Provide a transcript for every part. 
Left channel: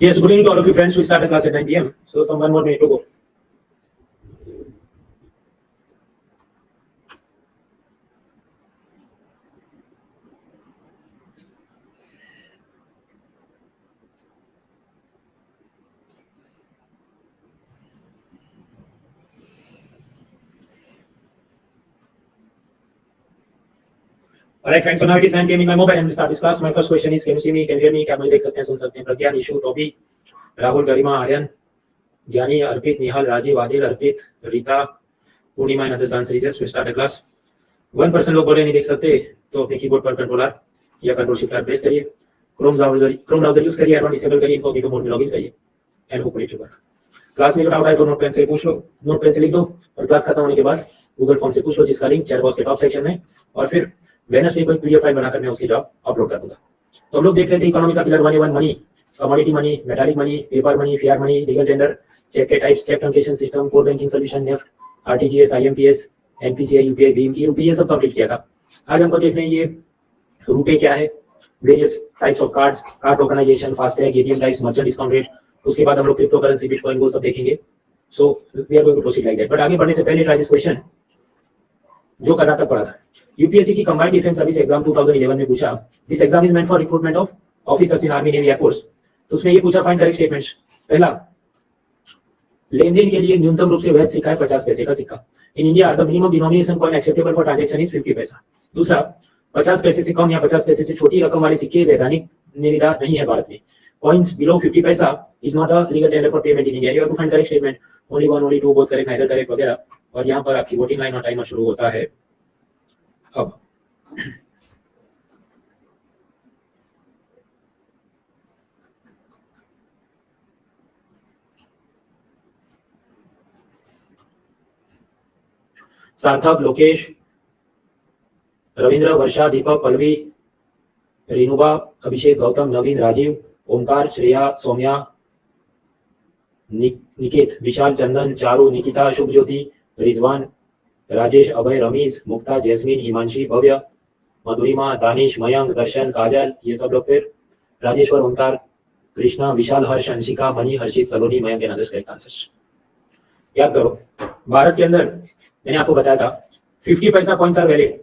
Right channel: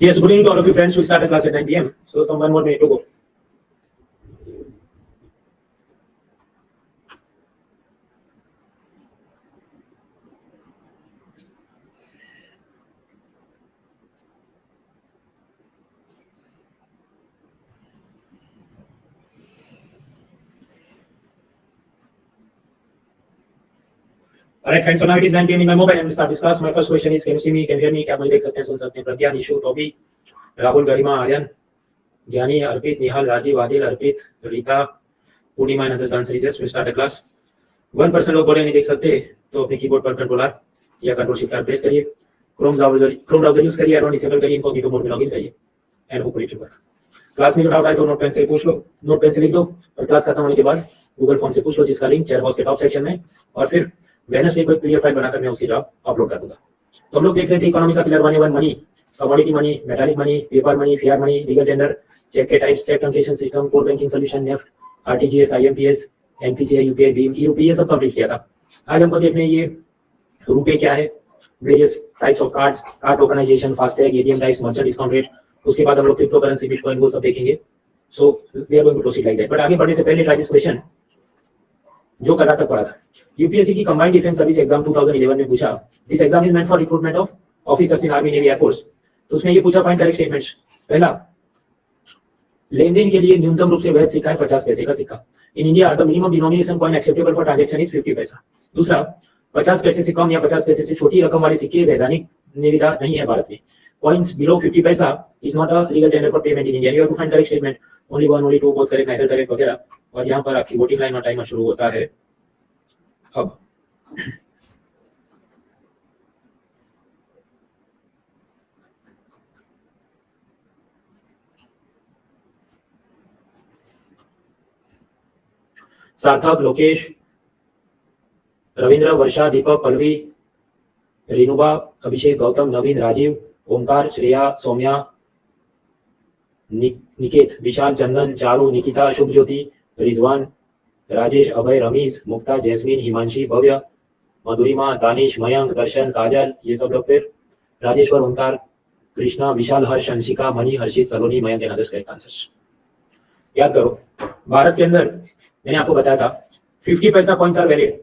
Yes, good evening to all of you friends. We start the class at 9 p.m. So some 1 more minute to go. Alright friends, so now it is 9 p.m. in my mobile and we start this class. My first question is, can you see me, can you hear me, क्या मुझे देख सकते हैं, सुन सकते हैं? प्रज्ञा, Nishu, Toby, Rahul, गरिमा, आर्यन, ज्ञानी, अर्पित, निहाल, राजीव, आदिल, अर्पित, रीता, पूर्णिमा and others answer is yes. We start the class. 1% लोग बोले नहीं देख सकते तो अपने कीबोर्ड पर कंट्रोल आर या कंट्रोल शिफ्ट आर प्रेस करिए. क्रोम ब्राउजर यूज करिए, एडवांस डिसेबल करिए, इनकॉग्निटो मोड में लॉगिन करिए and hopefully it should work. Class में जो डाउट आए तो नोट पेन से पूछ लो, नोट पेन से लिख दो और क्लास खत्म होने के बाद गूगल फॉर्म से पूछ लो जिसका लिंक चैट बॉक्स के टॉप सेक्शन में, और फिर वेडनेसडे को एक पीडीएफ फाइल बनाकर मैं उसकी जॉब अपलोड कर दूंगा. तो हम लोग देख रहे थे इकोनॉमी का pillar 1A1 money, commodity money, metallic money, paper money, fiat money, legal tender, cheque के types, cheque translation system, core banking solution, NEFT, RTGS, IMPS, NPCI, UPI, भीम, ई रुपये, ये सब कंप्लीट किया था. आज हमको देख रहे हैं ये रुपये क्या है, various types of cards, card tokenisation, FASTag, ATM types, merchant discount rate, उसके बाद हम लोग क्रिप्टो करेंसी, बिटकॉइन, वो सब देखेंगे. So we are going to proceed like that. But आगे बढ़ने से पहले ट्राई दिस क्वेश्चन जो कर्नाटक पढ़ा था. यूपीएससी की कंबाइंड डिफेंस सर्विस एग्जाम 2011 में पूछा, this exam is meant for recruitment of officers in army, navy, air force. तो उसमें ये पूछा, फाइंड करेक्ट स्टेटमेंट्स. पहला, लेनदेन के लिए न्यूनतम रूप से वैध सिक्का है 50 पैसे का सिक्का. In India the minimum denomination coin acceptable for transaction is 50 पैसा. दूसरा, 50 पैसे से कम या 50 पैसे से छोटी रकम वाले सिक्के वैधानिक निविदा नहीं है भारत में. Coins below 50 paisa is not a legal tender for payment in India. You have to find correct statement. Only one, only two, both correct, neither correct वगैरह. और यहाँ पर आपकी वोटिंग लाइन और टाइमर शुरू होता है अब. सार्थक, लोकेश, रविंद्र, वर्षा, दीपक, पल्लवी, रेणुबा, अभिषेक, गौतम, नवीन, राजीव, ओमकार, श्रेया, सौम्या, निकेत, विशाल, चंदन, चारू, निकिता, शुभज्योति, रिजवान, राजेश, अभय, रमीज, मुक्ता, जैस्मिन, हिमांशी, भव्य, मधुरिमा, दानिश, मयंक, दर्शन, काजल, ये सब लोग. फिर Rajeshwar, Omkar, Krishna, Vishal, Harsh, Anshika, Mani, Harshit, Saloni, Mayank and others correct answers. याद करो, भारत के अंदर मैंने आपको बताया था 50 पैसा कॉइन्स आर वैलिड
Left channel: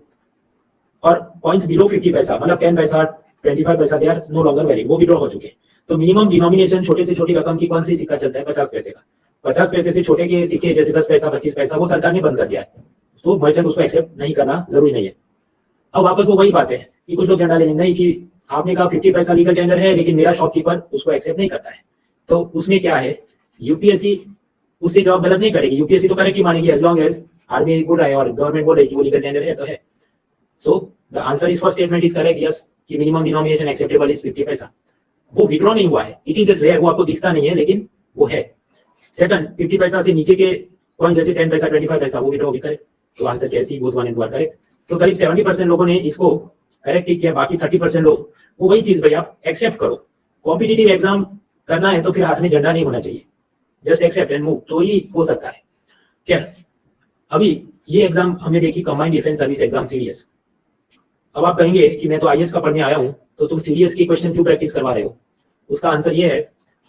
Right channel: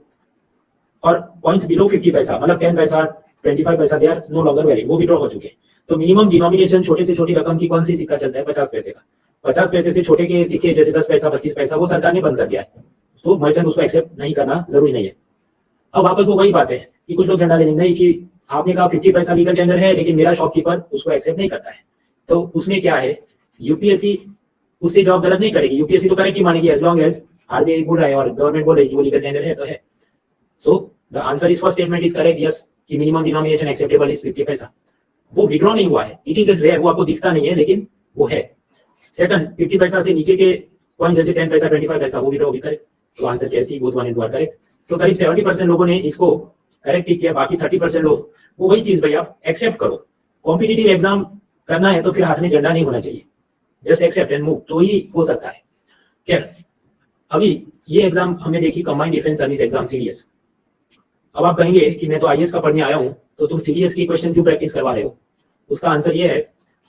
और कॉइन्स बिलो 50 पैसा मतलब 10 paisa, 25 paisa, they are no longer valid, वो विड्रॉ हो चुके. तो मिनिमम डिनोमिनेशन छोटे से छोटी रकम की कौन सी सिक्का चलता है? 50 पैसे का. 50 पैसे से छोटे के सिक्के जैसे 10 पैसा, 25 पैसा, वो सरकार ने बंद कर दिया है, तो मर्चेंट उसको एक्सेप्ट नहीं करना जरूरी नहीं है. अब वापस वो वही बात है कि कुछ लोग झंडा लेने नहीं कि आपने कहा 50 पैसा लीगल टेंडर है लेकिन मेरा शॉपकीपर उसको एक्सेप्ट नहीं करता है. तो उसमें क्या है, यूपीएससी उससे जवाब गलत नहीं करेगी. यूपीएससी तो करेक्ट ही मानेगी एज लॉन्ग एज आरबीआई बोल रहा है और गवर्नमेंट बोल रही है कि वो लीगल टेंडर है तो है. सो the answer is first statement is correct, yes, कि मिनिमम डिनोमिनेशन एक्सेप्टेबल इज 50 पैसा. वो विड्रॉ नहीं हुआ है, इट इज जस्ट रेयर, वो आपको दिखता नहीं है लेकिन वो है. सेकंड, 50 पैसा से नीचे के कॉइन जैसे 10 पैसा, 25 पैसा, वो विड्रॉ भी करेक्ट. तो आंसर कैसी, both one and two are correct. तो करीब 70% लोगों ने इसको करेक्ट किया. बाकी 30% लोग वो वही चीज भाई आप एक्सेप्ट करो. कॉम्पिटिटिव एग्जाम करना है तो फिर हाथ में झंडा नहीं होना चाहिए, जस्ट एक्सेप्ट एंड मूव, तो ही हो सकता है. खैर, अभी ये एग्जाम हमने देखी combined defence service exam CDS. अब आप कहेंगे कि मैं तो आईएएस का पढ़ने आया हूं तो तुम सीडीएस की क्वेश्चन क्यों प्रैक्टिस करवा रहे हो? उसका आंसर ये है,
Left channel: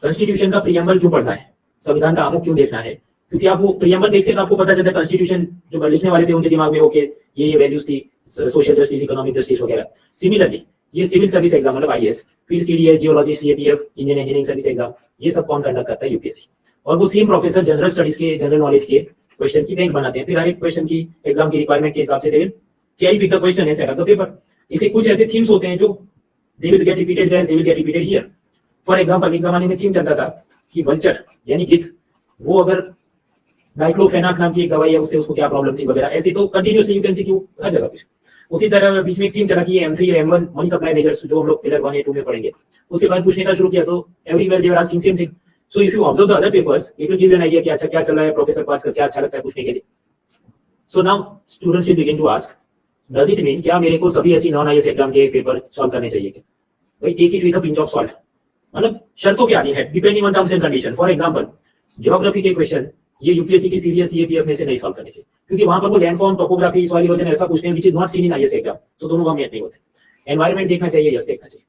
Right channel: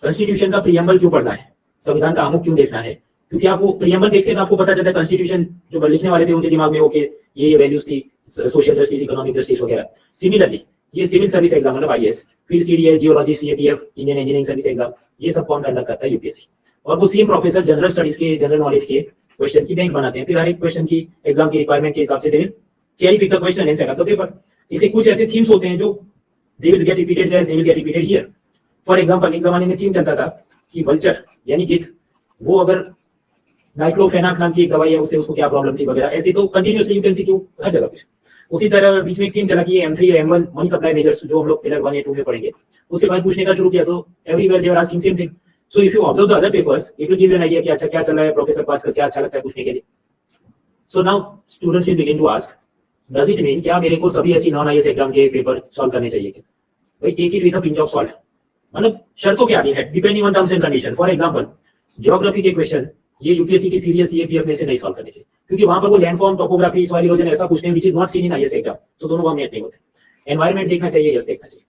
कॉन्स्टिट्यूशन का प्रीएम्बल क्यों पढ़ना है, संविधान का आमुख क्यों देखना है? क्योंकि आप वो प्रीएम्बल देखते तो आपको पता चलता है कॉन्स्टिट्यूशन जो लिखने वाले थे उनके दिमाग में ओके ये वैल्यूज थी, सोशल जस्टिस, इकोनॉमिक जस्टिस वगैरह. सिमिलरली ये सिविल सर्विस एग्जाम मतलब आईएएस, फिर CDS, geology, CAPF, Indian engineering service exam, ये सब कौन कंडक्ट करता है? यूपीएससी. और वो सेम प्रोफेसर जनरल स्टडीज के, जनरल नॉलेज के क्वेश्चन की बैंक बनाते हैं. फिर हर एक क्वेश्चन की एग्जाम की रिक्वायरमेंट के हिसाब से they will cherry pick the question and set up the paper. इसके कुछ ऐसे थीम्स होते हैं जो they will get repeated there, they will get repeated here. For example, एक जमाने में थीम चलता था कि वल्चर यानी गिद्ध, वो अगर डाइक्लोफेनाक नाम की एक दवाई है उससे उसको क्या प्रॉब्लम थी वगैरह, ऐसे तो कंटिन्यूअसली यू कैन सी कि हर जगह कुछ. उसी तरह बीच में एक थीम चला कि M3 या M1 मनी सप्लाई मेजर्स जो हम लोग पिलर 1 या 2 में पढ़ेंगे, उसके बाद पूछने का शुरू किया तो everywhere they are asking same thing. So if you observe the other papers, it will give you an idea कि अच्छा क्या चल रहा है, प्रोफेसर को आजकल क्या अच्छा लगता है पूछने के लिए. So now students will begin to ask, does it mean क्या मेरे को सभी ऐसी नॉन आईएएस एग्जाम के पेपर सॉल्व करने चाहिए क्या? भाई take it with a pinch of salt, मतलब शर्तों के आधीन है, depending on terms and condition. For example, geography के क्वेश्चन ये यूपीएससी की सीडीएस, सीएपीएफ में से नहीं सॉल्व करने चाहिए क्योंकि वहां पर वो लैंडफॉर्म, टोपोग्राफी, सॉइल इरोजन ऐसा पूछते हैं which is not seen in IAS exam, तो दोनों का मैच नहीं होते. एनवायरनमेंट देखना चाहिए, जस्ट देखना चाहिए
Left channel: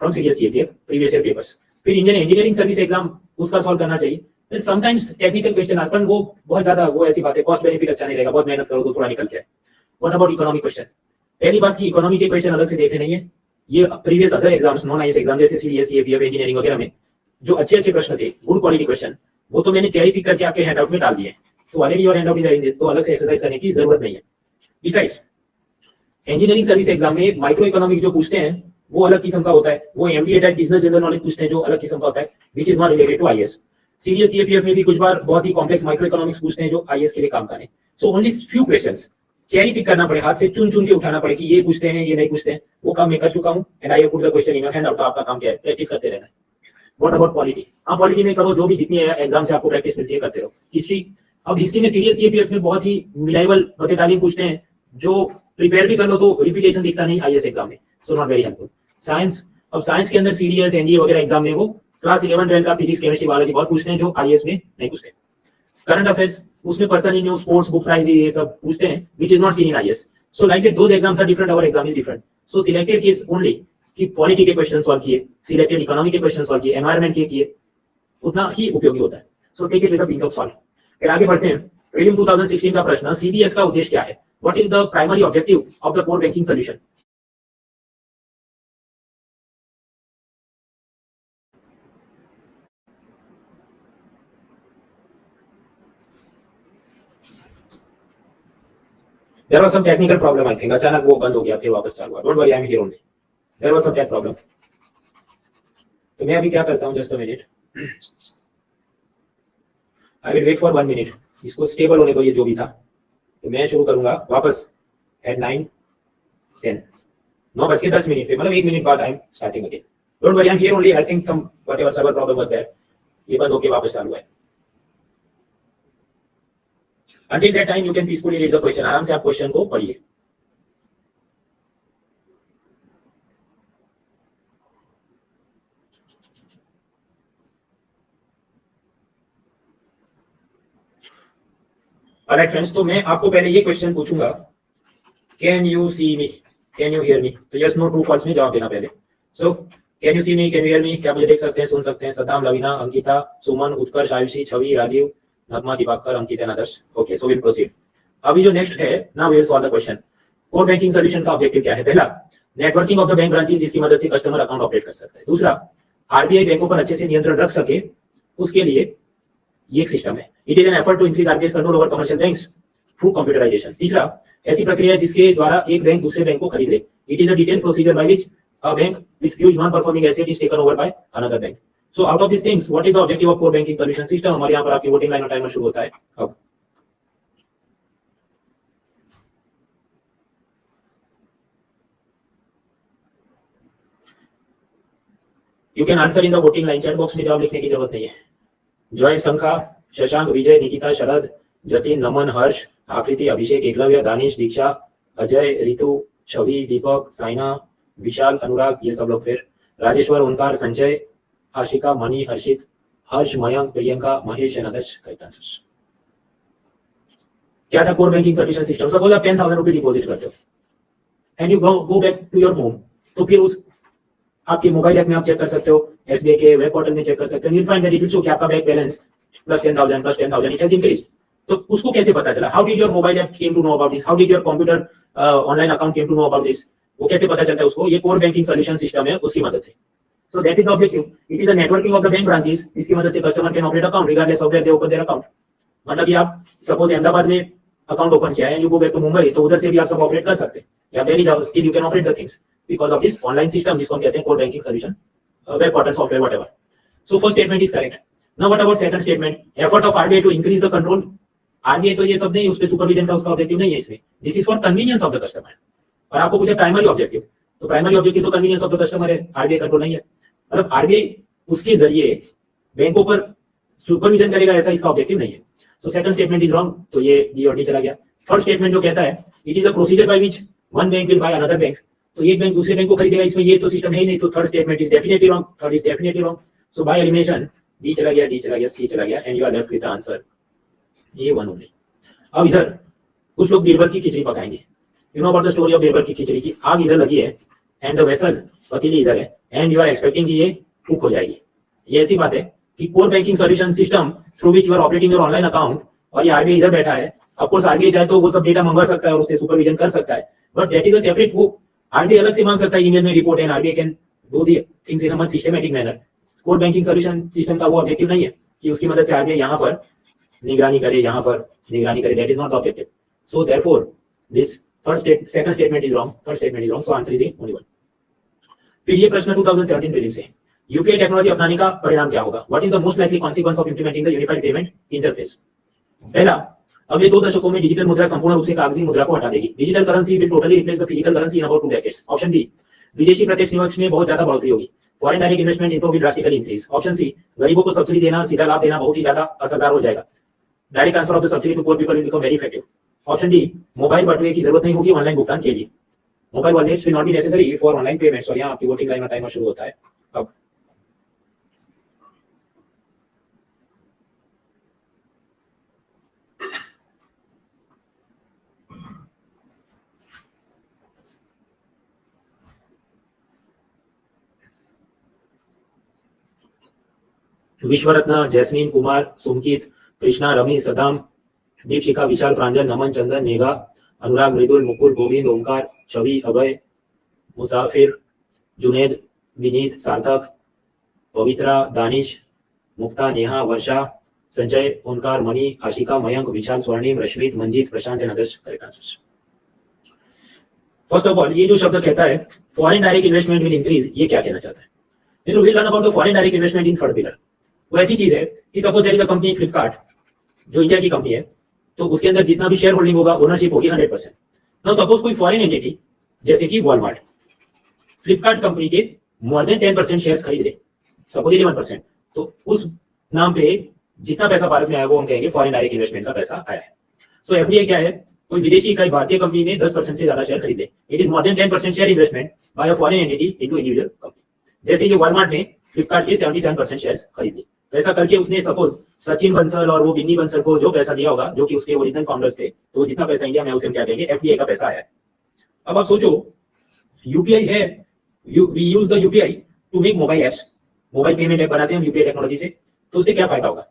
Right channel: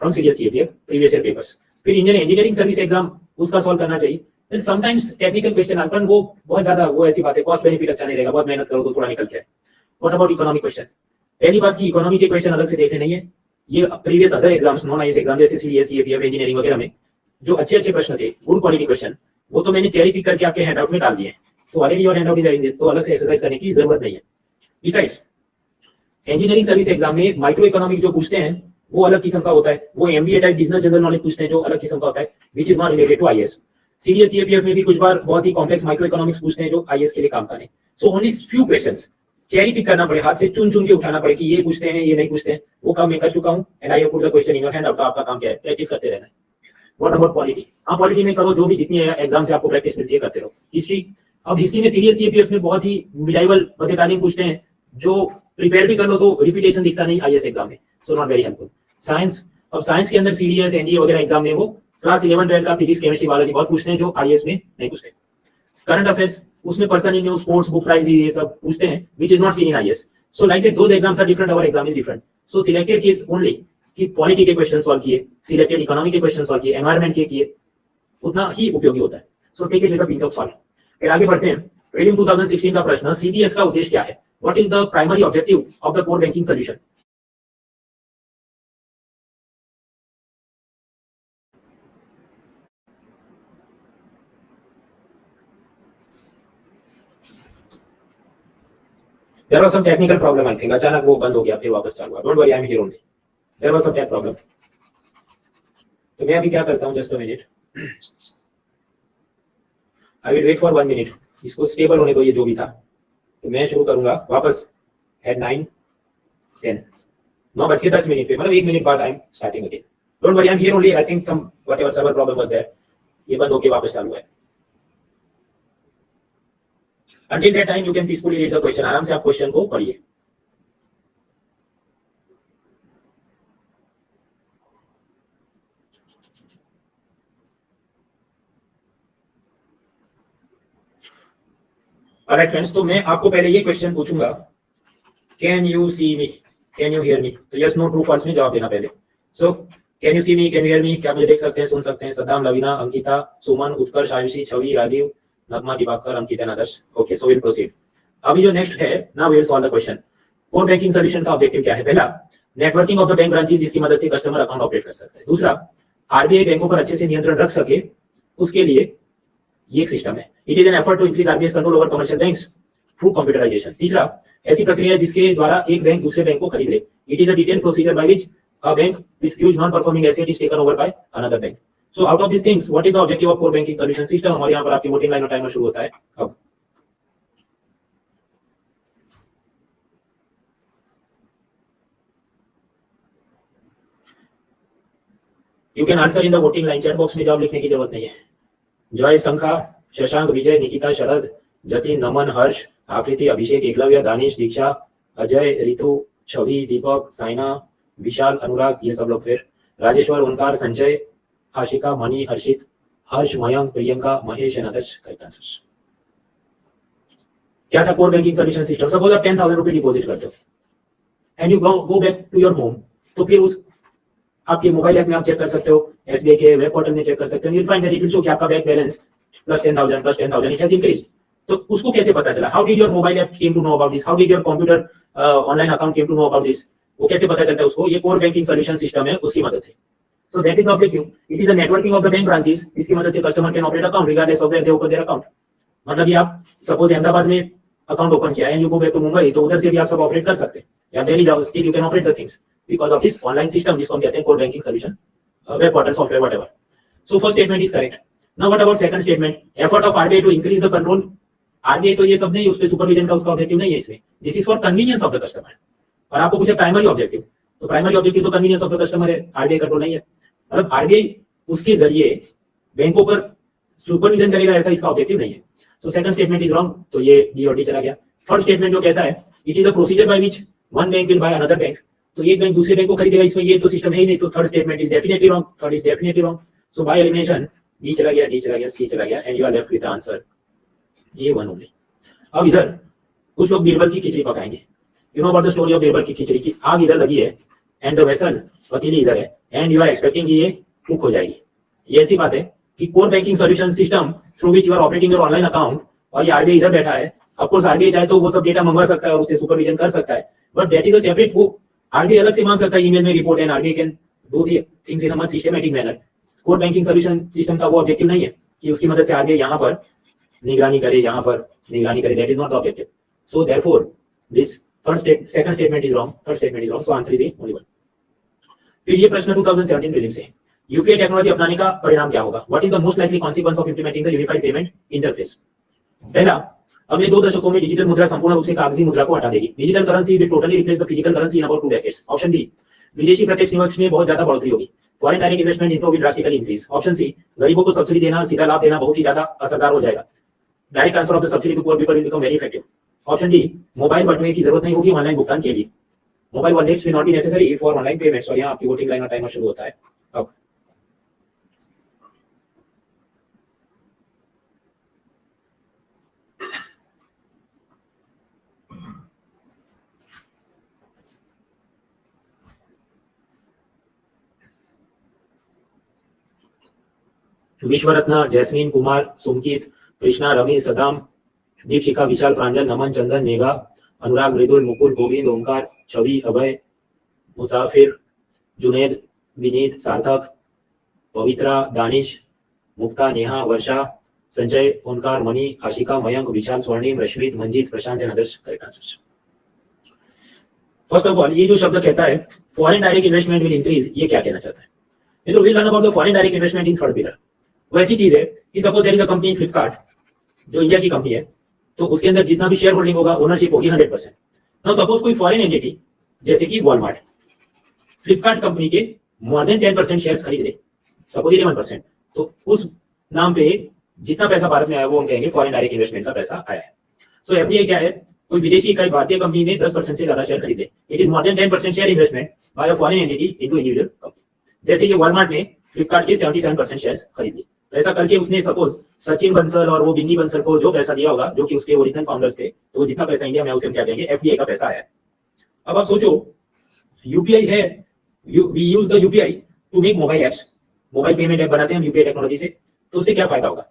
from CDS, CAPF, previous year papers. फिर इंडियन इंजीनियरिंग सर्विस एग्जाम उसका सॉल्व करना चाहिए। फिर समटाइम्स टेक्निकल क्वेश्चन आते हैं, वो बहुत ज्यादा वो ऐसी बात है, कॉस्ट बेनिफिट अच्छा नहीं रहेगा, बहुत मेहनत करो तो थोड़ा निकल के आए। What about economic question? पहली बात की इकोनॉमी के क्वेश्चन अलग से देखने नहीं है, ये previous other exams non IAS exam जैसे सीडीएस एपीएफ इंजीनियरिंग वगैरह में जो अच्छे अच्छे प्रश्न थे, गुड क्वालिटी क्वेश्चन, वो तो मैंने चेरी पिक करके आपके हैंडआउट में डाल दिए, तो ऑलरेडी और हैंडआउट इज, तो अलग से एक्सरसाइज करने की जरूरत नहीं है। बिसाइड्स इंजीनियरिंग सर्विस एग्जाम में माइक्रो इकोनॉमिक्स जो पूछते हैं वो अलग किस्म का होता है, वो MBA type business general knowledge पूछते हैं जो अलग किस्म का होता है, which is not related to IAS. CDS APF में भी कुछ बार बहुत ही कॉम्प्लेक्स माइक्रो इकोनॉमिक्स पूछते हैं जो आईएएस के लिए काम करें। So only few questions cherry pick करना पड़े, हाथ से चुन चुन के उठाना पड़े कि ये पूछते हैं ये नहीं पूछते हैं, वो काम मैं कर चुका हूं and I have put the question in your hand out. तो आपका काम क्या है? प्रैक्टिस करते रहना है। What about polity? हाँ, पॉलिटी में करो, जो भी जितनी एग्जाम से आपको प्रैक्टिस मिलती है करते रहो। हिस्ट्री, अब हिस्ट्री में सीडीएस एपीएफ में बहुत ही मिलाइबल बते तालीम पूछते हैं, जो प्रिपेयर भी कर लो तो रिपीटेशन दिखता नहीं आईएएस एग्जाम में, so not very helpful. Science, अब साइंस के अंदर सीडीएस एनडीए वगैरह एग्जाम में वो क्लास 11 12 का फिजिक्स केमिस्ट्री बायोलॉजी बहुत पूछते हैं जो आईएएस में नहीं पूछते। करंट अफेयर्स, उसमें person in news, sports, book prize, ये सब पूछते हैं which is not seen in IAS. So like that those exams are different, our exam is different. So selected case only कि पॉलिटी के क्वेश्चन सॉल्व किए, selected economy के question solve किए, environment के किए, उतना ही उपयोगी होता है। So take it with a pinch of salt. फिर आगे बढ़ते हैं। प्रीलिम 2016 का प्रश्न, सीडीएस का उद्देश्य क्या है? What is the primary objective of the core banking solution? There was some technical problem, I think. अचानक वो बंद हो गया, फिर वापस चालू हुआ। Don't worry, I'm here only. There was some tech problem. तो मैं अभी क्या करता हूँ, just a minute. I will wait for 1 minute. इसको स्टेबल होने दो, ये जो भी था। तो मैं शुरू करूंगा वापस at 9:10. 9:10 पे, मतलब 1 मिनट बाद I'm starting again. Don't worry, I'm here only. I think some whatever server problem was there. ये बंद होके वापस चालू है। Until that time, you can peacefully read the question. आराम से आप क्वेश्चन को पढ़िए। Alright friends, तो मैं आपको पहले ये क्वेश्चन पूछूंगा, Can you see me? Can you hear me? तो yes, no, true, false में जवाब देना पहले। So, Can you see me? Can you hear me? क्या मुझे देख सकते हैं, सुन सकते हैं? Saddam, Lavina, Ankita, Suman, Utkarsh, Ayushi, Chhavi, Rajeev, Nagma, Diwakar, Ankita, Adarsh. Okay, so will proceed. अभी जो नेक्स्ट है, now we will solve the question. Core banking solution का ऑब्जेक्टिव क्या है? पहला, networking of the bank branches, जिसकी मदद से कस्टमर अकाउंट ऑपरेट कर सकता है। दूसरा, आरबीआई बैंकों पर अच्छे से नियंत्रण रख सके, उसके लिए ये एक सिस्टम है। It is an effort to increase RBI control over commercial banks through computerisation. तीसरा, ऐसी प्रक्रिया जिसके द्वारा एक बैंक दूसरे बैंक को खरीद ले। It is a detailed procedure by which a bank with huge non performing asset is taken over by another bank. So out of this things, what is the objective of core banking solution system? हमारे यहाँ पर आपकी voting line और timer शुरू होता है अब। You can answer in the voting line, chat box में जवाब लिखने की जरूरत नहीं है। जय, संखा, शशांक, विजय, निकिता, शरद, जतिन, नमन, हर्ष, आकृति, अभिषेक, एकलव्य, दानिश, दीक्षा, अजय, रितु, छवि, दीपक, साइना, विशाल, अनुराग, ये सब लोग। फिर Rajeshwar, Omkar, Sanjay, Ashika, Mani, Harshit, Harsh, Mayank, Priyanka, Mahesh and Adarsh. Correct answers. क्या था core banking solution system? Suppose आप 10,000 रुपए डिपॉजिट करते हो and you go back to your home, तो फिर उस आपके मोबाइल ऐप में आप चेक कर सकते हो, एसबीआई के वेब पोर्टल में चेक कर सकते हो, you find that it will show कि आपका bank balance plus 10,000 it has increased. तो उसको कैसे पता चला? How did your mobile app came to know about this? How did your computer online account came to know about this? वो कैसे पता चलता है उसको? ये कोर बैंकिंग सॉल्यूशन सिस्टम है, उसकी मदद से। So that is the objective. It is a networking of the bank branches, इसकी मदद से customer can operate account regardless of where they open their account. मतलब ये आप सपोज अहमदाबाद में अकाउंट ओपन किया है, you go back to Mumbai, तो उधर से भी आप सब ऑपरेट कर सकते हैं, या दिल्ली जाओ, still you can operate the things because of this online system, जिसको हम कहते हैं core banking solution, web portal, software, whatever. So first statement is correct. Now what about second statement? Effort of RBI to increase the control. RBI तो ये सब नहीं, उसपे supervision का उसका ऑब्जेक्टिव नहीं है इसमें। This is for convenience of the customer. और आपको पूछे प्राइमरी ऑब्जेक्टिव, तो प्राइमरी ऑब्जेक्टिव तो कन्वीनियंस ऑफ द कस्टमर है, आरबीआई कंट्रोल नहीं है। मतलब आरबीआई उसके जरिए बैंकों पर सुपरविजन करेगा, ऐसा इसका ऑब्जेक्टिव नहीं है। तो सेकंड स्टेटमेंट इज रॉन्ग, तो ये डी और डी चला गया। थर्ड स्टेटमेंट जो कहता है it is a procedure by which one bank will by another bank, तो एक बैंक दूसरे बैंक को खरीदेगा, इसमें ये तो सिस्टम है ही नहीं, तो third statement is definitely wrong. Third is definitely wrong. So by elimination B चला गया, डी चला गया, सी चला गया, and you are left with the answer A one only. अब इधर कुछ लोग बीरबल की खिचड़ी पकाएंगे। You know about the story of Birbal की खिचड़ी की? आग इधर लगी है एंड द वेसल, पतीली इधर है, एंड यू आर एक्सपेक्टिंग कि ये कुक हो जाएगी। ये ऐसी बात है कि core banking solution system through which you are operating your online account, और ये आरबीआई इधर बैठा है, ऑफ कोर्स आरबीआई चाहे तो वो सब डेटा मंगवा सकता है और उससे सुपरविजन कर सकता है, but that is a separate, वो आरबीआई अलग से मांग सकता है ईमेल में report, and RBI can do the things in a much systematic manner. Core banking solution system का वो ऑब्जेक्टिव नहीं है कि उसकी मदद से आरबीआई यहाँ पर निगरानी करे, यहाँ पर निगरानी करे, that is not the objective. So therefore this second statement is wrong, third statement is wrong, so answer is the only one. फिर ये प्रश्न 2017 प्रीलिम्स से, यूपीआई टेक्नोलॉजी अपनाने का परिणाम क्या होगा? What is the most likely consequence of implementing the unified payment interface? पहला, अगले 2 दशकों में डिजिटल मुद्रा संपूर्ण रूप से कागजी मुद्रा को हटा देगी। Digital currency will totally replace the physical currency in about 2 decades. Option B, विदेशी प्रत्यक्ष निवेश में बहुत ज्यादा बढ़ोतरी होगी। Foreign direct investment inflow will drastically increase. Option C, गरीबों को सब्सिडी देना, सीधा लाभ देना बहुत ही ज्यादा असरदार हो जाएगा। Direct transfer of the subsidy to poor people will become very effective. Option D, mobile बटवे की जरूरत नहीं होगी ऑनलाइन भुगतान के लिए। Mobile wallets will not be necessary for online payments. और यहाँ आपकी वोटिंग लाइन का टाइमर शुरू होता है अब। विश्व रत्न जैस्मीन, कुमार, सुमकित, कृष्णा, रमी, सदाम, दीपशिखा, विशाल, प्रांजल, नमन, चंदन, मेघा, अनुराग, मृदुल, मुकुल, गोविंद, ओंकार, छवि, अभय, मुसाफिर, जुनेद, विनीत, सार्थक, पवित्रा, दानिश, मुक्ता, नेहा, वर्षा, संजय, ओंकार, मणि, Ashika, Mayank, Vishal, Swarnim, Rashmit, Manjit, Prashant and others correct answers. First of all, ये जो शब्द कहता है foreign direct investment will increase, ये क्या कहना चाहता है? तो will learn about the foreign direct investment in third pillar. वो ऐसी चीज है कि suppose there is a company Flipkart, जो इंडिया की कंपनी है, तो उसके अंदर जितना भी शेयर होल्डिंग होगा, ओनरशिप होगी 100%। नाउ सपोज कोई फॉरेन एंटिटी जैसे कि वॉलमार्ट फ्लिपकार्ट कंपनी के मोर देन 10% शेयर्स खरीद ले, सपोज 1%, तो उस नाम पे जितना पैसा भारत में आया वो हम कहेंगे फॉरेन डायरेक्ट इन्वेस्टमेंट का पैसा आया है। सो एफडीआई क्या है? कोई विदेशी इकाई भारतीय कंपनी में 10% से ज्यादा शेयर खरीदे, it is more than 10% share investment by a foreign entity into individual company. जैसे कि वॉलमार्ट ने फ्लिपकार्ट के 77% शेयर्स खरीद लिए, तो ऐसा करके उसने सपोज सचिन बंसल और वो बिन्नी बंसल को जो पैसा दिया होगा, जो कि उसके ओरिजिनल फाउंडर्स थे, तो जितना पैसा इंडिया में उसे हम क्या कहेंगे? एफडीआई का पैसा आया है। अब आप सोचो, यूपीआई है, we use the UPI to make mobile apps, mobile payment app बनाते हैं हम यूपीआई टेक्नोलॉजी से, तो उससे क्या फायदा होगा?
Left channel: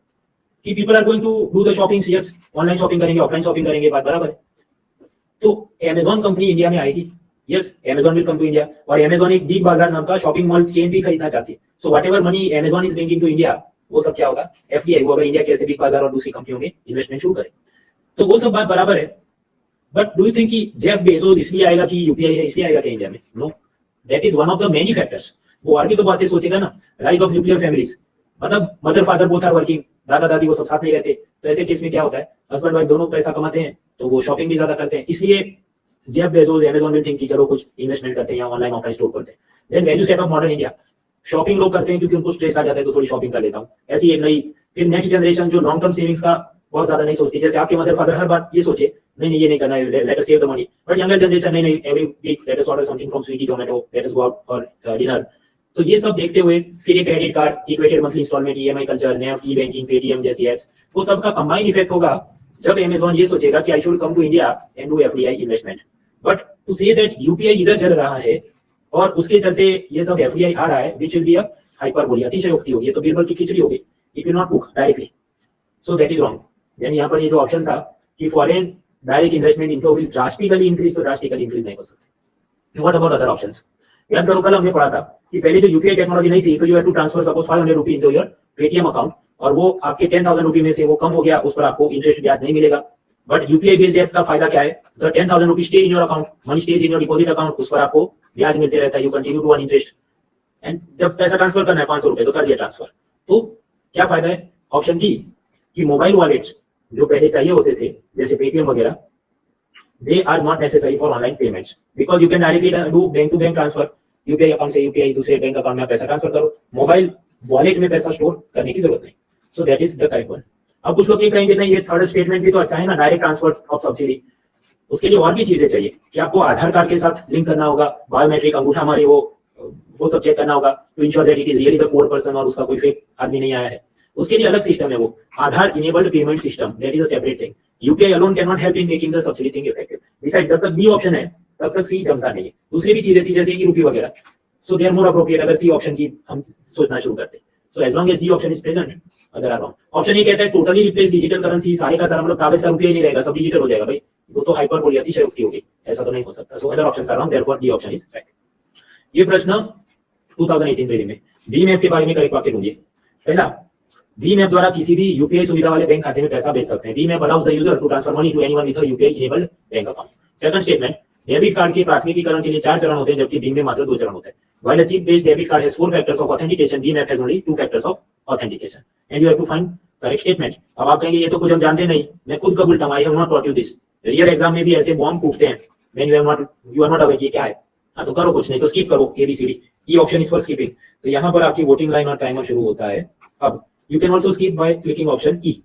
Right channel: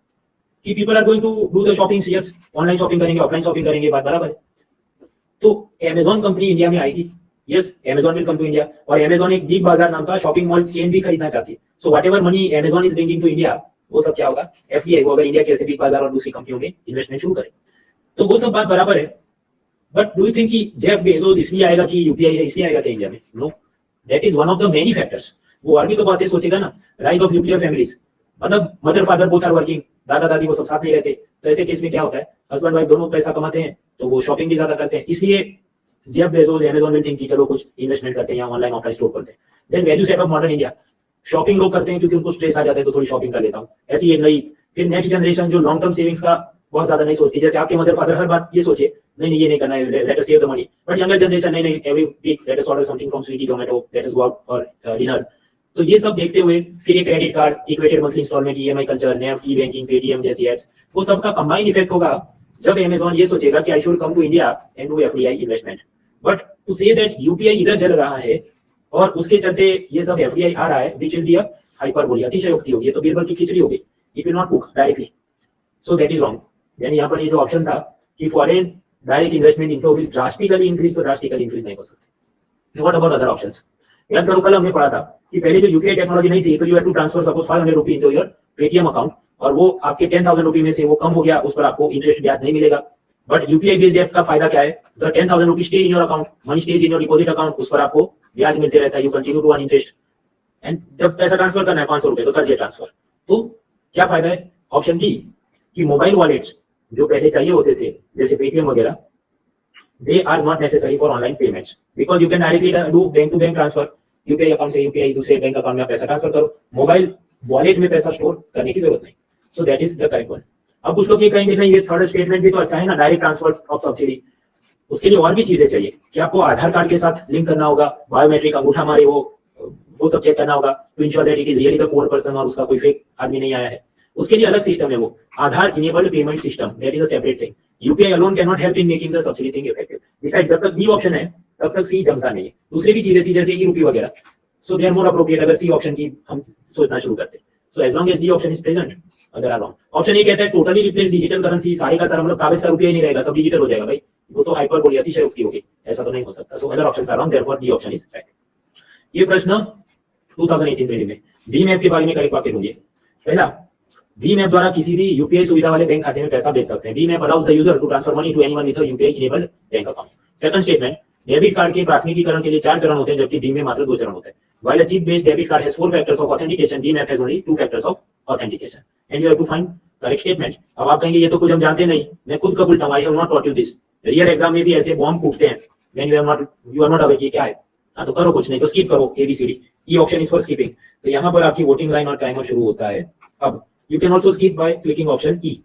कि people are going to do the shopping, yes, online shopping करेंगे, ऑफलाइन शॉपिंग करेंगे, बात बराबर है। तो अमेजॉन कंपनी इंडिया में आएगी, yes, Amazon will come to India, और अमेजॉन एक बिग बाजार नाम का शॉपिंग मॉल चेन भी खरीदना चाहती है। So whatever money Amazon is bringing to India, वो सब क्या होगा? एफडीआई को, अगर इंडिया के ऐसे बिग बाजार और दूसरी कंपनियों में इन्वेस्टमेंट शुरू करे, तो वो सब बात बराबर है। बट डू यू थिंक कि जेफ बेजोस इसलिए आएगा कि यूपीआई है इसलिए आएगा कि इंडिया में? No, that is one of the many factors. वो और भी तो बातें सोचेगा ना, राइज ऑफ न्यूक्लियर फैमिलीज, मतलब mother father both are working, दादा दादी वो सब साथ नहीं रहते, तो ऐसे केस में क्या होता है? हस्बैंड वाइफ दोनों पैसा कमाते हैं, तो वो शॉपिंग भी ज्यादा करते हैं, इसलिए Jeff Bezos Amazon will think कि चलो कुछ इन्वेस्टमेंट करते हैं या ऑनलाइन ऑफलाइन स्टोर करते हैं। Then value set of modern India, shopping लोग करते हैं क्योंकि उनको स्ट्रेस आ जाता है, तो थोड़ी शॉपिंग कर लेता हूँ, ऐसी एक नई। फिर नेक्स्ट जनरेशन जो लॉन्ग टर्म सेविंग्स का बहुत ज्यादा नहीं सोचती, जैसे आपके मदर फादर हर बात ये सोचे, नहीं नहीं ये नहीं करना है, let us save the money, but younger generation नहीं नहीं, every week let us order something from Swiggy, Zomato, let us go out for dinner. तो ये सब देखते हुए फिर ये credit card, equated monthly instalment, EMI culture, NEFT, e banking, Paytm जैसी एप्स, वो सब का कंबाइंड इफेक्ट होगा जब अमेजॉन ये सोचेगा कि I should come to India and do FDI investment. But to say that UPI इधर चल रहा है और उसके चलते ये सब एफडीआई आ रहा है, which will be a hyperbole, अतिशयोक्ति होगी, ये तो बीरबल की खिचड़ी होगी, it will not cook directly, so that is wrong. यानी यहाँ पर ये जो ऑप्शन था कि foreign direct investment inflow will drastically increase, तो ड्रास्टिकली इंक्रीज नहीं हो सकती। What about other options? याद करो, कल हमने पढ़ा था कि पहले जो यूपीआई टेक्नोलॉजी नहीं थी, तो you have to transfer suppose 500 rupees into your Paytm account, और वो आपके 10,000 रुपीज में से वो कम हो गया, उस पर आपको इंटरेस्ट ब्याज नहीं मिलेगा। बट यूपीआई बेस्ड ऐप का फायदा क्या है? The 10,000 rupees stay in your account, money stays in your deposit account, उस पर आपको ब्याज मिलते रहता है, you continue to earn interest, and जब पैसा ट्रांसफर करना है 500 रुपए तो कर दिया ट्रांसफर। तो क्या फायदा है? ऑप्शन डी, कि मोबाइल वॉलेट्स जो पहले चाहिए होते थे जैसे पेटीएम वगैरह, they are not necessary for online payments because you can directly do bank to bank transfer, UPI account से यूपीआई दूसरे बैंक अकाउंट में पैसा ट्रांसफर करो, मोबाइल वॉलेट में पैसा स्टोर करने की जरूरत नहीं। सो that is the correct one. अब कुछ लोग ये कहेंगे नहीं ये थर्ड स्टेटमेंट भी तो अच्छा है ना, डायरेक्ट ट्रांसफर ऑफ सब्सिडी, उसके लिए और भी चीजें चाहिए कि आपको आधार कार्ड के साथ लिंक करना होगा, बायोमेट्रिक अंगूठा मारे वो सब चेक करना होगा to ensure that it is really the poor person और उसका कोई फेक आदमी नहीं आया है, उसके लिए अलग सिस्टम है, वो Aadhaar enabled payment system, that is a separate thing. UPI alone can not help in making the subsidy thing effective. Beside जब तक बी ऑप्शन है तब तक सी जमता नहीं है, दूसरी भी चीजें थी जैसे कि रुपी वगैरह, सो दे आर मोर अप्रोप्रिएट अगर सी ऑप्शन की हम सोचना शुरू करते। So as long as D option is present other are wrong. Option A कहता है टोटली रिप्लेस डिजिटल करेंसी, सारे का सारा मतलब कागज का रुपया ही नहीं रहेगा, सब डिजिटल हो जाएगा। भाई वो तो हाइपरबोली अतिशयोक्ति होगी, ऐसा तो नहीं हो सकता। So other options are wrong, therefore D option is correct. ये प्रश्न 2018 प्रीलिम में भीम ऐप के बारे में करेक्ट वाक्य ढूंढिए। पहला, भीम ऐप द्वारा किसी भी यूपीआई सुविधा वाले बैंक खाते में पैसा भेज सकते हैं। Bhim app allows the user to transfer money to anyone with a UPI enabled bank account. Second statement, debit card के प्राथमिकीकरण के लिए 4 चरण होते हैं जबकि भीम में मात्र 2 चरण होते हैं। While a chip based debit card has 4 factors of authentication, Bheem app has only 2 factors of authentication. And you have to find correct statement. अब आप कहेंगे ये तो कुछ हम जानते नहीं, मैं खुद कबूलता हूं, I have not taught you this. Real exam में भी ऐसे बॉम्ब फूटते हैं when you are not aware ये क्या है। हाँ तो करो कुछ नहीं तो स्किप करो ABCD। E option is for skipping. तो यहाँ पर आपकी वोटिंग लाइन और टाइमर शुरू होता है। अब you can also skip by clicking option E.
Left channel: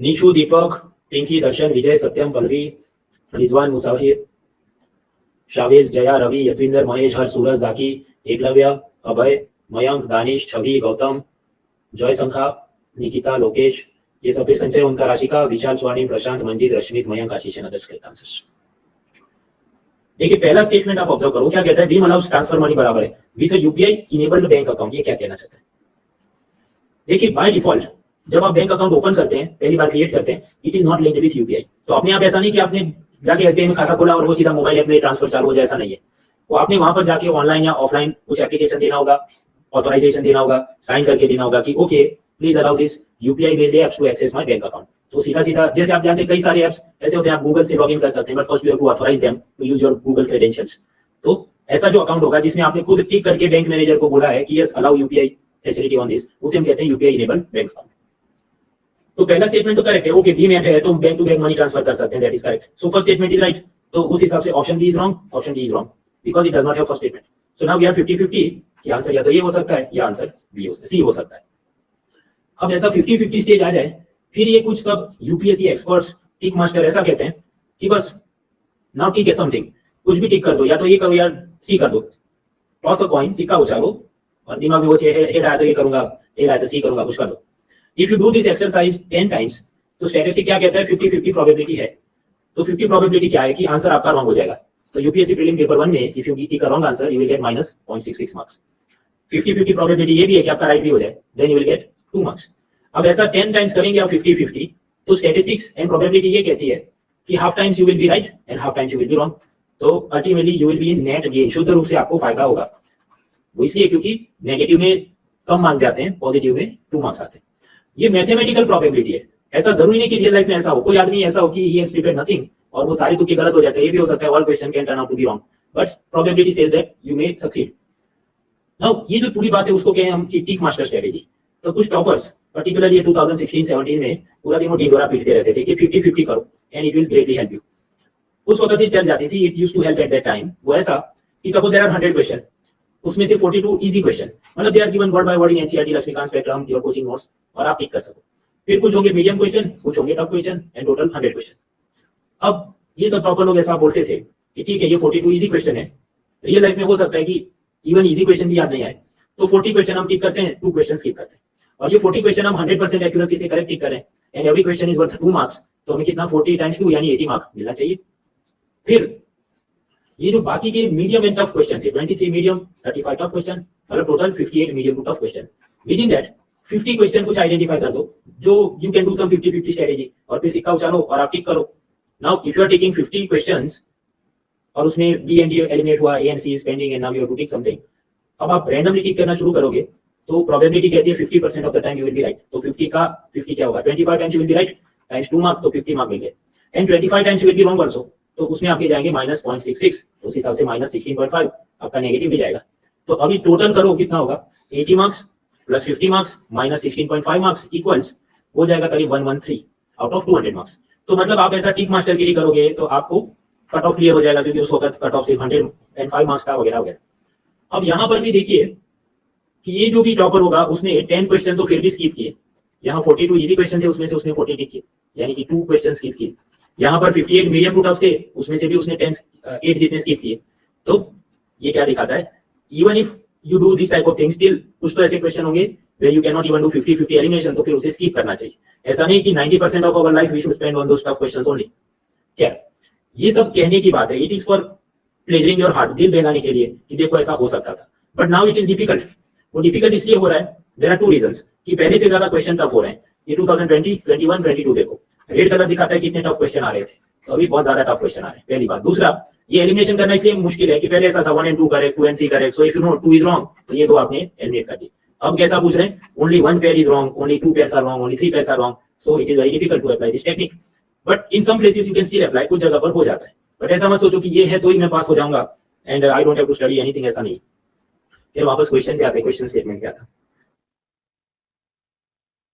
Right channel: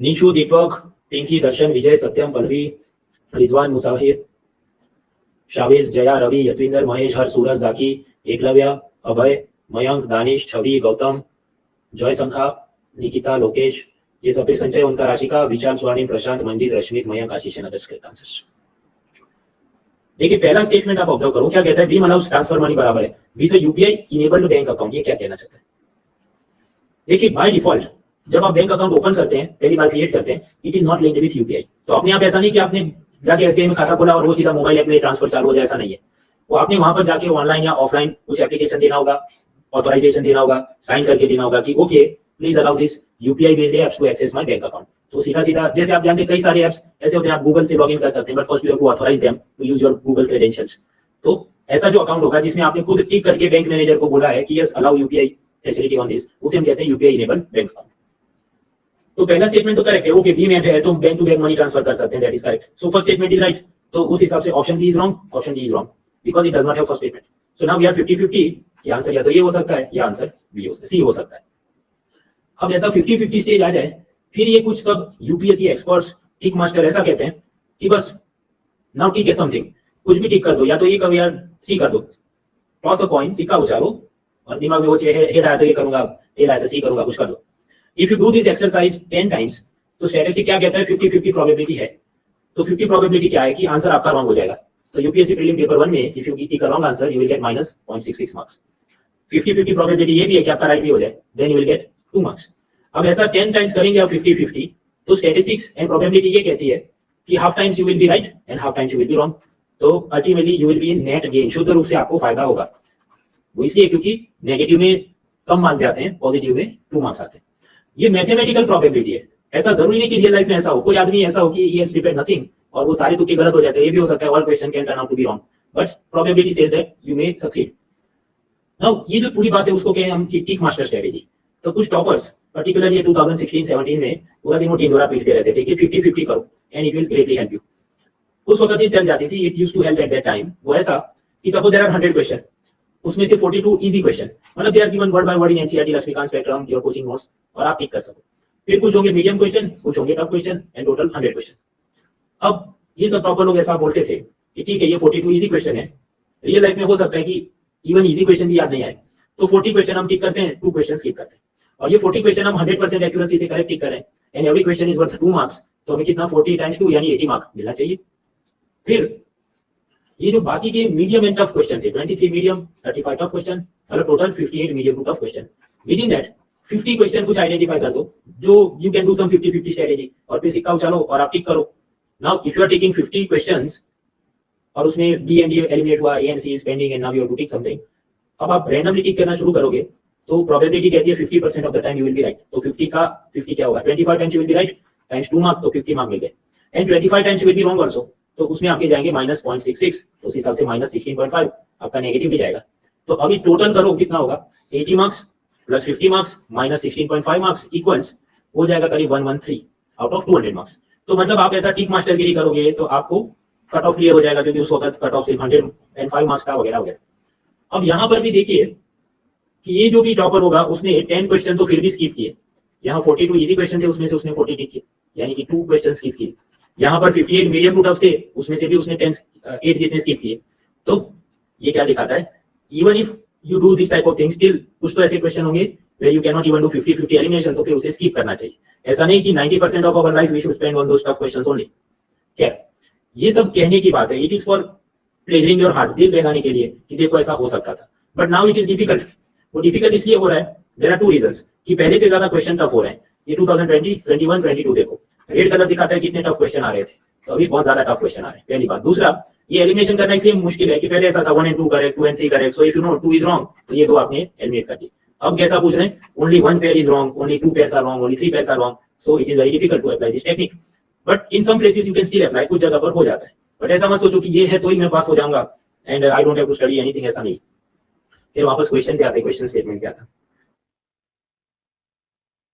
Nishu, Deepak, Pinky, Darshan, Vijay, Satyam, Pallavi, Rizwan, Musafir, Shavez, Jaya, Ravi, Yatvinder, Mahesh, Harsh, Suraj, Jaki, Eklavya, अभय, मयंक, दानिश, छवि, गौतम, जय संखा, निकिता, लोकेश, ये सब फिर संचय, ओंकार, राशिका, विशाल, स्वर्णिम, प्रशांत, मंजित, रश्मित, मयंक, आशीष एंड अदर्स करेक्ट आंसर्स। देखिए पहला स्टेटमेंट आप ऑब्जर्व करो, क्या कहता है? भीम अलाउज ट्रांसफर मनी बराबर है with UPI enabled bank account. ये क्या कहना चाहता है? देखिए बाय डिफॉल्ट जब आप बैंक अकाउंट ओपन करते हैं, पहली बार क्रिएट करते हैं, it is not linked with UPI. तो अपने आप ऐसा नहीं कि आपने जाके एसबीआई में खाता खोला और वो सीधा मोबाइल ऐप में ट्रांसफर चालू हो जाए, ऐसा नहीं है। वो आपने वहां पर जाके ऑनलाइन या ऑफलाइन कुछ एप्लीकेशन देना होगा, ऑथराइजेशन देना होगा, साइन करके देना होगा कि okay please allow this UPI based apps to access my bank account. तो सीधा सीधा जैसे आप जानते हैं कई सारे एप्स ऐसे होते हैं, आप गूगल से लॉगिन कर सकते हैं, but first you have to authorise them to use your Google credentials. तो ऐसा जो अकाउंट होगा जिसमें आपने खुद टिक करके बैंक मैनेजर को बोला है कि yes allow UPI facility on this, उसे हम कहते हैं यूपीआई इनेबल्ड बैंक अकाउंट। तो पहला स्टेटमेंट तो करेक्ट है, ओके भीम ऐप है तो bank to bank money transfer कर सकते हैं, that is correct. So first statement is right. तो उस हिसाब से option D is wrong, option D is wrong because it does not have first statement. So now we are 50-50 कि answer या तो ये हो सकता है या आंसर बी हो सी हो सकता है। अब ऐसा 50-50 स्टेज आ जाए फिर ये कुछ सब यूपीएससी एक्सपर्ट्स टिक मास्टर ऐसा कहते हैं कि बस नाउ टिक है समथिंग, कुछ भी टिक कर दो, या तो ये करो या सी कर दो, टॉस अ कॉइन, सिक्का उछालो, और दिमाग में वो हेड आया तो ये करूंगा, टेल आया तो सी करूंगा, कुछ कर दो। If you do this exercise 10 times तो स्टैटिस्टिक क्या कहता है? 50-50 प्रोबेबिलिटी है। तो 50 प्रोबेबिलिटी क्या है कि आंसर आपका रॉन्ग हो जाएगा। तो यूपीएससी प्रीलिम पेपर 1 में if you tick a wrong answer you will get -0.66 marks. 50-50 probability ये भी है कि आपका राइट भी हो जाए, then you will get 2 marks. अब ऐसा 10 टाइम्स करेंगे आप 50-50, तो स्टैटिस्टिक्स एंड प्रोबेबिलिटी ये कहती है कि half times you will be right and half times you will be wrong. तो ultimately you will be in net gain, शुद्ध रूप से आपको फायदा होगा। वो इसलिए क्योंकि नेगेटिव में कम मार्क्स जाते हैं, पॉजिटिव में 2 मार्क्स आते हैं। ये मैथमेटिकल प्रोबेबिलिटी है, ऐसा जरूरी नहीं कि रियल लाइफ में ऐसा हो। कोई आदमी ऐसा हो कि ही हैज प्रिपेयर्ड नथिंग और वो सारे तुक्के गलत हो जाते हैं, ये भी हो सकता है। All question can turn out to be wrong but probability says that you may succeed. Now ये जो पूरी बात है उसको कहें हम कि टिक मास्टर स्ट्रेटेजी। तो कुछ टॉपर्स पर्टिकुलरली 2016-17 में पूरा दिन वो टिंडोरा पीटते रहते थे कि 50-50 करो and it will greatly help you. उस वक्त ये चल जाती थी, it used to help at that time. वो ऐसा कि सपोज देयर आर 100 क्वेश्चन, उसमें से 42 इजी क्वेश्चन, मतलब they are given word by word in NCERT, Laxmikanth Spectrum, your coaching notes, और आप टिक कर सको। फिर कुछ होंगे मीडियम क्वेश्चन, कुछ होंगे tough question, and total 100 question. अब ये सब टॉपर लोग ऐसा बोलते थे कि ठीक है ये 42 इजी क्वेश्चन है, रियल लाइफ में हो सकता है कि इवन इजी क्वेश्चन भी याद नहीं आए, तो 40 क्वेश्चन हम टिक करते हैं, 2 क्वेश्चन स्किप करते हैं, और ये 40 क्वेश्चन हम 100% एक्यूरेसी से करेक्ट टिक करें and every question is worth 2 marks, तो हमें कितना 40 टाइम्स 2 यानी 80 मार्क मिलना चाहिए। फिर ये जो बाकी के मीडियम एंड टफ क्वेश्चन थे, 23 मीडियम, 35 टफ क्वेश्चन, मतलब total 58 medium to tough question. Within that 50 question कुछ आइडेंटिफाई कर दो जो you can do some 50-50 strategy, और फिर सिक्का उछालो और आप टिक करो। Now if you are taking 50 questions और उसमें बी एंड डी एलिमिनेट हुआ, A and C is pending and now you have to tick something, अब आप रैंडमली टिक करना शुरू करोगे तो प्रोबेबिलिटी कहती है 50% of the time you will be right. तो 50 का 50 क्या होगा? 25 times you will be right times 2 marks, तो 50 मार्क मिल गए। And 25 times you will be wrong also, तो उसमें आपके जाएंगे -0.66, तो उस हिसाब से -16.5 आपका नेगेटिव भी जाएगा। तो अभी टोटल करो कितना होगा? 80 marks plus 50 marks minus 16.5 marks equals हो जाएगा करीब 113 आउट ऑफ 200 मार्क्स। तो मतलब आप ऐसा टिक मास्टरगिरी करोगे तो आपको कट ऑफ क्लियर हो जाएगा, क्योंकि उस वक्त कट ऑफ सिर्फ 105 मार्क्स था वगैरह वगैरह। अब यहाँ पर भी देखिए कि ये जो भी टॉपर होगा उसने 10 क्वेश्चन तो फिर भी स्किप किए। यहाँ 42 इजी क्वेश्चन थे, उसमें से उसने 40 टिक किए, यानी कि 2 क्वेश्चन स्किप किए। यहाँ पर 58 मीडियम टू टफ थे, उसमें से भी उसने 8 जितने स्किप किए। तो ये क्या दिखाता है? Even if you do this type of things, still कुछ तो ऐसे क्वेश्चन होंगे where you cannot even do 50-50 elimination, तो फिर उसे skip करना चाहिए. ऐसा नहीं कि 90% of our life we should spend on those tough questions only. क्या ये सब कहने की बात है, it is for pleasuring your heart, दिल बहलाने के लिए कि देखो ऐसा हो सकता था. But now it is difficult. वो difficult इसलिए हो रहा है, there are two reasons कि पहले से ज्यादा क्वेश्चन टफ हो रहे हैं. ये 2020, 21, 22 देखो, रेड कलर दिखाता है कितने टफ क्वेश्चन आ रहे थे, तो अभी बहुत ज्यादा टफ क्वेश्चन आ रहे हैं. पहली बात. दूसरा, ये एलिमिनेशन करना इसलिए मुश्किल है कि पहले ऐसा था 1 and 2 correct, 2 and 3 correct, so if you know 2 is wrong तो ये दो आपने एलिमिनेट कर दी. अब कैसा पूछ रहे हैं, only 1 pair is wrong, only 2 pairs are wrong, only 3 pairs are wrong, so it is very difficult to apply this technique. But in some places you can still apply, कुछ जगह पर हो जाता है. बट ऐसा मत सोचो कि ये है तो ही मैं पास हो जाऊंगा and I don't have to study anything, ऐसा नहीं. फिर वापस क्वेश्चन पे आते हैं. क्वेश्चन स्टेटमेंट क्या था?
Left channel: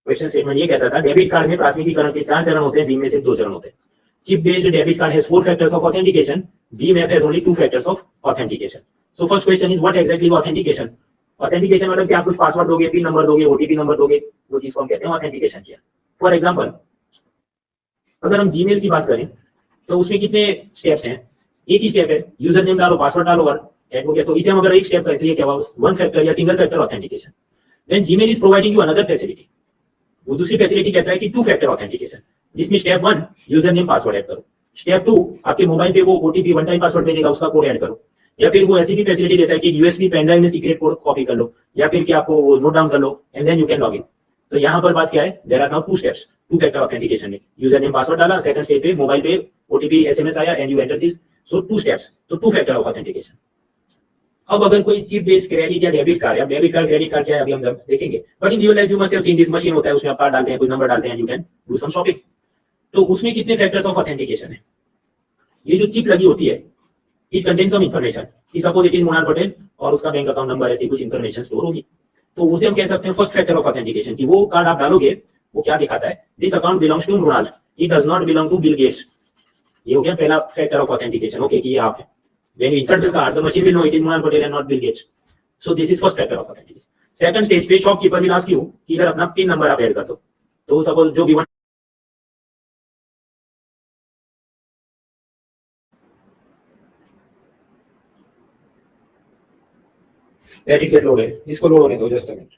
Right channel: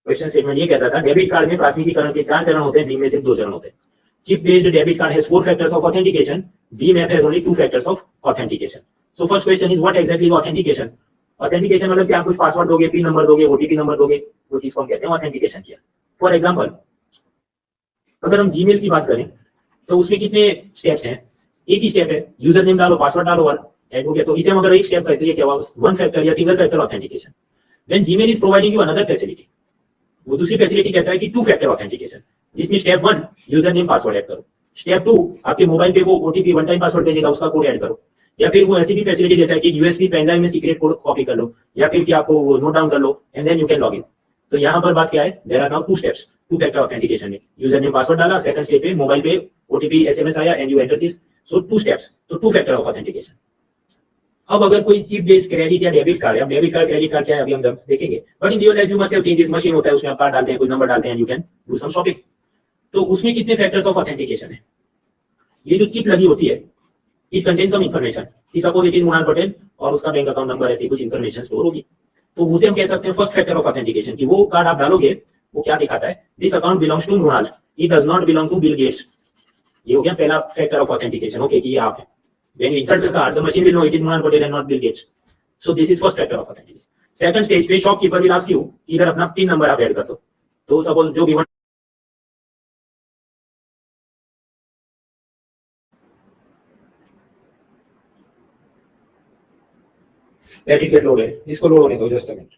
क्वेश्चन स्टेटमेंट ये कहता था, डेबिट कार्ड में प्राथमिकीकरण के 4 चरण होते हैं, बीम में सिर्फ 2 चरण होते हैं. Chip based debit card has 4 factors of authentication. BMAP has only 2 factors of authentication. So first question is, what exactly is authentication? Authentication मतलब क्या, कुछ पासवर्ड दोगे, पिन नंबर दोगे, ओटीपी नंबर दोगे, वो चीज को हम कहते हैं ऑथेंटिकेशन किया. फॉर एग्जांपल, अगर हम जीमेल की बात करें तो उसमें कितने स्टेप्स हैं? एक ही स्टेप है, यूजर नेम डालो, पासवर्ड डालो और ऐड हो गया. तो इसे हम अगर एक स्टेप करते हैं क्या हुआ, वन फैक्टर या single factor authentication. Then Gmail is providing you another facility. वो दूसरी फैसिलिटी कहता है कि 2 फैक्टर ऑथेंटिकेशन, जिसमें step 1 user name password add करो, स्टेप 2 आपके मोबाइल पे वो ओटीपी वन टाइम पासवर्ड भेजेगा, उसका कोड ऐड करो, या फिर वो ऐसी भी फैसिलिटी देता है कि यूएसबी पेन ड्राइव में सीक्रेट कोड कॉपी कर लो, या फिर कि आपको नोट डाउन कर लो and then you can log in. तो यहाँ पर बात क्या है, there are now 2 steps, 2 factor authentication में यूजर नेम पासवर्ड डाला, सेकंड स्टेप पे मोबाइल पे ओटीपी एसएमएस आया and you enter this, so 2 steps, तो 2 फैक्टर ऑफ ऑथेंटिकेशन. अब अगर कोई चिप बेस्ड क्रेडिट या डेबिट कार्ड, या डेबिट कार्ड क्रेडिट कार्ड क्या है अभी हम देखेंगे, but in real life you must have seen this machine होता है, उसमें आप कार्ड डालते हैं, कुछ नंबर डालते हैं, you can do some shopping. तो उसमें कितने फैक्टर्स ऑफ ऑथेंटिकेशन है? ये जो चिप लगी होती है, इट कंटेन सम इंफॉर्मेशन कि suppose it is Monal Patel और उसका बैंक अकाउंट नंबर, ऐसी कुछ इंफॉर्मेशन स्टोर होगी. तो उसे हम कह सकते हैं फर्स्ट फैक्टर ऑफ ऑथेंटिकेशन कि वो कार्ड आप डालोगे, वो क्या दिखाता है, this account belongs to Monal, it does not belong to Bill Gates. ये हो गया पहला फैक्टर ऑफ ऑथेंटिकेशन, ओके कि आप है. When you insert the card, the machine will know it is Monal Patel and not Bill Gates. So this is first factor of authentication. Second stage पे shopkeeper will ask you कि इधर अपना pin number आप add कर दो. तो suppose जो भी let it get loaded, इसको लोड होने दो, just a minute.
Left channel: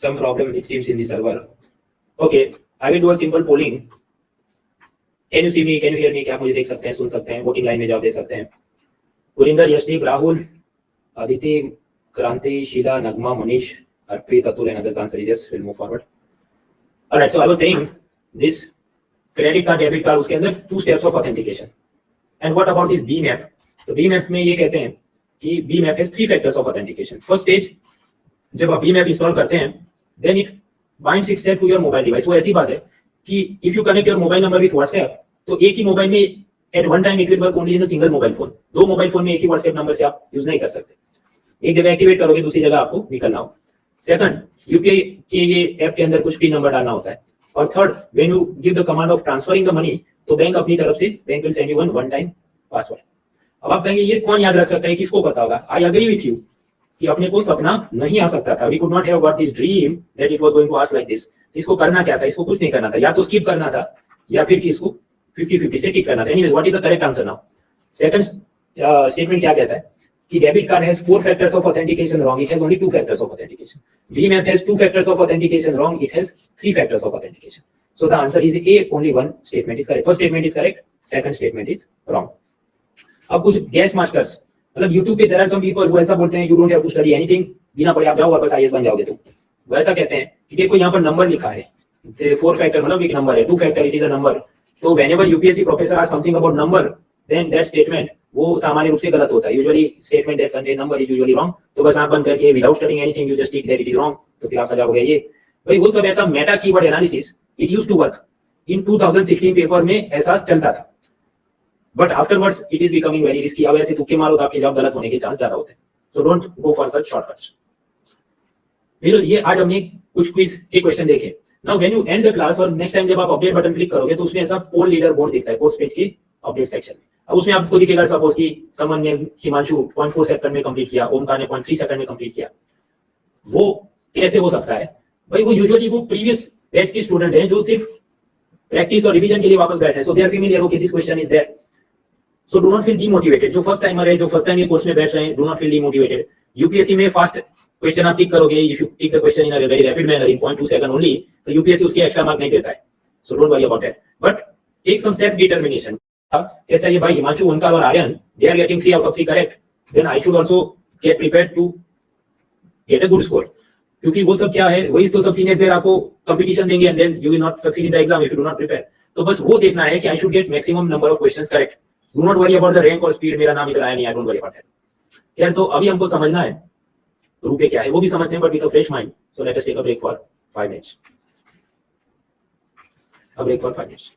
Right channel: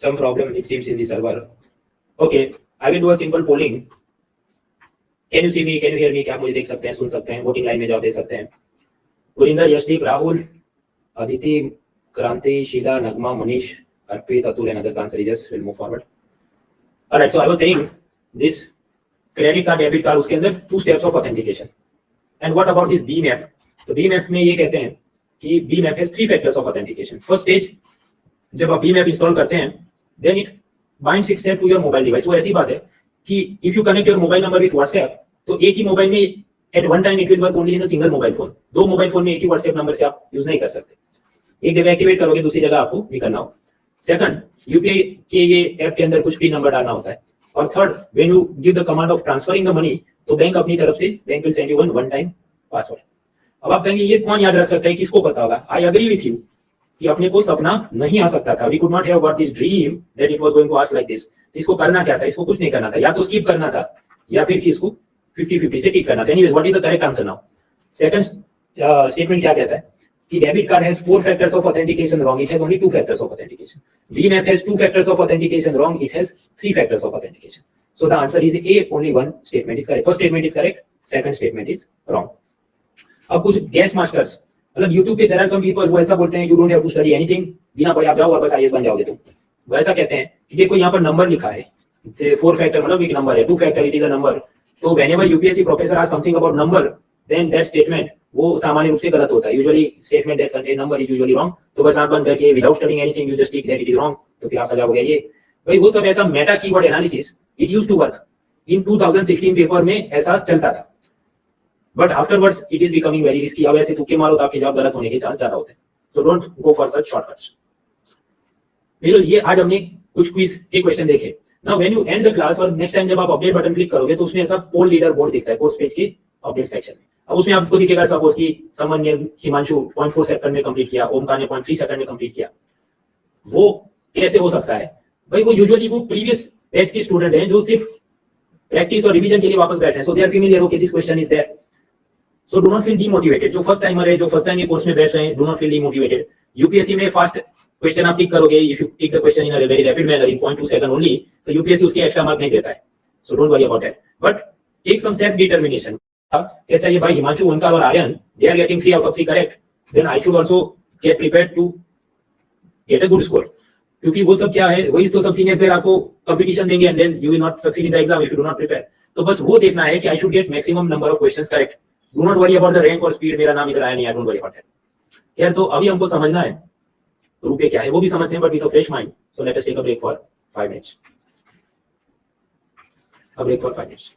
Some problem it seems in the server. Okay, I will do a simple polling. Can you see me? Can you hear me? क्या आप मुझे देख सकते हैं, सुन सकते हैं? वोटिंग लाइन में जाओ, दे सकते हैं. गुरिंदर, यशदीप, राहुल, अदिति, क्रांति, शीला, नगमा, मनीष, अर्पित, Atul and others. The answer is yes. We'll move forward. Alright, so I was saying this credit card, debit card, उसके अंदर 2 steps of authentication. And what about this BMAP? तो BMAP में ये कहते हैं कि BMAP has 3 factors of authentication. First stage, जब आप BMAP इंस्टॉल करते हैं, then it binds itself to your mobile device. वो ऐसी बात है कि if you connect your mobile number with WhatsApp, तो एक ही मोबाइल में at one time it will work only in a single mobile phone. 2 mobile phone में एक ही WhatsApp नंबर से आप यूज नहीं कर सकते. एक जगह एक्टिवेट करोगे, दूसरी जगह आपको निकलना हो. सेकंड, यूपीआई के ये ऐप के अंदर कुछ पिन नंबर डालना होता है. और third, when you give the command of transferring the money, तो बैंक अपनी तरफ से bank will send you one time password. अब आप कहेंगे ये कौन याद रख सकता है, किसको पता होगा? आई एग्री विथ यू कि अपने को सपना नहीं आ सकता था, we could not have got this dream that it was going to ask like this. इसको करना क्या था? इसको कुछ नहीं करना था, या तो स्किप करना था या फिर कि इसको 50-50 से टिक करना था. Anyways, what is the correct answer now? Second statement क्या कहता है कि debit card has 4 factors of authentication, wrong, it has only 2 factors of authentication. BMAP has 2 factors of authentication, wrong, it has 3 factors of authentication. So the answer is A, only one statement is correct. First statement is correct, second statement is wrong. अब कुछ gas masters, मतलब YouTube पे there are some people वो ऐसा बोलते हैं you don't have to study anything, बिना पढ़े आप जाओ और बस IAS बन जाओगे तुम. वो ऐसा कहते हैं कि देखो यहाँ पर नंबर लिखा है, 4 factor मतलब एक नंबर है, 2 factor it is a number. तो whenever UPSC professor asks something about number, then that statement वो सामान्य रूप से गलत होता है. Usually statement that contain number is usually wrong. तो बस आप बंद करके without studying anything you just tick that it is wrong, तो फिर आपका जवाब हो गया ये. भाई वो सब ऐसा meta keyword analysis it used to work in 2016 paper में, ऐसा चलता था. But afterwards it is becoming very risky. अब ऐसे तुक्के मारो तो आपके जवाब गलत होने के चांस ज्यादा होते हैं. So don't go for such shortcuts. फिर ये आज हमने कुछ क्विज के क्वेश्चन देखे. Now when you and the class और नेक्स्ट टाइम जब आप अपडेट बटन क्लिक करोगे तो उसमें ऐसा पोल लीडर बोर्ड दिखता है कोर्स पेज की अपडेट सेक्शन में। अब उसमें आपको दिखेगा सपोज कि समन ने हिमांशु 0.4 सेकंड में कंप्लीट किया, ओमकार ने 0.3 सेकंड में कंप्लीट किया। वो कैसे हो सकता है भाई? वो यूजुअली वो प्रीवियस बैच के स्टूडेंट हैं जो सिर्फ प्रैक्टिस और रिवीजन के लिए वापस बैठे हैं, so they are familiar, okay this question is there, so do not feel demotivated. जो फर्स्ट टाइमर है, जो फर्स्ट टाइम ये कोर्स में बैठ रहे हैं, do not feel demotivated. UPSC में फास्ट क्वेश्चन आप टिक करोगे, if you tick the question in a very rapid manner in 0.2 second only, तो यूपीएससी उसके एक्स्ट्रा मार्क नहीं देता है, so don't worry about that. But take some self determination. क्या चाहिए भाई? हिमांशु, ओमकार और Aryan, they are getting 3 out of 3 correct, then I should also get prepared to get a good score. क्योंकि वो सब क्या है, वही तो सब सीनियर प्लेयर आपको कंपटीशन देंगे and then you will not succeed in the exam if you do not prepare. तो बस वो देखना है कि I should get maximum number of questions correct, do not worry about the rank और speed, मेरा नाम इधर आया नहीं, I don't worry about that. यार तो अभी हमको समझना है रुपए क्या है, वो भी समझते हैं but with a fresh mind. So let us take a break for 5 minutes, a break for 5 minutes.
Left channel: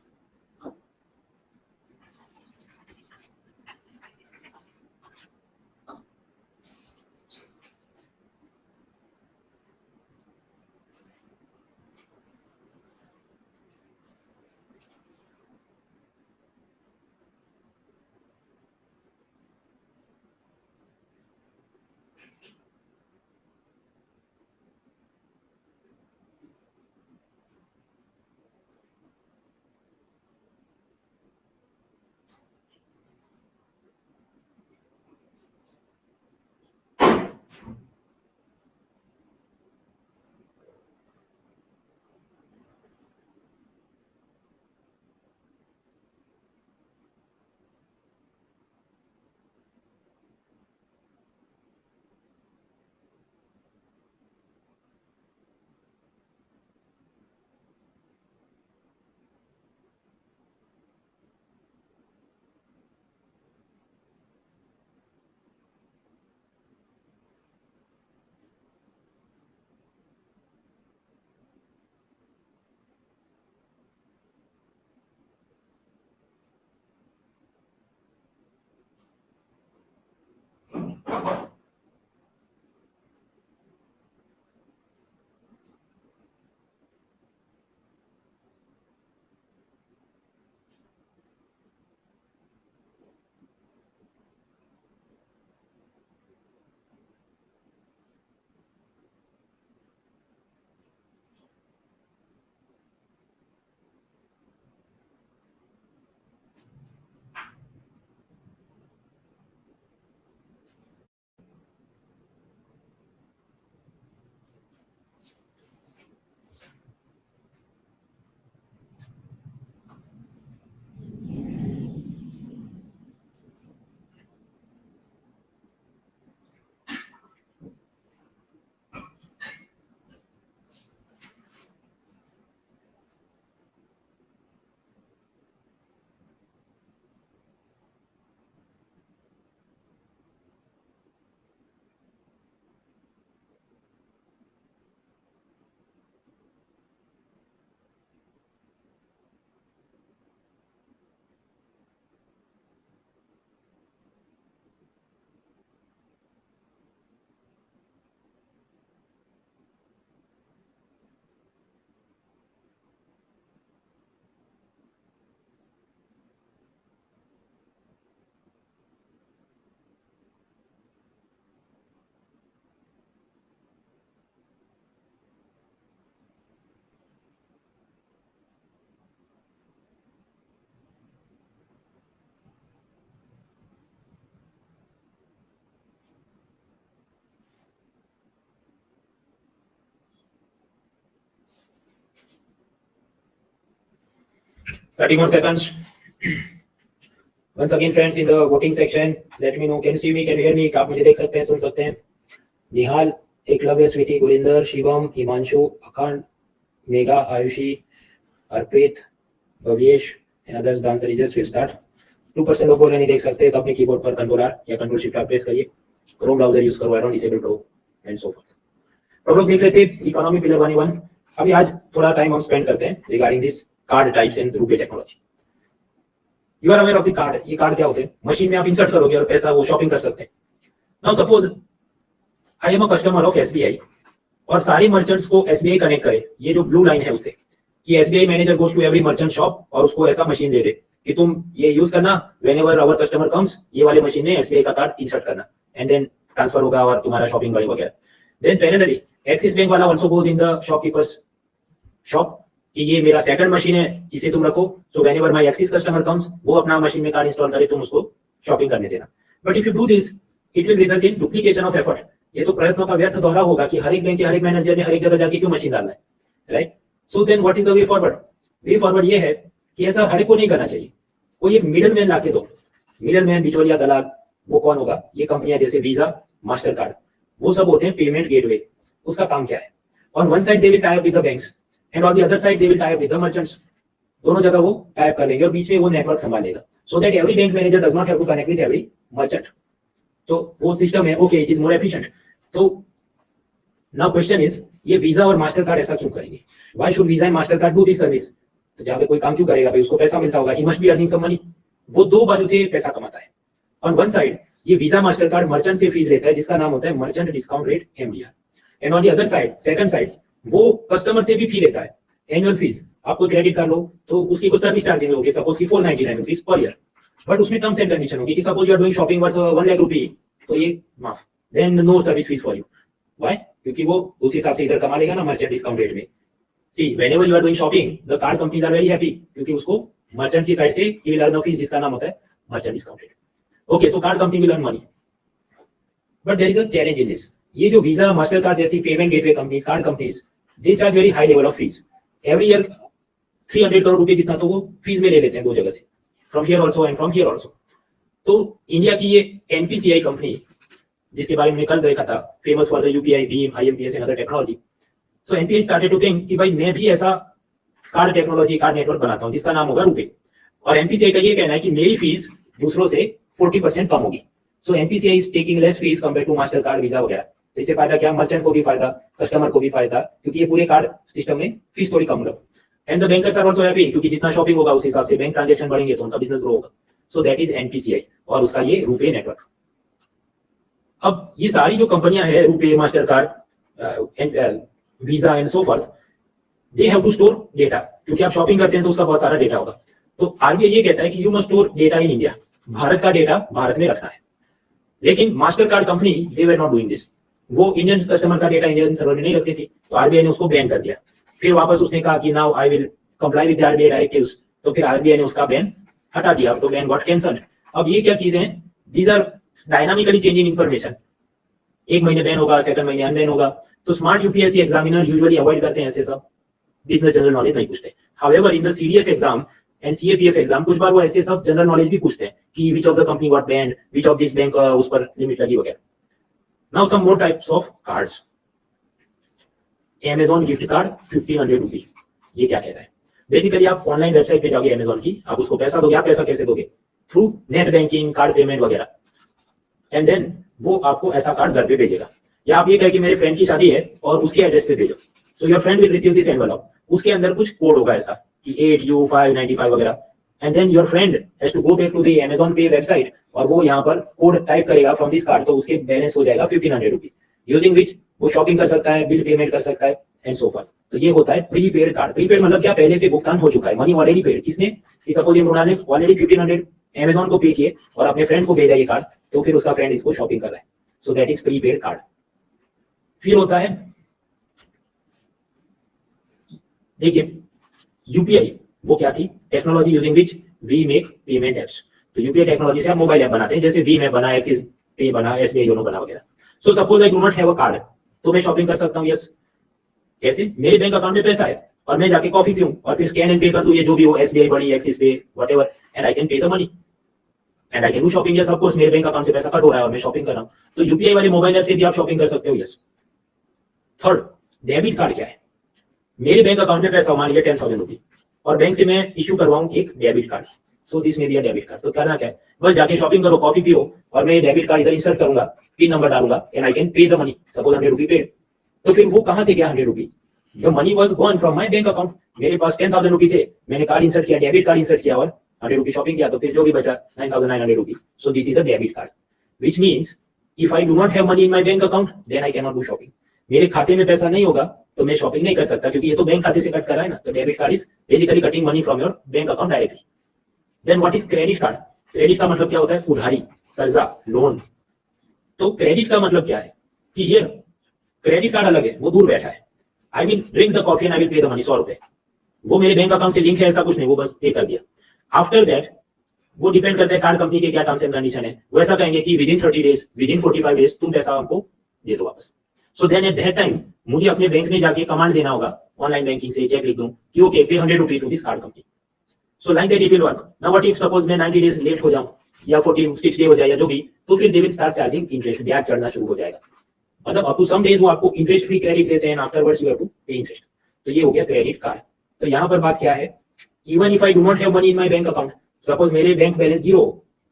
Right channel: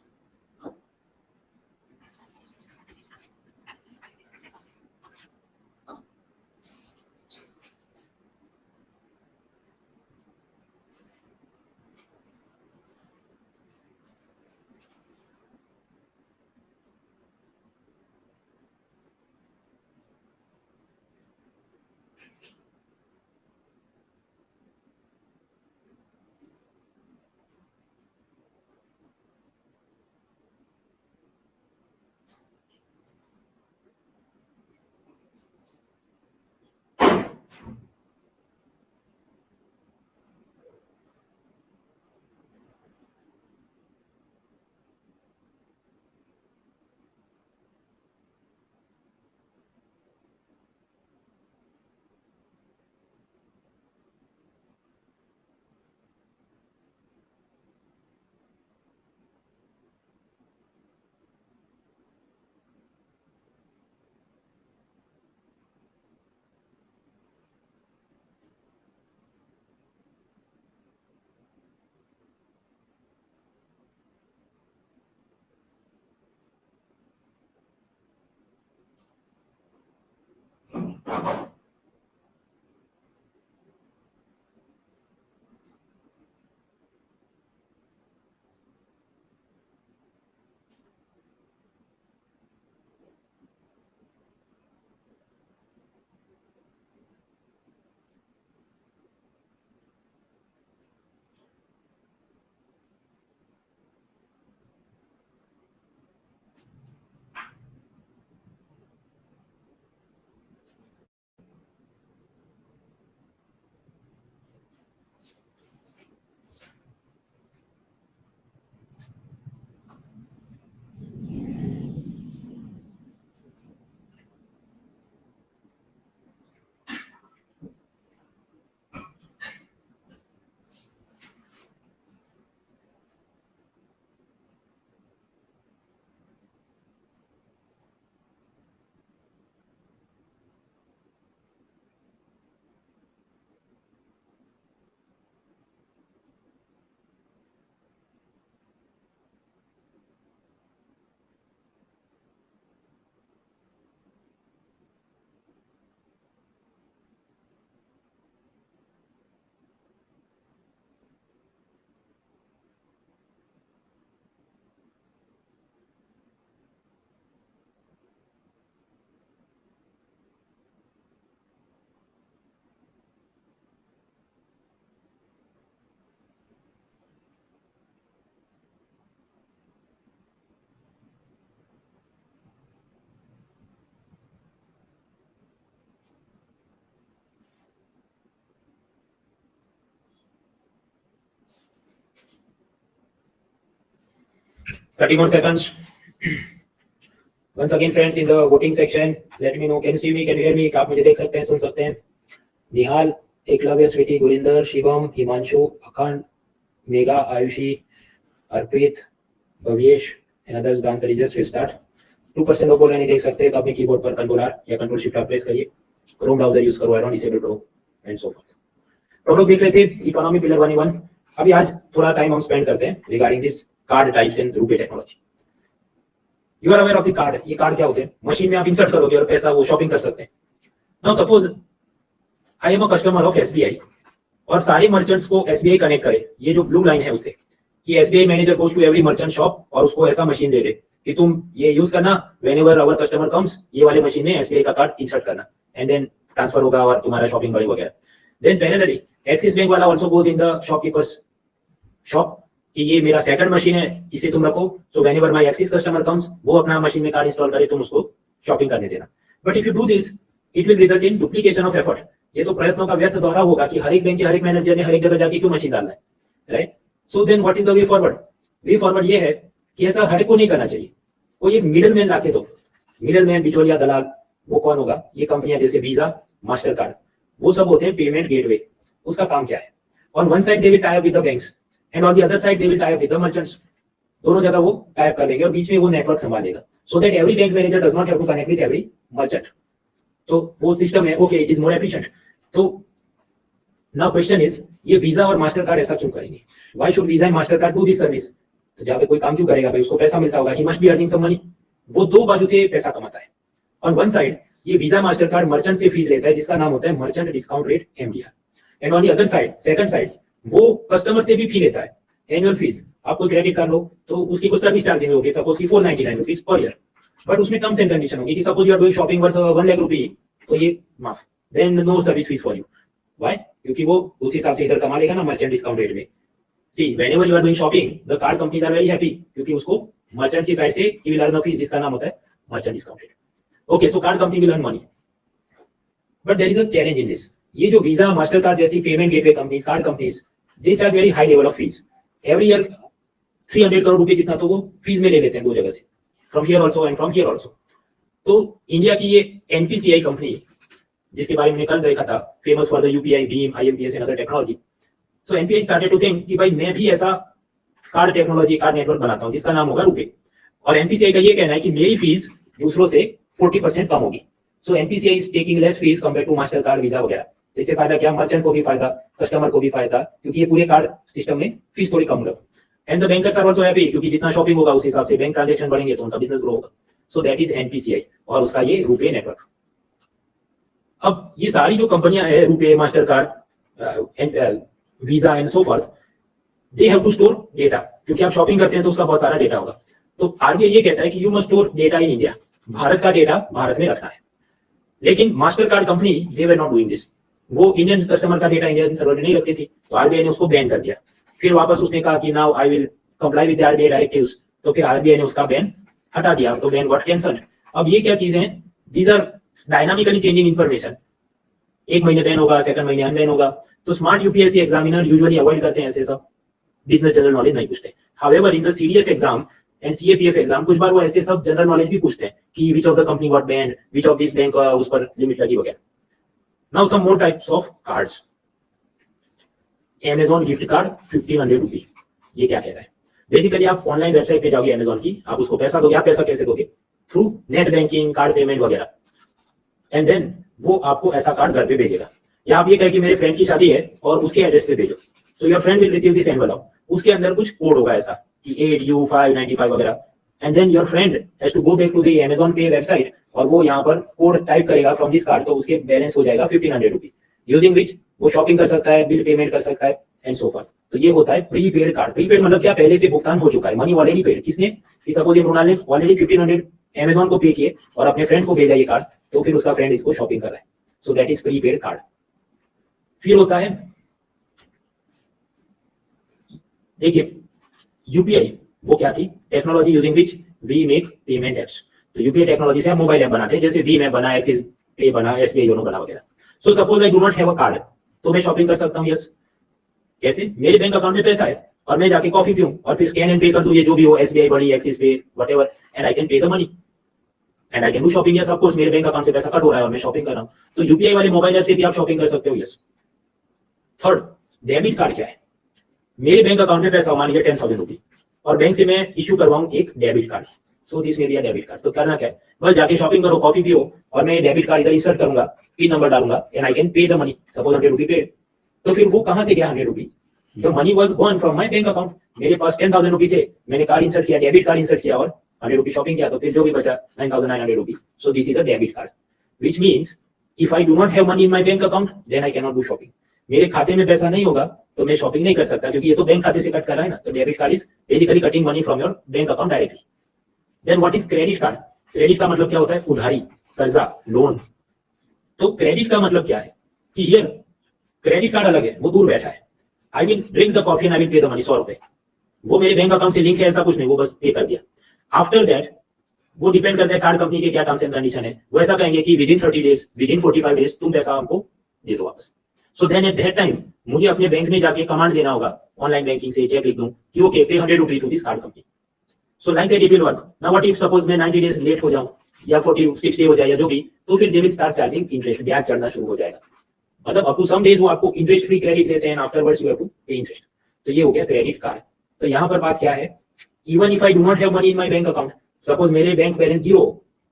Thirty more seconds. Once again, friends, in the voting section, let me know. Can you see me? Can you hear me? आप मुझे देख सकते हैं, सुन सकते हैं? निहाल, एकलव्य, स्वीटी, गुरिंदर, शिवम, हिमांशु, अखंड, मेघा, आयुषी, अर्पित, Bhavesh and others. The answer is yes. We start. 2% लोग बोल नहीं देख सकते तो अपने कीबोर्ड पर कंट्रोल आर या कंट्रोल शिफ्ट प्रेस करिए, क्रोम ब्राउजर यूज करो, and disable pro and so forth. तो हम लोग देख लेते हैं इकोनॉमी पिलर 1 अभी आज थोड़ा टाइम हम स्पेंड करते हैं regarding this card types in RuPay technology. You are aware of the card. ये कार्ड क्या होते हैं? मशीन में आप इंसर्ट करोगे और पैसा वो शॉपिंग कर सकते हैं। Now suppose I am a customer of SBI और सारे मर्चेंट्स को एसबीआई कनेक्ट करे, ये जो ब्लू लाइन है उससे, कि SBI manager goes to every merchant shop और उसको ऐसा मशीन दे दे कि तुम ये यूज करना, व्हेनेवर आवर कस्टमर कम्स ये वाले मशीन में एसबीआई का कार्ड इंसर्ट करना एंड देन ट्रांसफर होगा और तुम्हारा शॉपिंग बढ़े वगैरह। देन पैरेलली एक्सिस बैंक वाला also goes in the shopkeepers shop कि ये मेरा सेकंड मशीन है, इसे तुम रखो, so whenever my axis customer comes वो अपना मशीन में कार्ड इंस्टॉल करे, तुम उसको शॉपिंग करने देना। But if you do this it will result in duplication of effort, ये तो प्रयत्नों का व्यर्थ दोहरा होगा कि हर एक बैंक के हर एक मैनेजर ने हर एक जगह जाके क्यों मशीन डालना है, right? So then what is the way forward? Way forward ये है कि ऐसा हर एक को नहीं करना चाहिए, कोई एक मिडिल मैन लाके दो, मिडिल मैन बिचौलिया दलाल, वो कौन होगा? ये कंपनियां जैसे वीजा, मास्टर कार्ड, वो सब होते हैं पेमेंट गेटवे। उसका काम क्या है? On one side they will tie up with the banks and on the other side they will tie up with the merchants, दोनों जगह वो टाई अप कर लेंगे और बीच में वो नेटवर्क संभालेगा, so that every bank manager does not have to connect with every merchant. तो वो सिस्टम है, okay, it is more efficient. तो नाउ क्वेश्चन इज, ये वीजा और मास्टर कार्ड ऐसा क्यों करेंगे? Why should Visa and Mastercard do this service? तो जहां पे कोई काम क्यों करेगा भाई, उसको पैसा मिलता होगा, he must be earning some money, वो दो बाजू से पैसा कमाता है। ऑन वन साइड ये वीजा मास्टर कार्ड मर्चेंट से फीस लेता है जिसका नाम होता है merchant discount rate MDR, and on the other side second side वो कस्टमर से भी फी लेता है, एनुअल फीस। आप कोई क्रेडिट कार्ड लो तो उसकी कुछ सर्विस चार्जिंग होगी, सपोज की 499 रुपीज पर ईयर, बट उसमें टर्म्स एंड कंडीशन होगी कि suppose you are doing shopping worth 1 lakh रुपए, तो ये माफ, then no service fees for you. Why? क्योंकि वो उस हिसाब से इधर कमा लेगा ना मर्चेंट डिस्काउंट रेट में। See whenever you are doing shopping the card companies are very happy, क्योंकि उसको मर्चेंट की साइड से ही विल अर्न फीस जिसका नाम होता है merchant discount rate. Okay, so card company will earn money, but there is a challenge in this. ये जो वीजा मास्टर कार्ड जैसी payment gateway companies, card companies, they charge very high level of fees every year. 300 crore रुपए जितना तो वो fees में ले लेते हैं दो जगह से, from here also and from here also. तो इंडिया की ये एनपीसीआई कंपनी जिसके बारे में कल देखा था, फेमस फॉर द यूपीआई, भीम, IMPS and other technology. So NPCI started to think कि भाई मैं भी ऐसा कार्ड टेक्नोलॉजी, कार्ड नेटवर्क बनाता हूं जिसका नाम होगा रुपे, और एनपीसीआई का ये कहना है कि मेरी फीस दूसरों से 40% कम होगी। सो NPCI is taking less fees compare to Mastercard, Visa वगैरह। तो इससे फायदा क्या? मर्चेंट को भी फायदा, कस्टमर को भी फायदा, क्योंकि ये पूरे कार्ड सिस्टम में फीस थोड़ी कम होगी। And the bankers are also happy, क्योंकि जितना शॉपिंग होगा उस हिसाब से बैंक ट्रांजैक्शन बढ़ेंगे तो उनका बिजनेस ग्रो होगा। सो दैट इज एनपीसीआई और उसका ये रुपे नेटवर्क। अब ये सारी जो कंपनियां हैं, RuPay, Mastercard, Visa and so forth, they have to store data, क्योंकि आप शॉपिंग करते हैं तो उसका बहुत सारा डेटा होगा। तो आरबीआई ये कहता है कि you must store data in India, Bharat का डेटा भारत में रखना है। लेकिन master card company they were not doing this, वो इंडियन कस्टमर का डेटा इंडियन सर्वर में नहीं रखती थी, तो आरबीआई ने उसको बैन कर दिया। फिर वापस उसने कहा कि now I will comply with RBI directives, तो फिर आरबीआई ने उसका बैन हटा दिया, तो बैन गॉट कैंसल्ड। अब ये क्या चीजें हैं? These are dynamically changing information, एक महीने बैन होगा, सेकंड महीने अनबैन होगा। तो smart UPSC examiner usually avoid करते हैं ऐसे सब, बिजनेस जनरल नॉलेज नहीं पूछते। However in the CDS exam and CAPF exam कुछ बार वो ऐसे सब जनरल नॉलेज भी पूछते हैं कि which of the company got banned, which of this bank उस पर लिमिट लगी वगैरह। Now some more types of cards. Amazon gift card 1500 rupees, ये क्या कह रहा है? बेसिकली आप ऑनलाइन वेबसाइट पे जाओगे अमेजोन की, आप उसको पैसा दोगे। आप पैसा कैसे दोगे? Through net banking, card payment वगैरह, एंड देन वो आपको ऐसा कार्ड घर पे भेजेगा। या आप ये कहें कि मेरे फ्रेंड की शादी है और उसके एड्रेस पे भेजो, so your friend will receive this envelope, उसके अंदर कुछ कोड होगा ऐसा कि 8U595 वगैरह, and then your friend has to go back to the Amazon pay website और वो यहाँ पर कोड टाइप करेगा फ्रॉम दिस कार्ड, तो उसके बैलेंस हो जाएगा 1500 रुपीज, यूजिंग विच वो शॉपिंग कर सकता है, बिल पेमेंट कर सकता है एंड सो फॉर्थ। तो ये होता है प्रीपेड कार्ड। प्रीपेड मतलब क्या? पहले से भुगतान हो चुका है, मनी ऑलरेडी पेड। किसने? कि सपोज ये मृणाल ने ऑलरेडी 1500 Amazon को पे किए और अपने फ्रेंड को भेजा ये कार्ड, तो फिर उसका फ्रेंड इसको शॉपिंग कर रहा है, so that is prepaid card. फिर होता है, देखिए यूपीआई वो क्या थी? Technology using which we make payment apps. तो यूपीआई टेक्नोलॉजी से आप मोबाइल ऐप बनाते हैं, जैसे भीम ऐप बना, एक्सिस पे बना, एसबीआई योनो बना वगैरह। So suppose I do not have a card, तो मैं शॉपिंग कर सकता हूँ। यस, कैसे? मेरे बैंक अकाउंट में पैसा है और मैं जाके कॉफी पीऊं और फिर स्कैन एंड पे कर दूं, ये जो भी हो, एसबीआई बड़ी, एक्सिस पे, whatever, and I can pay the money and I can do shopping. Yes, of course मेरे बैंक अकाउंट से पैसा कट हो रहा है और मैं शॉपिंग कर रहा हूं, तो यूपीआई वाले मोबाइल ऐप से भी आप शॉपिंग कर सकते हो। यस। थर्ड, डेबिट कार्ड क्या है? मेरे बैंक अकाउंट में पैसा मान लीजिए 10,000 रुपीज और बैंक से मैं इशू करवाऊं एक debit card, so this may be a debit card. तो करना क्या है? बस जाके शॉपिंग करो, कॉफी पियो और मैं ये डेबिट कार्ड इधर इंसर्ट करूंगा, पिन नंबर डालूंगा and I can pay the money, suppose 100 rupees paid. तो फिर वो कहां से गया 100 rupees? The money was gone from my bank account. मेरे पास 10,000 रुपीज थे, मैंने कार्ड इंसर्ट किया, डेबिट कार्ड इंसर्ट किया और 100 रुपीज शॉपिंग किया, तो फिर जो भी बचा 9,900 rupees. So this is a debit card, which means if I do not have money in my bank account, then I cannot do shopping. मेरे खाते में पैसा नहीं होगा तो मैं शॉपिंग नहीं कर सकता, क्योंकि ये तो बैंक खाते से कट कर रहा है ना। तो debit card is basically cutting money from your bank account directly. Then what is credit card? Credit का मतलब क्या होता है? उधारी, कर्जा, लोन। तो क्रेडिट का मतलब क्या है कि हियर क्रेडिट कार्ड अलग है, वो दूर बैठा है। I will drink the coffee and I will pay the money, 100 रुपए, वो मेरे बैंक अकाउंट से लिंक है ऐसा कुछ नहीं, वो बस पे कर दिया। आफ्टर दैट वो डिपेंड करता है कार्ड कंपनी के क्या टर्म्स एंड कंडीशन है। वो ऐसा कहेंगे कि within 30 days, within 45 days तुम पैसा हमको दे दो वापस। So then at that time मुझे अपने बैंक में जाके कमांड देना होगा, ऑनलाइन बैंकिंग से चेक लिख दूं कि okay pay 100 rupees to this card company. So like that it will work. Now what if suppose मैं 90 डेज लेट हो जाऊं या 46 डे हो जाए या जो भी, तो फिर they will start charging interest, ब्याज चढ़ना शुरू हो जाएगा। मतलब अप टू सम डेज वो आपको इंटरेस्ट फ्री क्रेडिट देते हैं, आफ्टरवर्ड्स यू हैव टू पे इंटरेस्ट। तो ये हो गया क्रेडिट कार्ड। तो यहाँ पर बात क्या है, even if I do not have money in my bank account, suppose मेरे बैंक बैलेंस 0,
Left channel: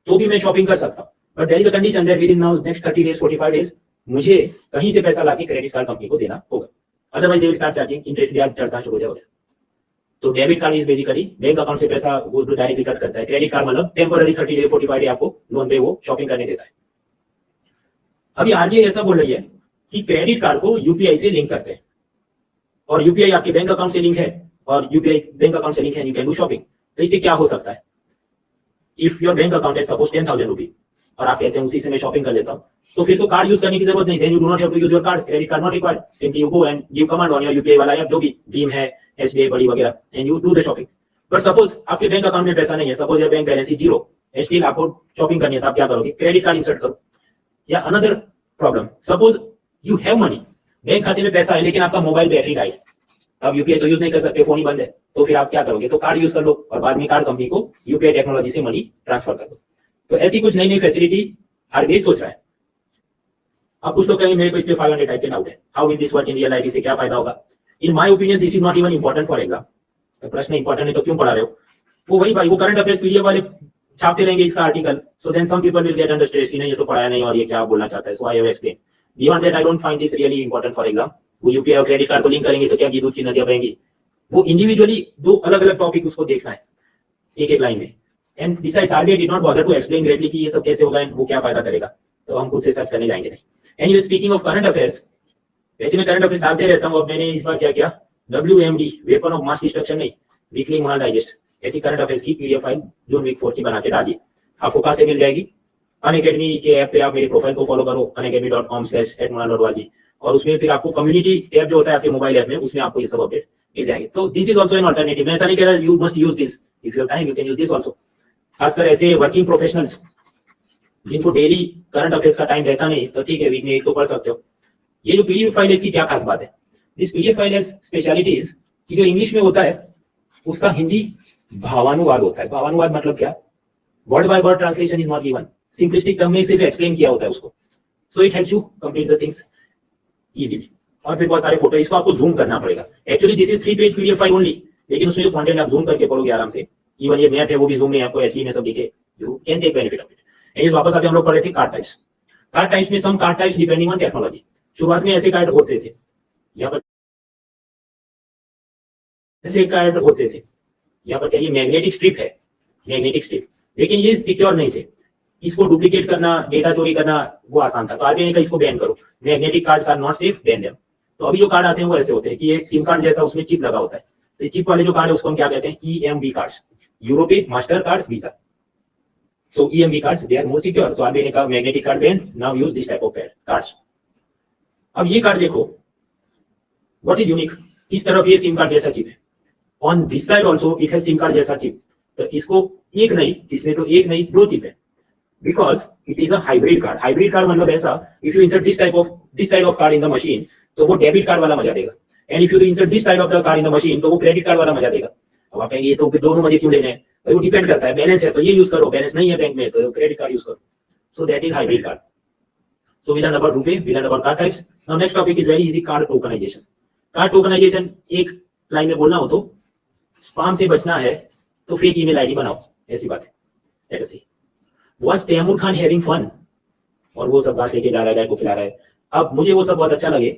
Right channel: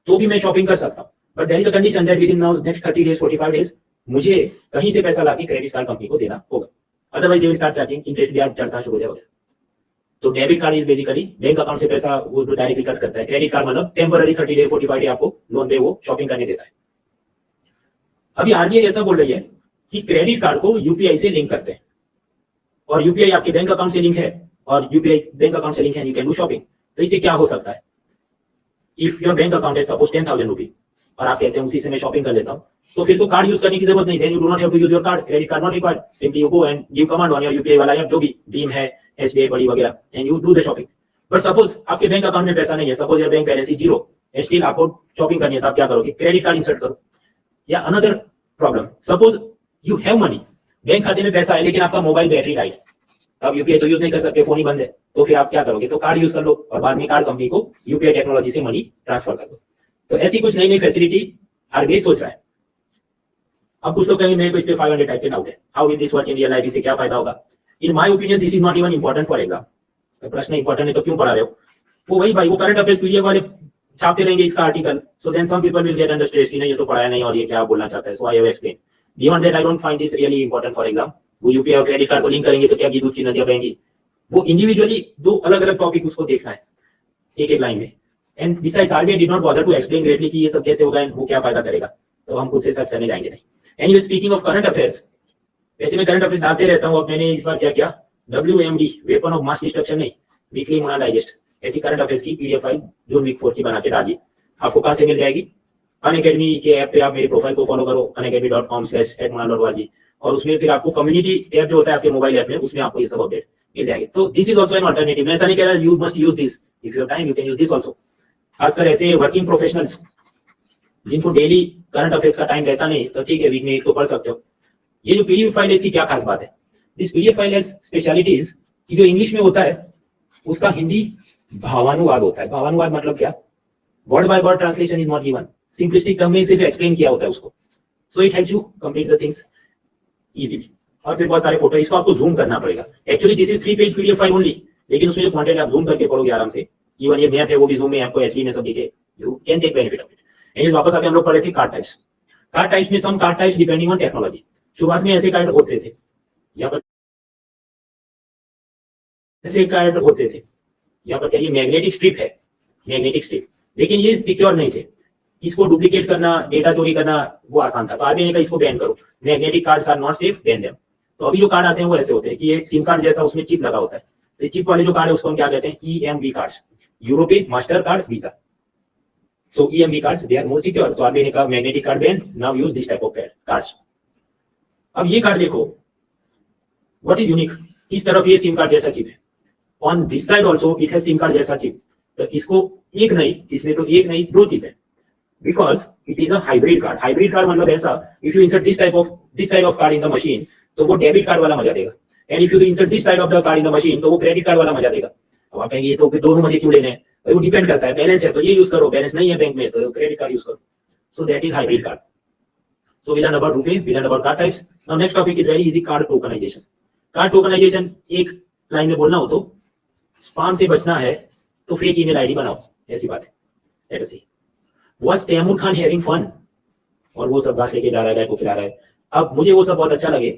तो भी मैं शॉपिंग कर सकता हूं। But there is a condition that within now next 30 days 45 days मुझे कहीं से पैसा लाके क्रेडिट कार्ड कंपनी को देना होगा, otherwise they will start charging interest, ब्याज चढ़ना शुरू हो जाएगा। तो debit card is basically bank account से पैसा वो डायरेक्टली कट करता है। क्रेडिट कार्ड मतलब टेम्पररी 30 डे 45 डे आपको लोन पे वो शॉपिंग करने देता है। अभी आरबीआई ऐसा बोल रही है कि क्रेडिट कार्ड को यूपीआई से लिंक करते हैं, और यूपीआई आपके बैंक अकाउंट से लिंक है, और यूपीआई बैंक अकाउंट से लिंक है, यू कैन डू शॉपिंग। तो इससे क्या हो सकता है, इफ योर बैंक अकाउंट है सपोज 10,000 रुपी और आप कहते हैं उसी से मैं शॉपिंग कर लेता हूं, तो फिर तो कार्ड यूज करने की जरूरत नहीं, then you do not have to use your card, credit card not required, simply you go and give command on your UPI वाला ऐप, जो भी भीम है, एसबीआई बड़ी वगैरह, and you do the shopping. But suppose आपके bank account में पैसा नहीं है, suppose your bank balance is 0, still आपको शॉपिंग करनी है, तो आप क्या करोगे? क्रेडिट कार्ड इंसर्ट करो। या another problem, suppose you have money, bank खाते में पैसा है लेकिन आपका मोबाइल बैटरी डाइड, आप यूपीआई तो यूज नहीं कर सकते, फोन ही बंद है, तो फिर आप क्या करोगे? तो कार्ड यूज कर लो और बाद में कार्ड कंपनी को यूपीआई टेक्नोलॉजी से मनी ट्रांसफर कर दो। तो ऐसी कुछ नई नई फैसिलिटी आरबीआई सोच रहा है। अब कुछ लोग कहेंगे मेरे को इस पे 500 टाइप के डाउट है, how will this work in real life, इससे क्या फायदा होगा? इन my opinion this is not even important for exam. तो प्रश्न इंपॉर्टेंट है तो क्यों पढ़ा रहे हो? वो वही भाई, वो करंट अफेयर्स पीडीएफ वाले छापते रहेंगे इसका article, so then some people will get under stress कि नहीं ये तो पढ़ाया नहीं और ये क्या बोलना चाहता है। So I have explain, beyond that I don't find this really important for exam. वो यूपीआई और क्रेडिट कार्ड को लिंक करेंगे तो क्या की दूध की नदियां बहेंगी? वो इंडिविजुअली दो अलग अलग टॉपिक उसको देखना है एक एक लाइन में। And besides RBI did not bother to explain greatly कि ये सब कैसे होगा एंड वो क्या फायदा करेगा, तो हम खुद से सर्च करने जाएंगे नहीं। Anyway speaking of current affairs, वैसे मैं करंट अफेयर्स डालते रहता हूं, अब मैंने इस बार क्या किया, WMD weapon of mass destruction नहीं, वीकली मुना डाइजेस्ट, ऐसी करंट अफेयर्स की पीडीएफ फाइल जून वीक 4 की बना के डालिए। आपको कहां से मिल जाएगी? अनअकैडमी के ऐप पे आप मेरे प्रोफाइल को फॉलो करो, unacademy.com/@munana.org, और उसमें फिर आपको कम्युनिटी टैब जो होता है आपके मोबाइल ऐप में, उसमें आपको ये सब अपडेट मिल जाएंगे। तो this is also an alternative. मैं ऐसा नहीं कह रहा you must use this, if you have time you can use this also. खासकर ऐसे वर्किंग प्रोफेशनल्स जिनको डेली करंट अफेयर्स का टाइम रहता नहीं, तो ठीक है वीक में एक तो पढ़ सकते हो। ये जो पीडीएफ फाइल है इसकी क्या खास बात है? This PDF file has specialities कि जो इंग्लिश में होता है उसका हिंदी भावानुवाद होता है। भावानुवाद मतलब क्या? Word by word translation is not given, simplistic term में सिर्फ एक्सप्लेन किया होता है उसको। So it helps you complete the things easily. और फिर बहुत सारे फोटो, इसको आपको जूम करना पड़ेगा। Actually this is 3 page PDF file only, लेकिन उसमें जो कंटेंट आप जूम करके पढ़ोगे आराम से। इवन ये मैप है वो भी जूम में आपको एचडी में सब दिखे, you can take benefit of it. And वापस आते हम लोग पढ़े थे कार्ड टाइप्स। कार्ड टाइप्स में some card types depending on technology. शुरुआत में ऐसे कार्ड होते थे, यहाँ पर ऐसे कार्ड होते थे, यहाँ पर क्या ये मैग्नेटिक स्ट्रिप है, मैग्नेटिक स्ट्रिप, लेकिन ये सिक्योर नहीं थे। इसको डुप्लीकेट करना, डेटा चोरी करना वो आसान था, तो आरबीआई ने कहा इसको बैन करो, magnetic cards are not safe, ban them. तो अभी जो कार्ड आते हैं वो ऐसे होते हैं कि ये सिम कार्ड जैसा उसमें चिप लगा होता है। तो चिप वाले जो कार्ड है उसको हम क्या कहते हैं? EMV cards, European Mastercard Visa. So EMV cards they are more secure, so RBI ने कहा magnetic card ban, now use this type of cards. अब ये कार्ड देखो, व्हाट इज यूनिक, इस तरफ ये सिम कार्ड जैसा चिप है, on this side also it has SIM card जैसा चिप। तो इसको एक नहीं, इसमें तो एक नहीं दो चिप है, because it is a hybrid card. Hybrid card मतलब ऐसा, if you insert this side of card in the machine तो वो डेबिट कार्ड वाला मजा देगा, and if you insert this side of the card in the machine तो वो credit card वाला मजा देगा। अब आप कहेंगे ये तो फिर दोनों मजे क्यों लेने हैं? वो डिपेंड करता है, बैलेंस है तो ये यूज करो, बैलेंस नहीं है बैंक में तो क्रेडिट कार्ड यूज करो। So that is hybrid card. So we learned about RuPay, we learned about card types. Now next topic is very easy, card tokenization. Card tokenization एक line में बोलना हो तो स्पैम से बचना है तो फेक ईमेल आईडी बनाओ, ऐसी बात है। Let us see. Was Taimur Khan having fun? और वो सब घास लेके जा रहा है, गाय को खिला रहा है। अब मुझे वो सब बहुत अच्छा लगे,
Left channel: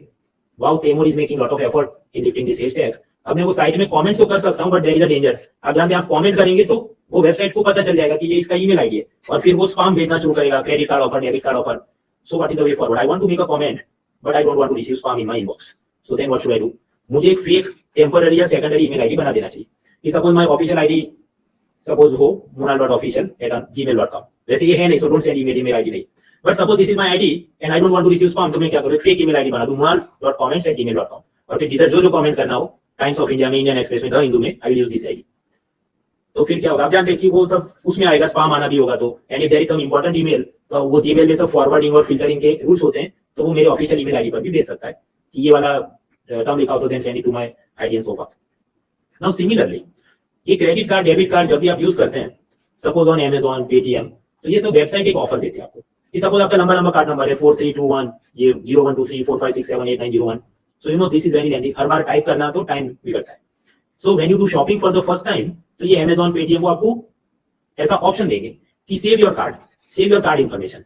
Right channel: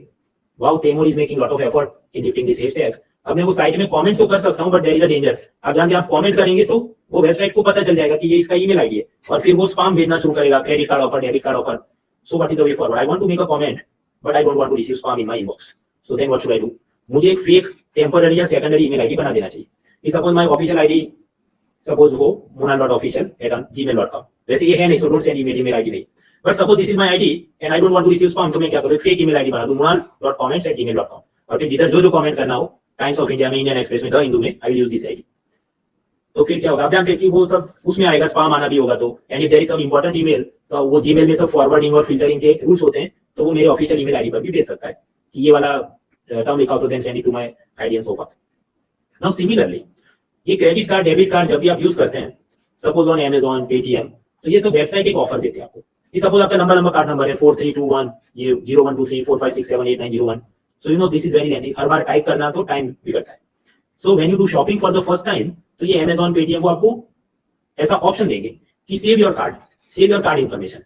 wow Taimur is making lot of effort in lifting this hashtag. अब मैं वो साइट में कमेंट तो कर सकता हूं, but there is a danger. अब जब आप कमेंट करेंगे तो वो वेबसाइट को पता चल जाएगा कि ये इसका ईमेल आईडी है, और फिर वो स्पैम भेजना शुरू करेगा, credit card offer, debit card offer. So what is the way forward? I want to make a comment but I don't want to receive spam in my inbox, so then what should I do? मुझे एक fake temporary या secondary email ID बना देना चाहिए कि suppose my official ID suppose हो munal.official@gmail.com, वैसे ये है नहीं, so don't send email ID नहीं, but suppose this is my ID and I don't want to receive spam, तो मैं क्या करूं, फेक ईमेल आईडी बना दूं munal.comments@gmail.com, और फिर जिधर जो कमेंट करना हो, टाइम्स ऑफ इंडिया में, इंडियन एक्सप्रेस में, द हिंदू में, I will use this ID. तो फिर क्या होगा, आप जानते हैं कि वो सब उसमें आएगा, स्पैम आना भी होगा, तो and if there is some important email, तो वो जीमेल में सब फॉरवर्डिंग और फिल्टरिंग के रूल्स होते हैं, तो वो मेरे ऑफिशियल ईमेल आईडी पर भी भेज सकता है कि ये वाला टर्म लिखा हो तो then send it to my ID and so forth. Now similarly ये क्रेडिट कार्ड, डेबिट कार्ड जब भी आप यूज करते हैं, सपोज ऑन Amazon, पेटीएम, तो ये सब वेबसाइट एक ऑफर देते हैं आपको कि सपोज आपका लंबा कार्ड नंबर है 4321 ये 012345678901, so you know this is very lengthy, her bar type करना तो टाइम बिगड़ता है। So when you do shopping for the first time, तो ये Amazon, पेटीएम वो आपको ऐसा ऑप्शन देंगे कि सेव योर कार्ड इंफॉर्मेशन।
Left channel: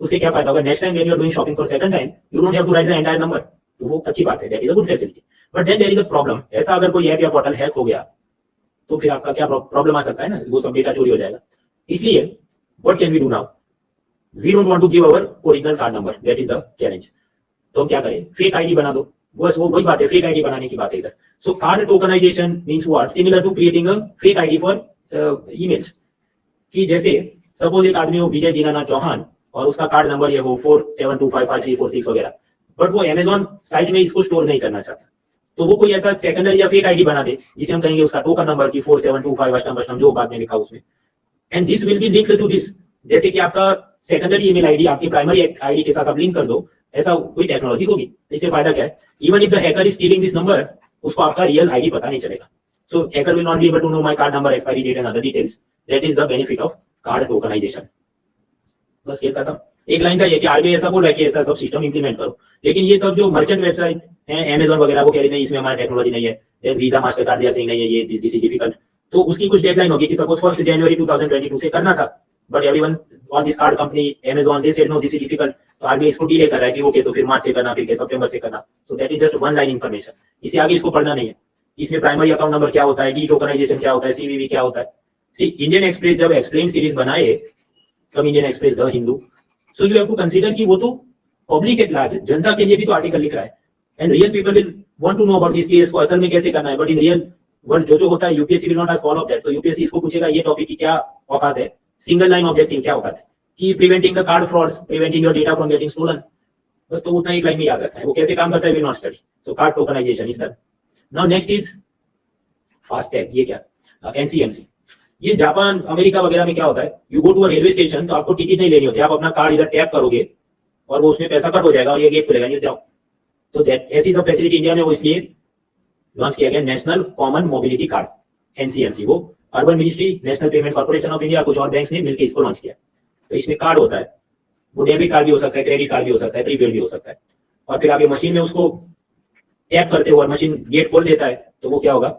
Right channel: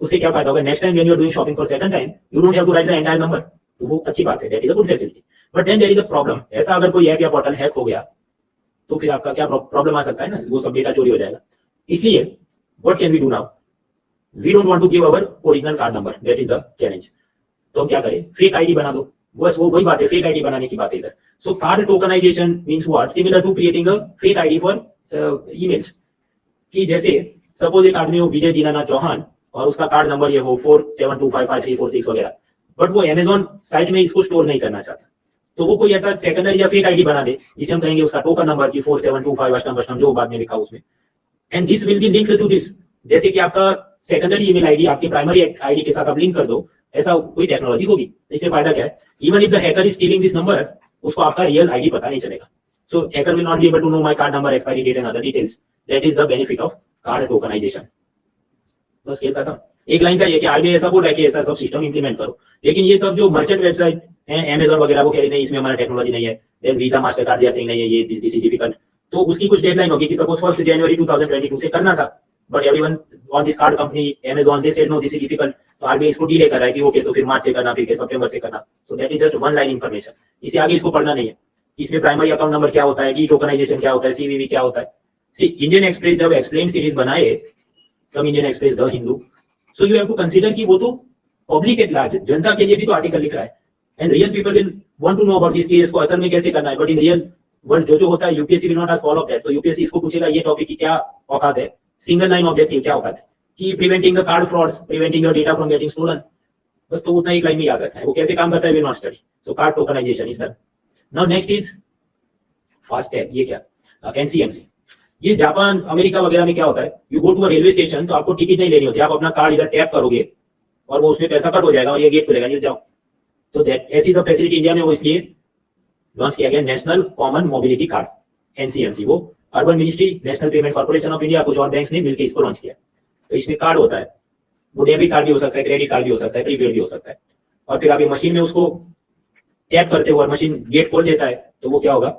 उससे क्या फायदा होगा, next time when you are doing shopping for second time, you don't have to write the entire number, तो वो अच्छी बात है, that is a good facility. But then there is a problem, ऐसा अगर कोई ऐप या पोर्टल हैक हो गया तो फिर आपका क्या प्रॉब्लम आ सकता है ना, वो सब डेटा चोरी हो जाएगा। इसलिए what can we do now, we don't want to give our original card number, that is the challenge. तो हम क्या करें, फेक आईडी बना दो, बस वो वही बात है, फेक आईडी बनाने की बात है इधर। So card tokenization means what, similar to creating a fake ID for emails, कि जैसे सपोज एक आदमी हो विजय दीनानाथ चौहान और उसका कार्ड नंबर ये हो 47255346 वगैरह, बट वो Amazon साइट में इसको स्टोर नहीं करना चाहता, तो वो कोई ऐसा सेकेंडरी या फेक आईडी बना दे जिसे हम कहेंगे उसका टोकन नंबर की 4725 अष्टम जो बाद में लिखा उसमें, and this will be linked to this, जैसे कि आपका सेकेंडरी ईमेल आईडी आपकी प्राइमरी आईडी के साथ आप लिंक कर दो, ऐसा कोई टेक्नोलॉजी होगी। इससे फायदा क्या है, even if the hacker is stealing this number, उसको आपका रियल आईडी पता नहीं चलेगा, so hacker will not be able to know my card number, expiry date and other details, that is the benefit of card tokenization. बस ये था, एक line का ये कि आरबीआई ऐसा बोल रहा है कि ऐसा सब सिस्टम इंप्लीमेंट करो, लेकिन ये सब जो मर्चेंट वेबसाइट है Amazon वगैरह वो कह रहे नहीं इसमें हमारा टेक्नोलॉजी नहीं है, देन वीजा मास्टर कार्ड दिया नहीं है, ये दिस इज डिफिकल्ट, तो उसकी कुछ डेडलाइन होगी कि सपोज 1 जनवरी 2022 से करना था, but everyone on this card company Amazon they said no this is difficult, तो आरबीआई इसको डिले कर रहा है कि ओके तो फिर मार्च से करना, फिर सितंबर से करना, सो that is just one line information, इसे आगे इसको पढ़ना नहीं है, इसमें प्राइमरी अकाउंट नंबर क्या होता है, डी टोकनाइजेशन क्या होता है, सीवीवी क्या होता है। सी इंडियन एक्सप्रेस जब एक्सप्लेन सीरीज बनाए, सब Indian Express the Hindu, so you have to consider कि वो तो पब्लिक एट लार्ज, जनता के लिए भी तो आर्टिकल लिख रहा है, and real people will want to know about this case को असल में कैसे करना है, बट इन रियल वर्ल्ड जो होता है UPSC will not ask all of that, तो यूपीएससी इसको पूछेगा ये टॉपिक की क्या औकात है, सिंगल लाइन ऑब्जेक्टिव क्या औकात है, कि preventing the card frauds, preventing your data from getting stolen, बस तो उतना एक लाइन में याद रखना है, वो कैसे काम करता है will not study, so card tokenization is done. Now next is FASTag, ये क्या, एनसीएमसी, ये जापान अमेरिका वगैरह में क्या होता है, you go to a railway station तो आपको टिकट नहीं लेनी होती, आप अपना कार्ड इधर टैप करोगे और वो उसमें पैसा कट हो जाएगा और ये गेट खुलेगा, ये जाओ, तो दैट ऐसी सब फैसिलिटी इंडिया में वो इसलिए लॉन्च किया गया, national common mobility card NCMC, वो urban ministry, national payment corporation of India, कुछ और बैंक्स ने मिलकर इसको लॉन्च किया। तो इसमें कार्ड होता है, वो डेबिट कार्ड भी हो सकता है, क्रेडिट कार्ड भी हो सकता है, प्रीपेड भी हो सकता है, और फिर आप ये मशीन में उसको टैप करते हो और मशीन गेट खोल देता है, तो वो क्या होगा,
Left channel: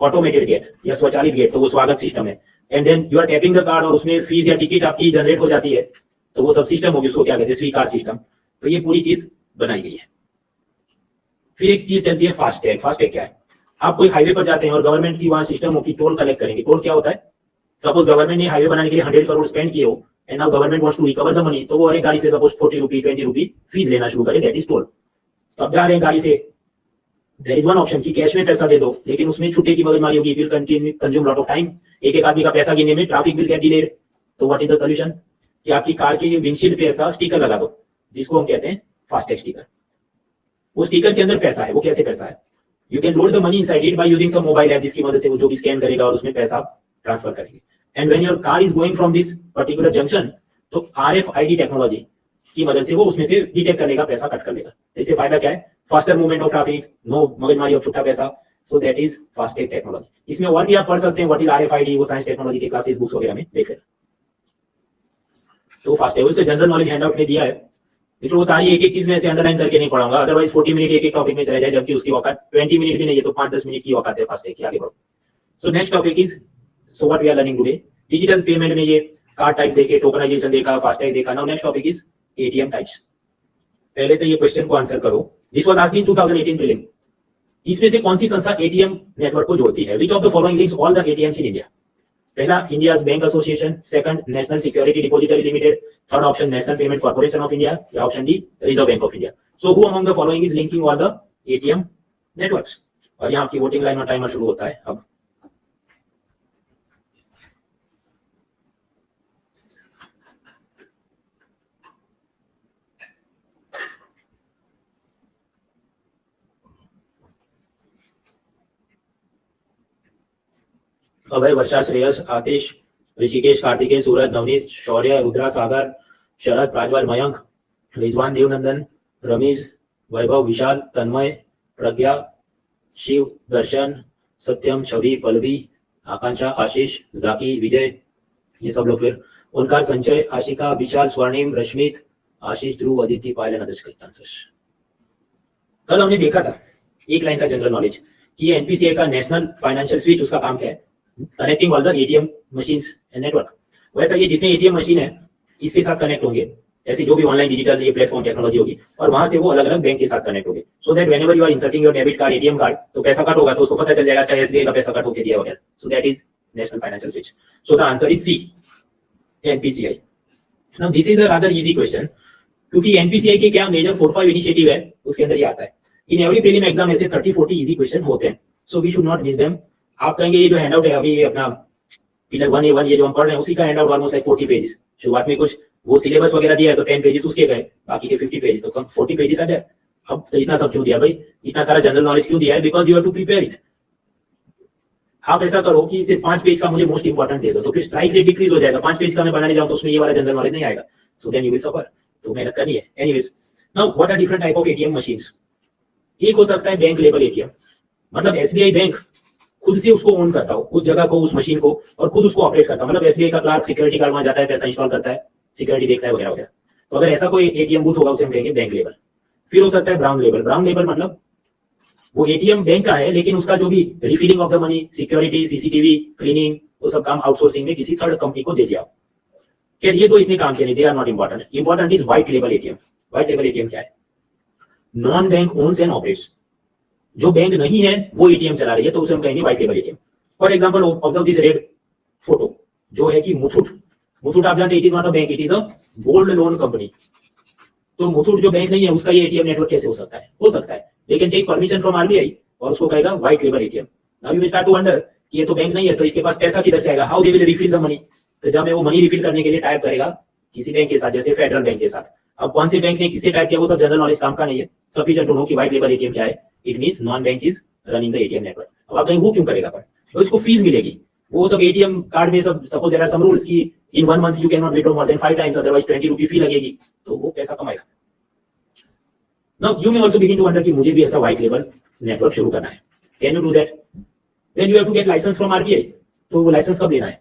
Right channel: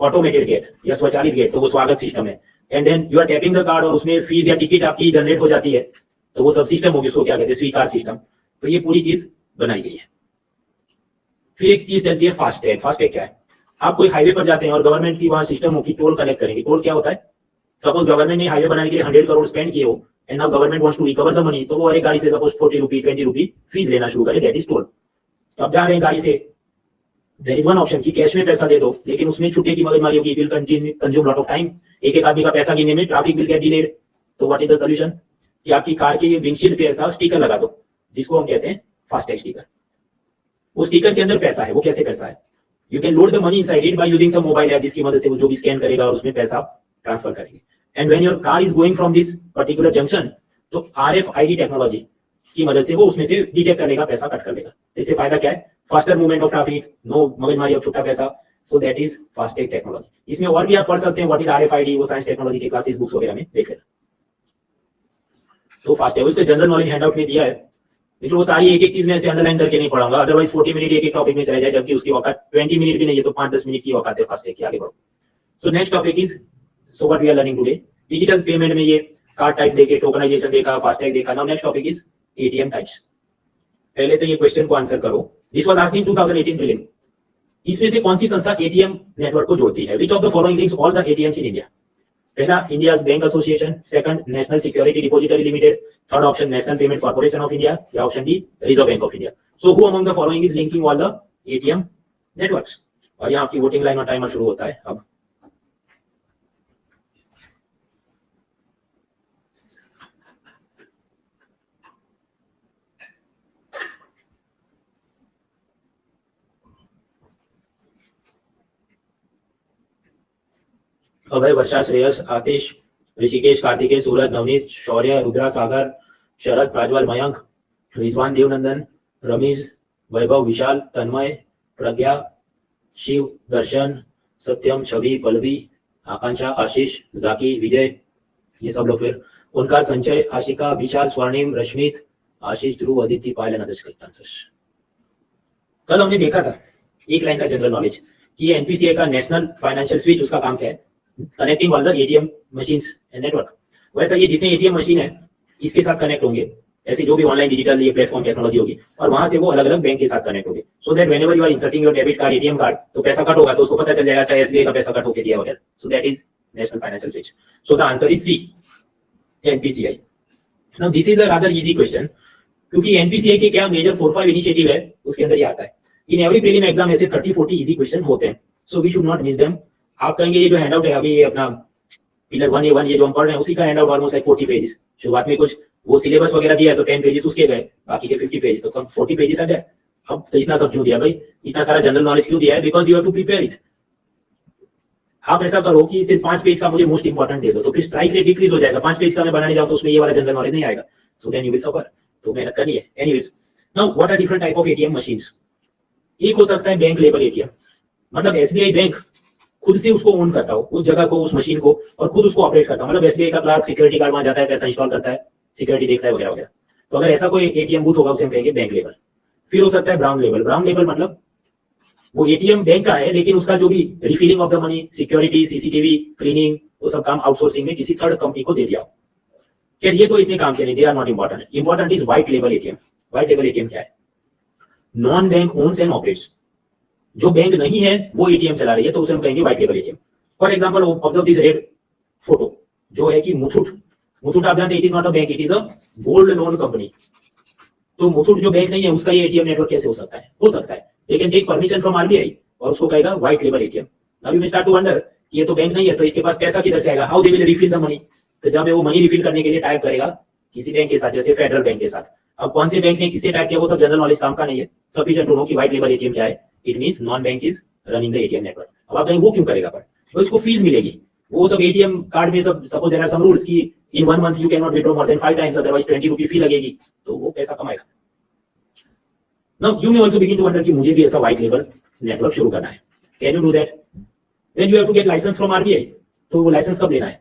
ऑटोमेटेड गेट या स्वचालित गेट, तो वो स्वागत सिस्टम है, and then you are tapping the card और उसमें फीस या टिकट आपकी जनरेट हो जाती है, तो वो सब सिस्टम होगी, उसको क्या कहते हैं, स्वीकार सिस्टम। तो ये पूरी चीज बनाई गई है। फिर एक चीज चलती है फास्टैग। फास्टैग क्या है, आप कोई हाईवे पर जाते हैं और गवर्नमेंट की वहां सिस्टम हो कि टोल कलेक्ट करेंगे। टोल क्या होता है, सपोज गवर्नमेंट ने हाईवे बनाने के लिए 100 करोड़ स्पेंड किए हो and now government wants to recover the money, तो वो हर एक गाड़ी से सपोज 40 रुपी 20 रुपी फीस लेना शुरू करे, दैट इज टोल। तो अब जा रहे हैं गाड़ी से, देयर इज वन ऑप्शन कि कैश में पैसा दे दो, लेकिन उसमें छुट्टे की मगजमारी होगी, it will continue consume lot of time, एक आदमी का पैसा गिनने में ट्रैफिक विल गेट डिलेड। तो व्हाट इज द सॉल्यूशन, कि आपकी कार के ये विंडशील्ड पे ऐसा स्टिकर लगा दो जिसको हम कहते हैं फास्टैग स्टिकर। उस स्टिकर के अंदर पैसा है, वो कैसे पैसा है, you can load the money inside it by using some mobile app, जिसकी मदद से वो जो भी स्कैन करेगा और उसमें पैसा ट्रांसफर करेंगे। And when your car is going from this particular junction, तो RFID टेक्नोलॉजी की मदद से वो उसमें से डिटेक्ट कर लेगा, पैसा कट कर लेगा। इससे फायदा क्या है, faster movement of traffic, no मगजमारी ऑफ छुट्टा पैसा, so that is FASTag technology. इसमें और भी आप पढ़ सकते हैं व्हाट इज RFID, वो साइंस टेक्नोलॉजी के क्लासेस बुक्स वगैरह में देख लेना। तो फास्टैग उसके जनरल नॉलेज हैंडआउट में दिया है, लेकिन वो सारी एक एक चीज में ऐसे अंडरलाइन करके नहीं पढ़ाऊंगा, अदरवाइज 40 मिनट एक एक टॉपिक में चले जाए, जबकि उसकी औकात 20 मिनट भी नहीं है, तो 5-10 मिनट की औकात है फास्टैग की। आगे बढ़ो। So next topic is, so what we are learning today, digital payment में ये कार्ड टाइप देखे, टोकनाइजेशन देखा, फास्टैग देखा। Now next topic is ATM types. पहले तो ये क्वेश्चन को आंसर करो, this was asked in 2018 prelim. इसमें से कौन सी संस्था ATM नेटवर्क को जोड़ती है, which of the following links all the ATMs in India. पहला India's bank association, second national security depository limited, third option national payment corporation of India, या option D reserve bank of India. So who among the following is linking all the ATM networks. और यहाँ आपकी voting line और timer शुरू होता है अब। अभय, वर्षा, श्रेयस, आतिश, ऋषिकेश, कार्तिकेय, सूरज, नवनीत, शौर्य, रुद्रा, सागर, शरद, प्राज्वल, मयंक, रिजवान, देवनंदन, रमीज, वैभव, विशाल, तन्मय, प्रज्ञा, शिव, दर्शन, सत्यम, छवि, पल्लवी, आकांक्षा, आशीष, जाकी, विजय, ये सब लोग। फिर ओंकार, संचय, आशिका, विशाल, स्वर्णिम, रश्मित, आशीष, ध्रुव, अदिति, पायल एंड अदर्स। कल हमने देखा था एक लाइन का जनरल नॉलेज कि एनपीसीआई का नेशनल फाइनेंशियल स्विच, उसका काम क्या है, connecting all the ATM machines and network. वैसा ये जितने एटीएम मशीन है इसके साथ कनेक्ट होंगे, ऐसे जो भी ऑनलाइन डिजिटल ये प्लेटफॉर्म टेक्नोलॉजी होगी, और वहां से वो अलग अलग बैंक के साथ कनेक्ट होंगे, so that whenever you are inserting your debit card, ATM card, तो पैसा कट होगा तो उसको पता चल जाएगा, चाहे एसबीआई का पैसा कट होके दिया वगैरह। So that is national financial switch. So the answer is C, NPCI. Now this is a rather easy question, क्योंकि एनपीसीआई के क्या मेजर 4-5 इनिशिएटिव है उसके अंदर ही आता है। इन एवरी प्रीलिम एग्जाम ऐसे 30-40 इजी क्वेश्चन होते हैं, so we should not miss them. आप कहेंगे ये जो हैंडआउट है अभी, ये अपना पिलर 1A1 ये जो हम पढ़ रहे हैं उसी का हैंडआउट ऑलमोस्ट लाइक 40 पेजेस। शुरुआत में कुछ वो सिलेबस वगैरह दिया है तो 10 पेजेस उसके गए, बाकी के 50 पेजेस, तो 40 पेजेस आ गए। अब तो इतना सब क्यों दिया भाई, इतना सारा जनरल नॉलेज क्यों दिया है? Because you have to prepare it. आप ऐसा करो कि सिर्फ 5 पेज का मुझे मोस्ट इंपॉर्टेंट दे दो, तो फिर स्ट्राइक रेट डिक्रीज हो जाएगा। 5 पेज का मैं बनाने जाऊं तो उसमें ये वाला जनरल नॉलेज नहीं आएगा, so then you will suffer. तो मेहनत करनी है। Anyways, now what are different type of ATM machines. एक हो सकता है बैंक लेवल एटीएम, मतलब एसबीआई बैंक खुद से उसको ओन करता हो, उस जगह को, उस मशीन को, और खुद उसको ऑपरेट करता हो। मतलब एसबीआई का क्लार्क सिक्योरिटी गार्ड वहां जाता है, पैसा इंस्टॉल करता है, सिक्योरिटी देखता है वगैरह वगैरह। तो अगर ऐसा कोई एटीएम बूथ होगा उसे हम कहेंगे बैंक लेवल। फिर हो सकता है ब्राउन लेवल। ब्राउन लेवल मतलब वो एटीएम बैंक का है, लेकिन उसका जो भी refilling of the money, security, CCTV, cleaning, वो सब काम आउटसोर्सिंग में किसी थर्ड कंपनी को दे दिया। क्या ये तो इतने काम के नहीं, they are not important. Important is white लेवल एटीएम। व्हाइट लेवल एटीएम क्या है? Non bank owns and operates. जो बैंक नहीं है वो एटीएम चला रही है, तो उसे हम कहेंगे व्हाइट लेवल ATM. For example, observe this red photo, जो है कि मुथूट। मुथूट आप जानते हैं, it is not a bank, it is a gold loan company. तो मुथूट जो बैंक नहीं है उसका ये एटीएम नेटवर्क कैसे हो सकता है? हो सकता है, लेकिन टेक परमिशन फ्रॉम आरबीआई और उसको कहेगा व्हाइट लेवल ATM. Now you will start to wonder कि ये तो बैंक नहीं है, तो इसके पास पैसा किधर से आएगा? How they will refill the money? तो जब वो मनी रिफिल करने के लिए टाइप करेगा किसी बैंक के साथ, जैसे फेडरल बैंक के साथ। अब कौन से बैंक ने किससे टाइप किया वो सब जनरल नॉलेज काम का नहीं है। सफिशिएंट टू नो कि व्हाइट लेवल एटीएम क्या है। It means non bank is running the ATM network. अब आप कहेंगे वो क्यों करेगा? पर तो इसको फीस मिलेगी। वो सब एटीएम कार्ड में सब, suppose there are some rules कि in 1 month you can not withdraw more than 5 times, otherwise 20 रुपए फी लगेगी, तो वो पैसा कमाएगा। Now you may also begin to wonder कि मुझे भी ऐसा व्हाइट लेवल नेटवर्क शुरू करना है। Can you do that? When you have to get license from RBI, तो वो लाइसेंस कब लेना है?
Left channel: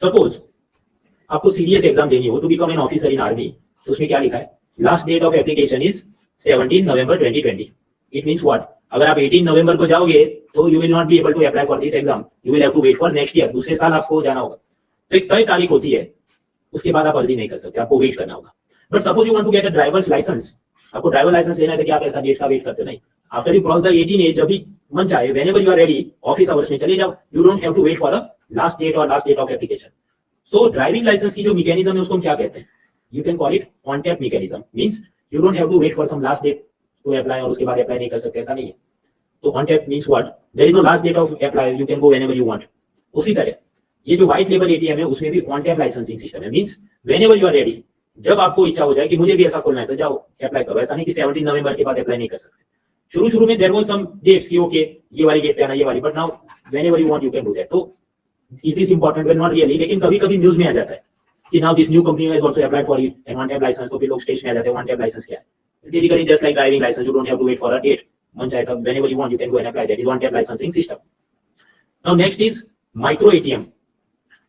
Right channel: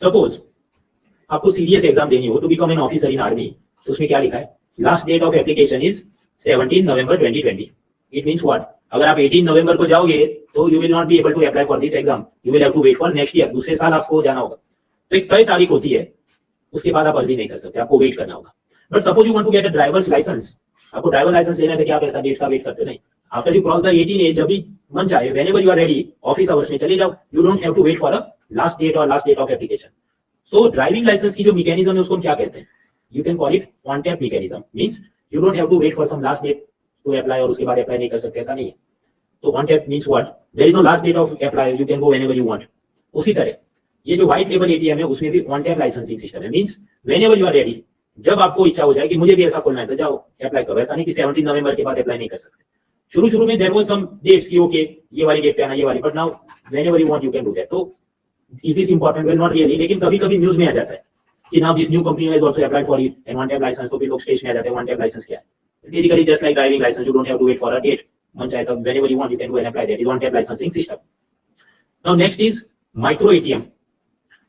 सपोज आपको सीडीएस एग्जाम देनी हो to become an officer in army, तो उसमें क्या लिखा है? Last date of application is 17 November 2020। It means what? अगर आप 18 नवंबर को जाओगे तो you will not be able to apply for this exam, you will have to wait for next year. दूसरे साल आपको जाना होगा। तो एक तय तारीख होती है, उसके बाद आप अर्जी नहीं कर सकते, आपको वेट करना होगा। But suppose you want to get a driver's license, आपको ड्राइवर लाइसेंस लेना है, तो क्या आप ऐसा डेट का वेट करते हो? नहीं। After you cross the 18 age, जब भी मन चाहे, whenever you are ready, office hours में चले जाओ। You don't have to wait for the last date और last date of application. So driving licence की जो मैकेनिज्म है उसको हम क्या कहते हैं? You can call it on tap mechanism. Means you don't have to wait for some last date to apply और उसके बाद अप्लाई नहीं कर सकते, ऐसा नहीं है। तो on tap means what? There is no last date of apply, you can go whenever you want. उसी तरह ये जो व्हाइट लेवल एटीएम है उसमें भी ऑन टैप लाइसेंसिंग सिस्टम है। Means whenever you are ready, जब आपको इच्छा हो जाए कि मुझे भी ऐसा खोलना है, तो जाओ अप्लाई करो। ऐसा नहीं कि 17 नवंबर के बाद अप्लाई नहीं कर सकते। शुरू में देयर वाज सम डेट्स कि ओके ये वाली डेट पे आना, ये वाली, but now whenever you want you can do that. तो is this important? Well, not really, लेकिन कभी-कभी न्यूज़ में आ जाता है कि now this new company has also applied for it and one tap licence. तो फिर लोग स्टेज में आ जाते हैं, वन टैप लाइसेंस क्या है? Basically just like driving license, you don't have to wait for a date. मन चाहे तब whenever you want you can go and apply, that is on tap licensing system. Now next is micro ATM.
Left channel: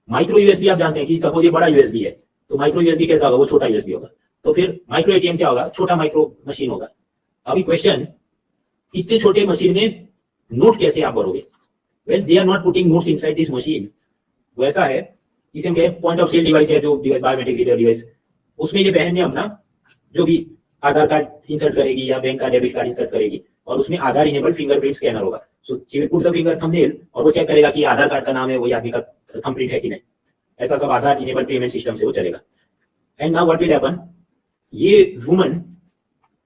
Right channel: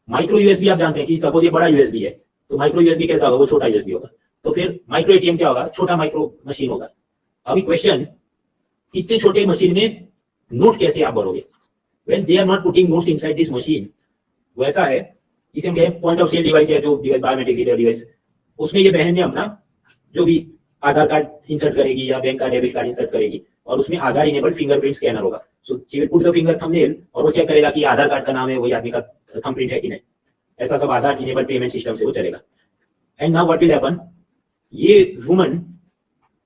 Micro USB आप जानते हैं कि suppose ये बड़ा USB है, तो माइक्रो यूएसबी कैसा होगा? वो छोटा यूएसबी होगा। तो फिर माइक्रो एटीएम क्या होगा? छोटा माइक्रो मशीन होगा। अभी क्वेश्चन, इतने छोटे मशीन में नोट कैसे आप भरोगे? When they are not putting notes inside this machine, वो ऐसा है, इसे हम कहें पॉइंट ऑफ सेल डिवाइस है, जो डिवाइस बायोमेट्रिक रीडर डिवाइस, उसमें ये बहन ने अपना जो भी आधार कार्ड इंसर्ट करेगी या बैंक का डेबिट कार्ड इंसर्ट करेगी, और उसमें आधार इनेबल्ड फिंगरप्रिंट स्कैनर होगा। So she will put the finger thumbnail और वो चेक करेगा कि आधार कार्ड का नाम है वही आदमी का थंबप्रिंट है कि नहीं। ऐसा सब आधार इनेबल्ड पेमेंट सिस्टम से वो चलेगा। And now what will happen? ये वुमन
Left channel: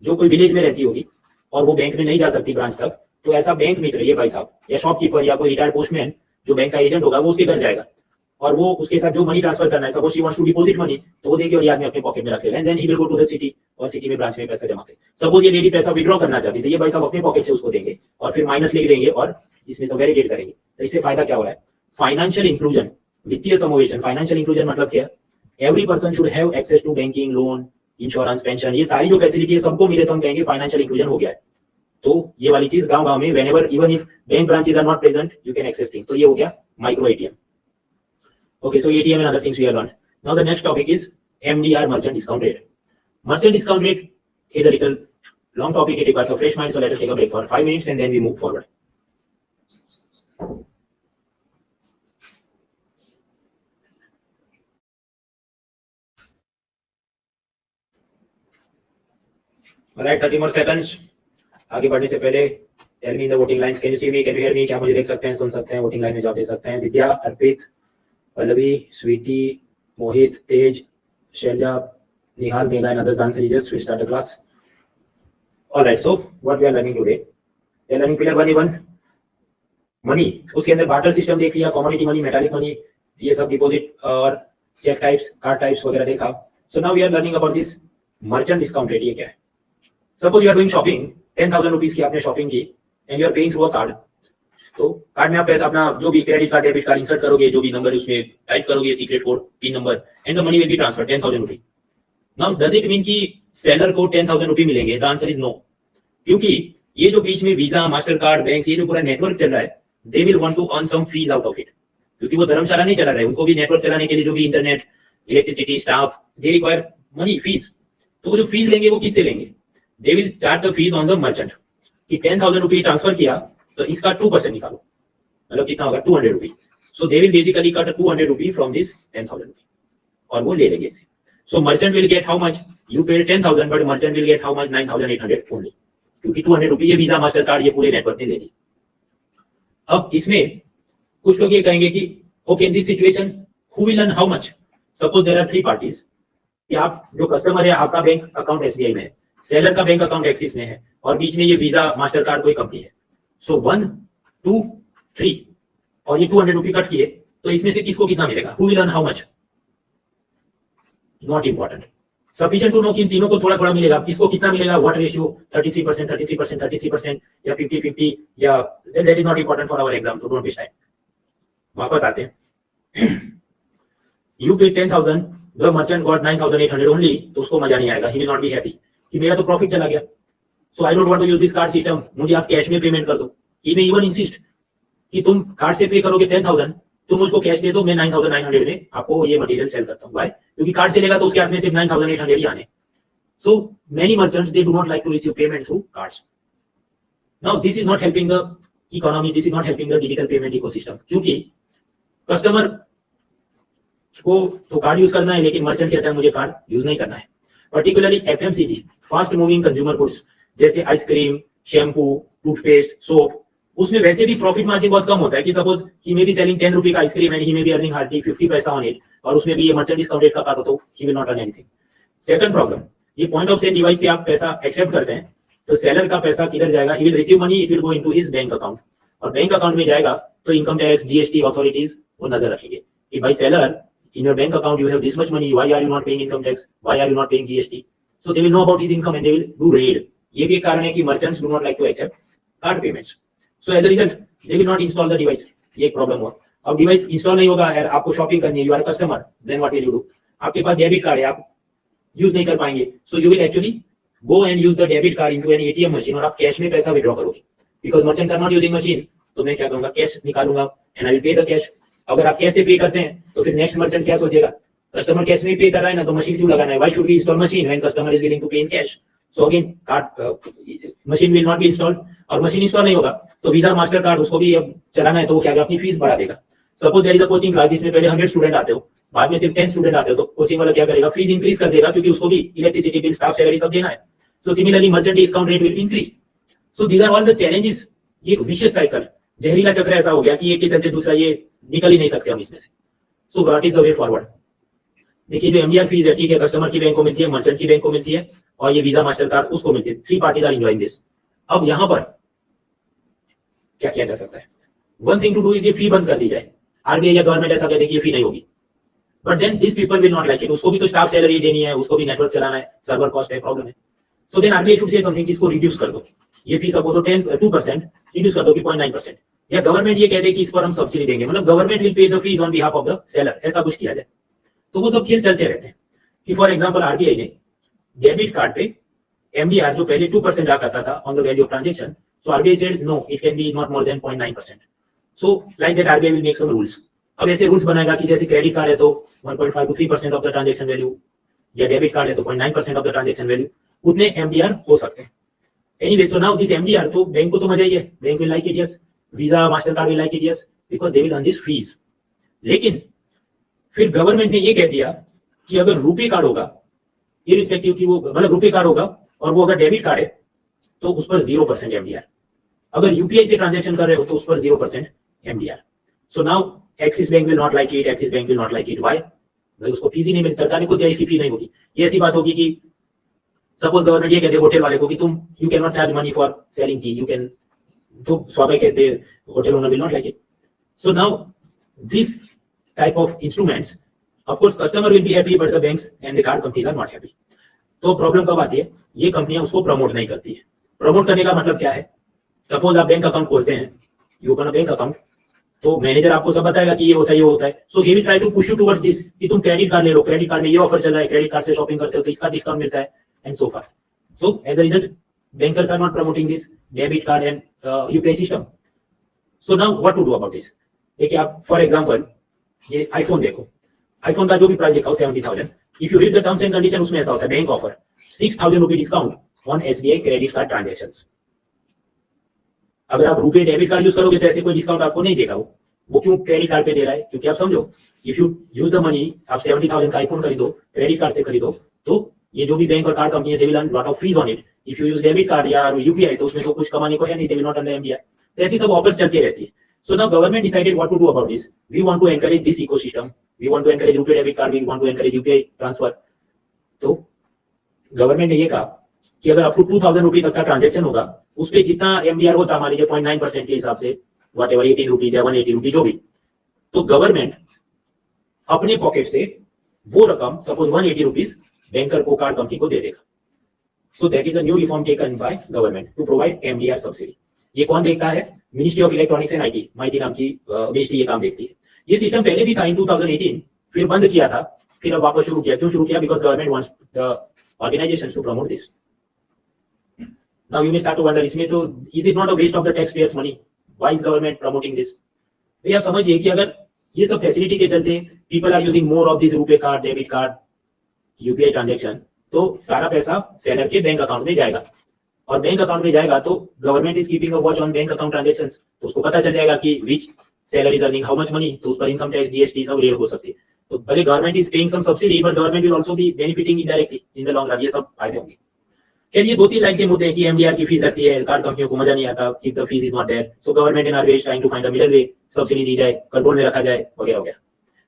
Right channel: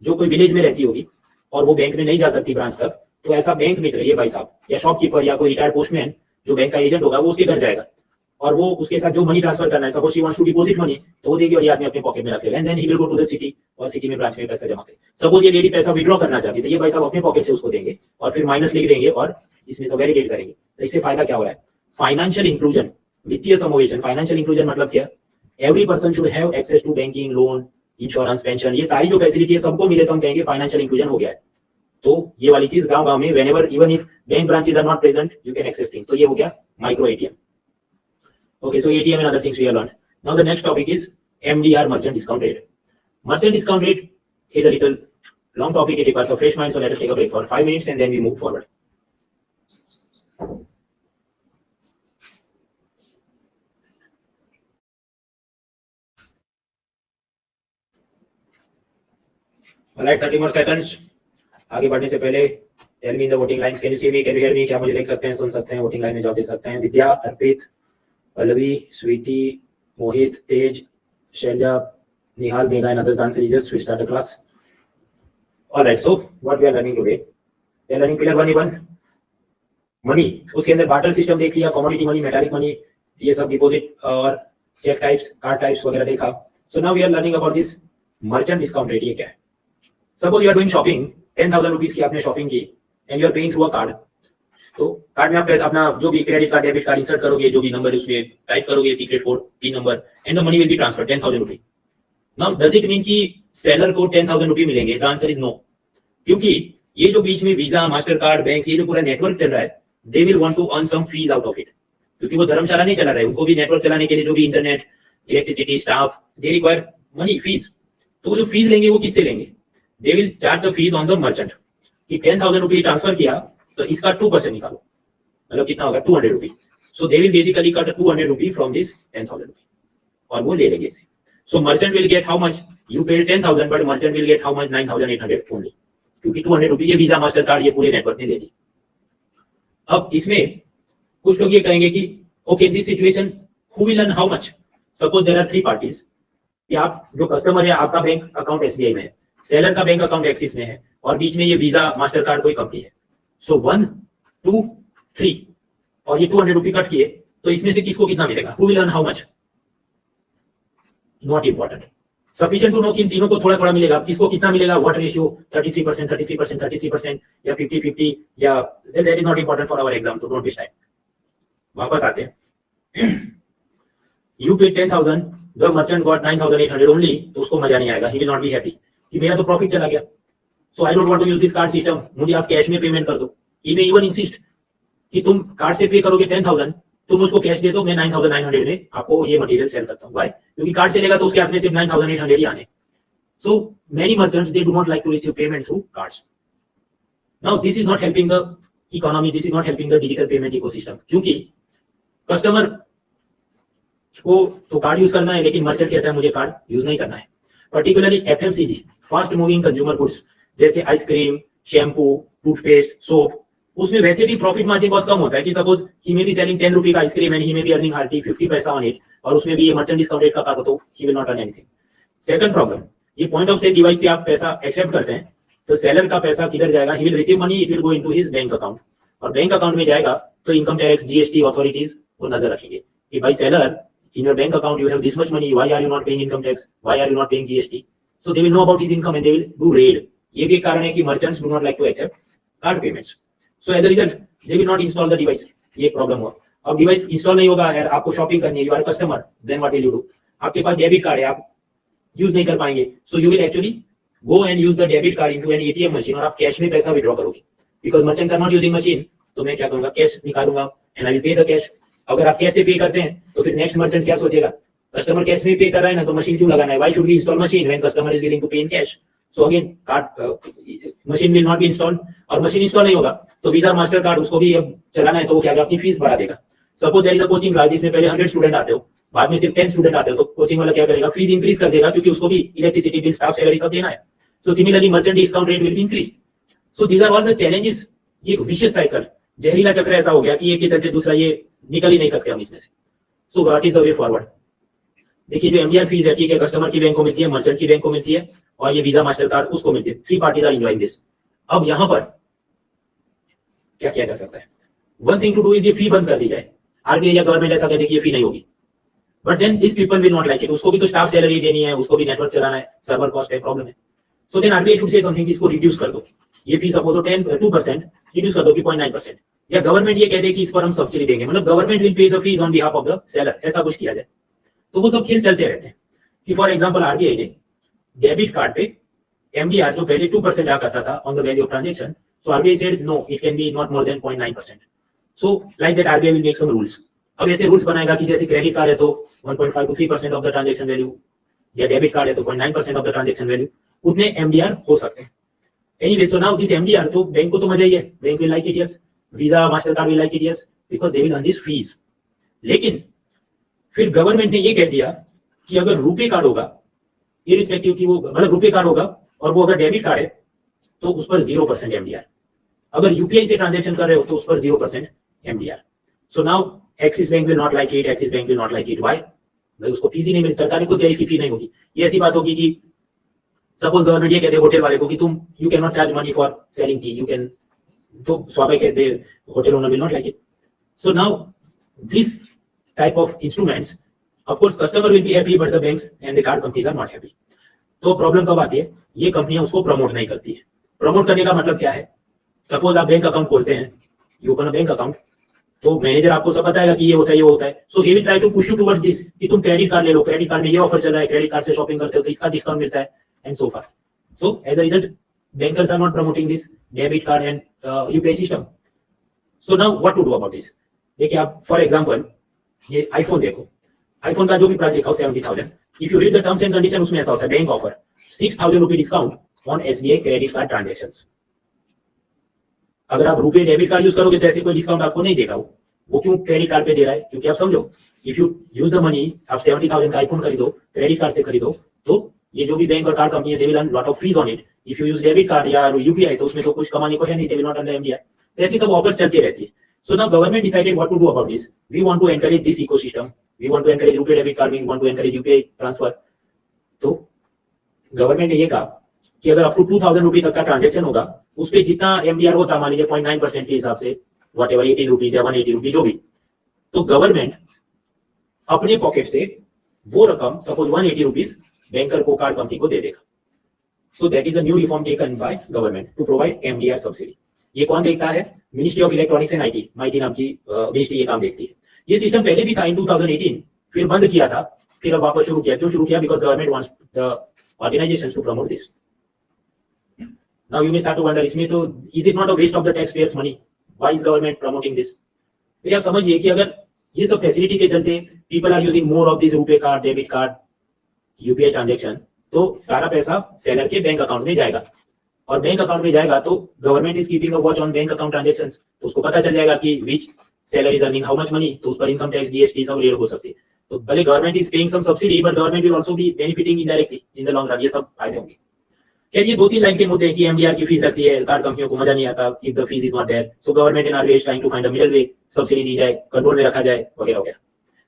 जो कोई विलेज में रहती होगी और वो बैंक में नहीं जा सकती ब्रांच तक, तो ऐसा बैंक मित्र ये भाई साहब या शॉपकीपर या कोई रिटायर्ड पोस्टमैन जो बैंक का एजेंट होगा वो उसके घर जाएगा और वो उसके साथ जो मनी ट्रांसफर करना है, suppose she wants to deposit money, तो वो देगी और ये आदमी अपने पॉकेट में रख लेगा and then he will go to the city और सिटी में ब्रांच में पैसा जमा करें। सपोज ये लेडी पैसा विड्रॉ करना चाहती है तो ये भाई साहब अपने पॉकेट से उसको देंगे और फिर माइनस लिख देंगे और इसमें से वैलिडेट करेंगे। तो इससे फायदा क्या हो रहा है? फाइनेंशियल इंक्लूजन, वित्तीय समावेशन। फाइनेंशियल इंक्लूजन मतलब क्या? Every person should have access to banking, loan, insurance, pension, ये सारी जो फैसिलिटी है सबको मिले तो हम कहेंगे फाइनेंशियल इंक्लूजन हो गया है। तो ये वाली चीज गांव गांव में whenever even if bank branches are not present you can access things. तो ये हो गया micro ATM. Okay, so ATM and other things we have learned. Now the next topic is MDR, merchant discount rate. Merchant discount rate is a little long topic. It requires a fresh mind. So let us take a break for 5 minutes and then we move forward. Alright, 30 more seconds. आगे बढ़ने से पहले tell me in the voting lines. Can you see me? Can you hear me? क्या मुझे देख सकते हैं, सुन सकते हैं? वोटिंग लाइन में जवाब दे सकते हैं। विद्या, अर्पित, पल्लवी, स्वीटी, मोहित, तेज, शैलजा, निहाल, Megha and others dance series. We start the class. All right. So what we are learning today? We are learning pillar 1A1 money. उसके अंदर बार्टर सिस्टम देख लिया, कमोडिटी मनी, मेटालिक मनी, ये सब डिपॉजिट और चेक टाइप्स, कार्ड टाइप्स वगैरह देखा। So now we are learning about this merchant discount rate. ये क्या है? Suppose you are doing shopping, 10,000 rupees की आपने शॉपिंग की and you are paying through a card. तो कार्ड में आप अपना जो भी credit card, debit card insert करोगे, जो भी नंबर उसमें टाइप करोगे, secret code, pin number, and the money will be transfer 10,000 rupees. Now does it mean कि सेलर को 10,000 रुपीज मिलेंगे? द आंसर इज नो, क्योंकि ये जो बीच में वीजा, मास्टर कार्ड, बैंक, ये जो पूरा नेटवर्क चल रहा है, they will want to earn some fees out of it, क्योंकि वो धर्मशाला नहीं चला रहा है, उनको भी नेटवर्क चलाने के लिए जो भी internet, electricity, staff, they require money, fees. तो वो जो फीस लेंगे वो किससे लेंगे? They will charge the fees on the merchant. कि 10,000 रुपीज ट्रांसफर किया तो इसका 2% निकालो, मतलब कितना होगा? 200 rupees. So they will basically cut 200 rupees from this 10,000 rupees और वो ले लेंगे इससे। So merchant will get how much? You paid 10,000 but merchant will get how much? 9,800 only, क्योंकि 200 रुपीज ये वीजा, मास्टर कार्ड, ये पूरे नेटवर्क ने ले ली। अब इसमें कुछ लोग ये कहेंगे कि okay, in this situation who will earn how much? Suppose there are 3 parties कि आप जो कस्टमर है, आपका बैंक अकाउंट एसबीआई में है, सेलर का बैंक अकाउंट एक्सिस में है और बीच में ये वीजा, मास्टर कार्ड कोई कंपनी है। सो 1, 2, 3 और ये 200 रुपीज कट किए, तो इसमें से किसको कितना मिलेगा? Who will earn how much? Not important, sufficient to know कि इन तीनों को थोड़ा थोड़ा मिलेगा। किसको कितना मिलेगा? What ratio? 33%, 33%, 33% या 50-50 या that is not important for our exam, तो डोंट वेस्ट टाइम। वापस आते हैं। You paid 10,000, the merchant got 9,800 only, तो उसको मजा नहीं आएगा, he will not be happy कि मेरा तो प्रॉफिट चला गया। So I don't want to use this card system, मुझे आप कैश में पेमेंट कर दो। ही मे इवन इंसिस्ट कि तुम कार्ड से पे करोगे 10,000, तुम उसको कैश दे दो, मैं 9,900 में आपको ये मटेरियल सेल करता हूं। व्हाई? क्योंकि कार्ड से लेगा तो उसके हाथ में सिर्फ 9,800 ही आने। So many merchants they do not like to receive payment through cards. Now this is not helping the economy, this is not helping the digital payment ecosystem, क्योंकि कस्टमर को तो कार्ड यूज करना है, लेकिन मर्चेंट कहता है मुझे card use नहीं करना है। Particularly FMCG, fast moving consumer goods, जैसे आइसक्रीम, शैम्पू, टूथपेस्ट, सोप, उसमें वैसे भी प्रॉफिट मार्जिन बहुत कम होता है कि suppose he may be selling 10 रुपी का ice cream and he may be earning hardly 50 पैसा ऑन इट, और उसमें भी ये मर्चेंट डिस्काउंट रेट का काटो तो ही will not earn anything. Second problem, ये पॉइंट ऑफ सेल डिवाइस से आप पैसा एक्सेप्ट करते हैं तो सेलर का पैसा किधर जाएगा? He will receive money, it will go into his bank account, और बैंक अकाउंट में जाएगा तो इनकम टैक्स, जीएसटी अथॉरिटीज वो नजर रखेंगे कि भाई seller, in your bank account you have this much money, why are you not paying income tax, why are you not paying GST? So they will know about his income and they will do raid. ये भी एक कारण है कि merchants do not like to accept card payments. So as a result they will not install the device. ये एक problem हुआ। अब डिवाइस इंस्टॉल नहीं होगा, यार आपको शॉपिंग करनी है, you are customer, then what will you do? आपके पास डेबिट कार्ड है, आप यूज नहीं कर पाएंगे, so you will actually go and use the debit card into an ATM machine, और आप कैश में पैसा विड्रॉ करोगे। Because merchants are not using machine, तो मैं क्या करूंगा? कैश निकालूंगा and I will pay the cash. अगर आप कैश से पे करते हैं तो फिर नेक्स्ट मर्चेंट क्या सोचेगा? कस्टमर कैश में पे कर रहा है ना, तो मशीन क्यों लगाना है? Why should we install machine when customer is willing to pay in cash? So again card machine will not be installed, और मशीन इंस्टॉल नहीं होगा तो वीजा, मास्टर कार्ड उसको भी अब चलाना है, तो वो क्या अपनी फीस बढ़ा देगा। Suppose there is a coaching class जिसमें पहले 100 स्टूडेंट आते हो, बाद में सिर्फ 10 स्टूडेंट आते हो, तो कोचिंग वाला क्या करेगा? फीस इंक्रीज कर देगा, क्योंकि उसको भी इलेक्ट्रिसिटी बिल, स्टाफ सैलरी सब देना है। So similarly merchant discount rate will increase. So these are all the challenges. ये विशियस साइकिल, जहरीला चक्र ऐसा हो गया कि एक के चलते दूसरा, ये निकल ही नहीं सकते हम इसमें से। So what is the way forward? देखिए जो एमडीआर फीस है, ठीक है, कस्टमर की बैंक को मिलती है, मर्चेंट की बैंक को मिलती है, और ये वीजा मास्टर कार्ड उसको मिलती है। 3 पार्टीज आर एंजॉयिंग दिस। अब यहां पर क्या किया जा सकता है? One thing to do is ये फी बंद कर दी जाए। आरबीआई या गवर्नमेंट ऐसा कहते कि ये फी नहीं होगी, but then this people will not like it. उसको भी तो स्टाफ सैलरी देनी है, उसको भी नेटवर्क चलाना है, सर्वर कॉस्ट है, प्रॉब्लम है। So then RBI should say something कि इसको रिड्यूस कर दो। ये फी सपोज 2% रिड्यूस कर दो कि 0.9%, या गवर्नमेंट ये कह दे कि इस पर हम सब्सिडी देंगे, मतलब government will pay the fees on behalf of the seller, ऐसा कुछ किया जाए। तो वो सब खेल चलते रहते हैं कि फॉर एग्जांपल आरबीआई ने डेबिट कार्ड पे एमडीआर जो पहले 2% रहा करता था on the value of transaction, so RBI said no, it can be not more than 0.9%। So like that RBI will make some rules. अब ऐसे रूल्स बनाएगा कि जैसे क्रेडिट कार्ड है तो 1.5 to 3% of the transaction value, या debit card है तो 0.9% ऑफ द ट्रांजैक्शन वैल्यू, उतने एमडीआर हो सकते हैं। Anyway, so now this MDR, तो बैंक को तो मजा ही है, bank will like it, yes, visa master card will like it, yes, because they will earn this fees. लेकिन फिर गवर्नमेंट ने ये कह दिया कि अगर रुपे कार्ड होगा, इररिस्पेक्टिव कि वो मतलब रुपे कार्ड होगा और वो अगर डेबिट कार्ड है तो उस पर 0% एमडीआर। अगर यूपीआई से ट्रांजैक्शन कर रहे हो तो उस पर 0% MDR. So now axis bank will not like it, axis bank will not like it. Why? भाई उसको फीस ही नहीं मिली, सरकार को क्या इसकी फी नहीं होगी। ये ऐसी बात होगी कि सपोज गवर्नमेंट ये कहते हैं होटल वाले को कि तुम you can not charge money for selling tea, you can, तो स्वाभाविक कहते हैं hotel owner will not like it. So now this type of instruments, of course customer will be happy but the banks and the card companies are not happy. तो problem कब आती है? ये कंपनियां उसको प्रमोट नहीं करती है। प्रमोट करने का मतलब क्या है? सपोज आप बैंक अकाउंट खोलते हैं, you open a bank account, तो मैनेजर आपको सब बताएगा कि ये होता है, ये होता है। So he will try to push you towards this कि तुम क्रेडिट कार्ड ले लो, क्रेडिट कार्ड में ये ऑफर चल रहा है, क्रेडिट कार्ड से शॉपिंग करते हो तो इसका डिस्काउंट मिलता है, and so forth. So as a result bankers are not promoting this debit card and UPI system. So now what to do about this? देखिए आप फॉर एग्जांपल ये आईफोन देखो, आईफोन का जो भी प्राइस दिखाओ 70,000, if you read the terms and condition, उसमें ऐसा होता है बैंक ऑफर 6,000 रुपए discount on SBI credit card transactions. अगर आप रुपए डेबिट कार्ड यूज करोगे तो ऐसे कोई डिस्काउंट आपको नहीं देगा। वो क्यों क्रेडिट कार्ड पे दे रहा है? क्योंकि आप समझो, if you use the money, आप 70,000 का आईफोन खरीदो, क्रेडिट कार्ड से खरीदो, तो ये जो भी बैंक और कार्ड कंपनी है, they will earn lot of fees on it. If you use debit card या यूपीआई तो उसमें तो कुछ कमाने को है नहीं, they will not earn the MDR. तो ऐसी सब ऑफर्स चलती रहती है। So now government decided what to do about this. We want to encourage this ecosystem, we want to encourage RuPay debit card, we want to encourage UPI transfer. तो government ने ये कहा कि अगर अप टू 2,000 रुपए तक का ट्रांजैक्शन होगा, उस पर जितना एमडीआर होता, मान लीजिए 0.9% के हिसाब से, वट एवर 18 रुपीज या 180 रुपीज जो भी, तो गवर्नमेंट अपने पॉकेट से वो रकम सपोज 180 रुपीज बैंकर को, कार्ड कंपनी को दे देगा। So that is a new reform taken by government to provide MDR subsidy. ये कौन देखता है? Ministry of electronics and IT, MeitY नाम की मिनिस्ट्री ये काम देखती है। ये सिस्टम पहले भी था इन 2018, फिर बंद किया था, फिर अब वापस शुरू किया। क्यों शुरू किया? Because government wants the organisations to promote this. Now you may start to wonder, इसमें तो is it not a waste of the tax payers money? Why is government promoting this? तो आप समझिए कि अगर ये सब फैसिलिटी के चलते people are using more of this RuPay card, debit card, UPI transaction, तो सारा पैसा सेलर के बैंक अकाउंट में जाएगा, और बैंक अकाउंट में जाएगा तो government is keeping a watch on bank account transactions. तो उसको पता चल जाएगा कि which seller is earning how much money, तो उस पर इनकम टैक्स, जीएसटी सब रेड हो सकती है। तो भले government is paying some subsidy, but government will also be benefiting indirectly in the long run. ये सब फायदे होंगे। खैर ये 2-3 लाइन के मुद्दे हैं कि एमडीआर की फीस लगती है, कार्ड कंपनियों को मजा नहीं आता if the fees is not there. So government and RBI trying to find a middle way, subsidy दी जाए, कंट्रोल में रखा जाए, वगैरह वगैरह।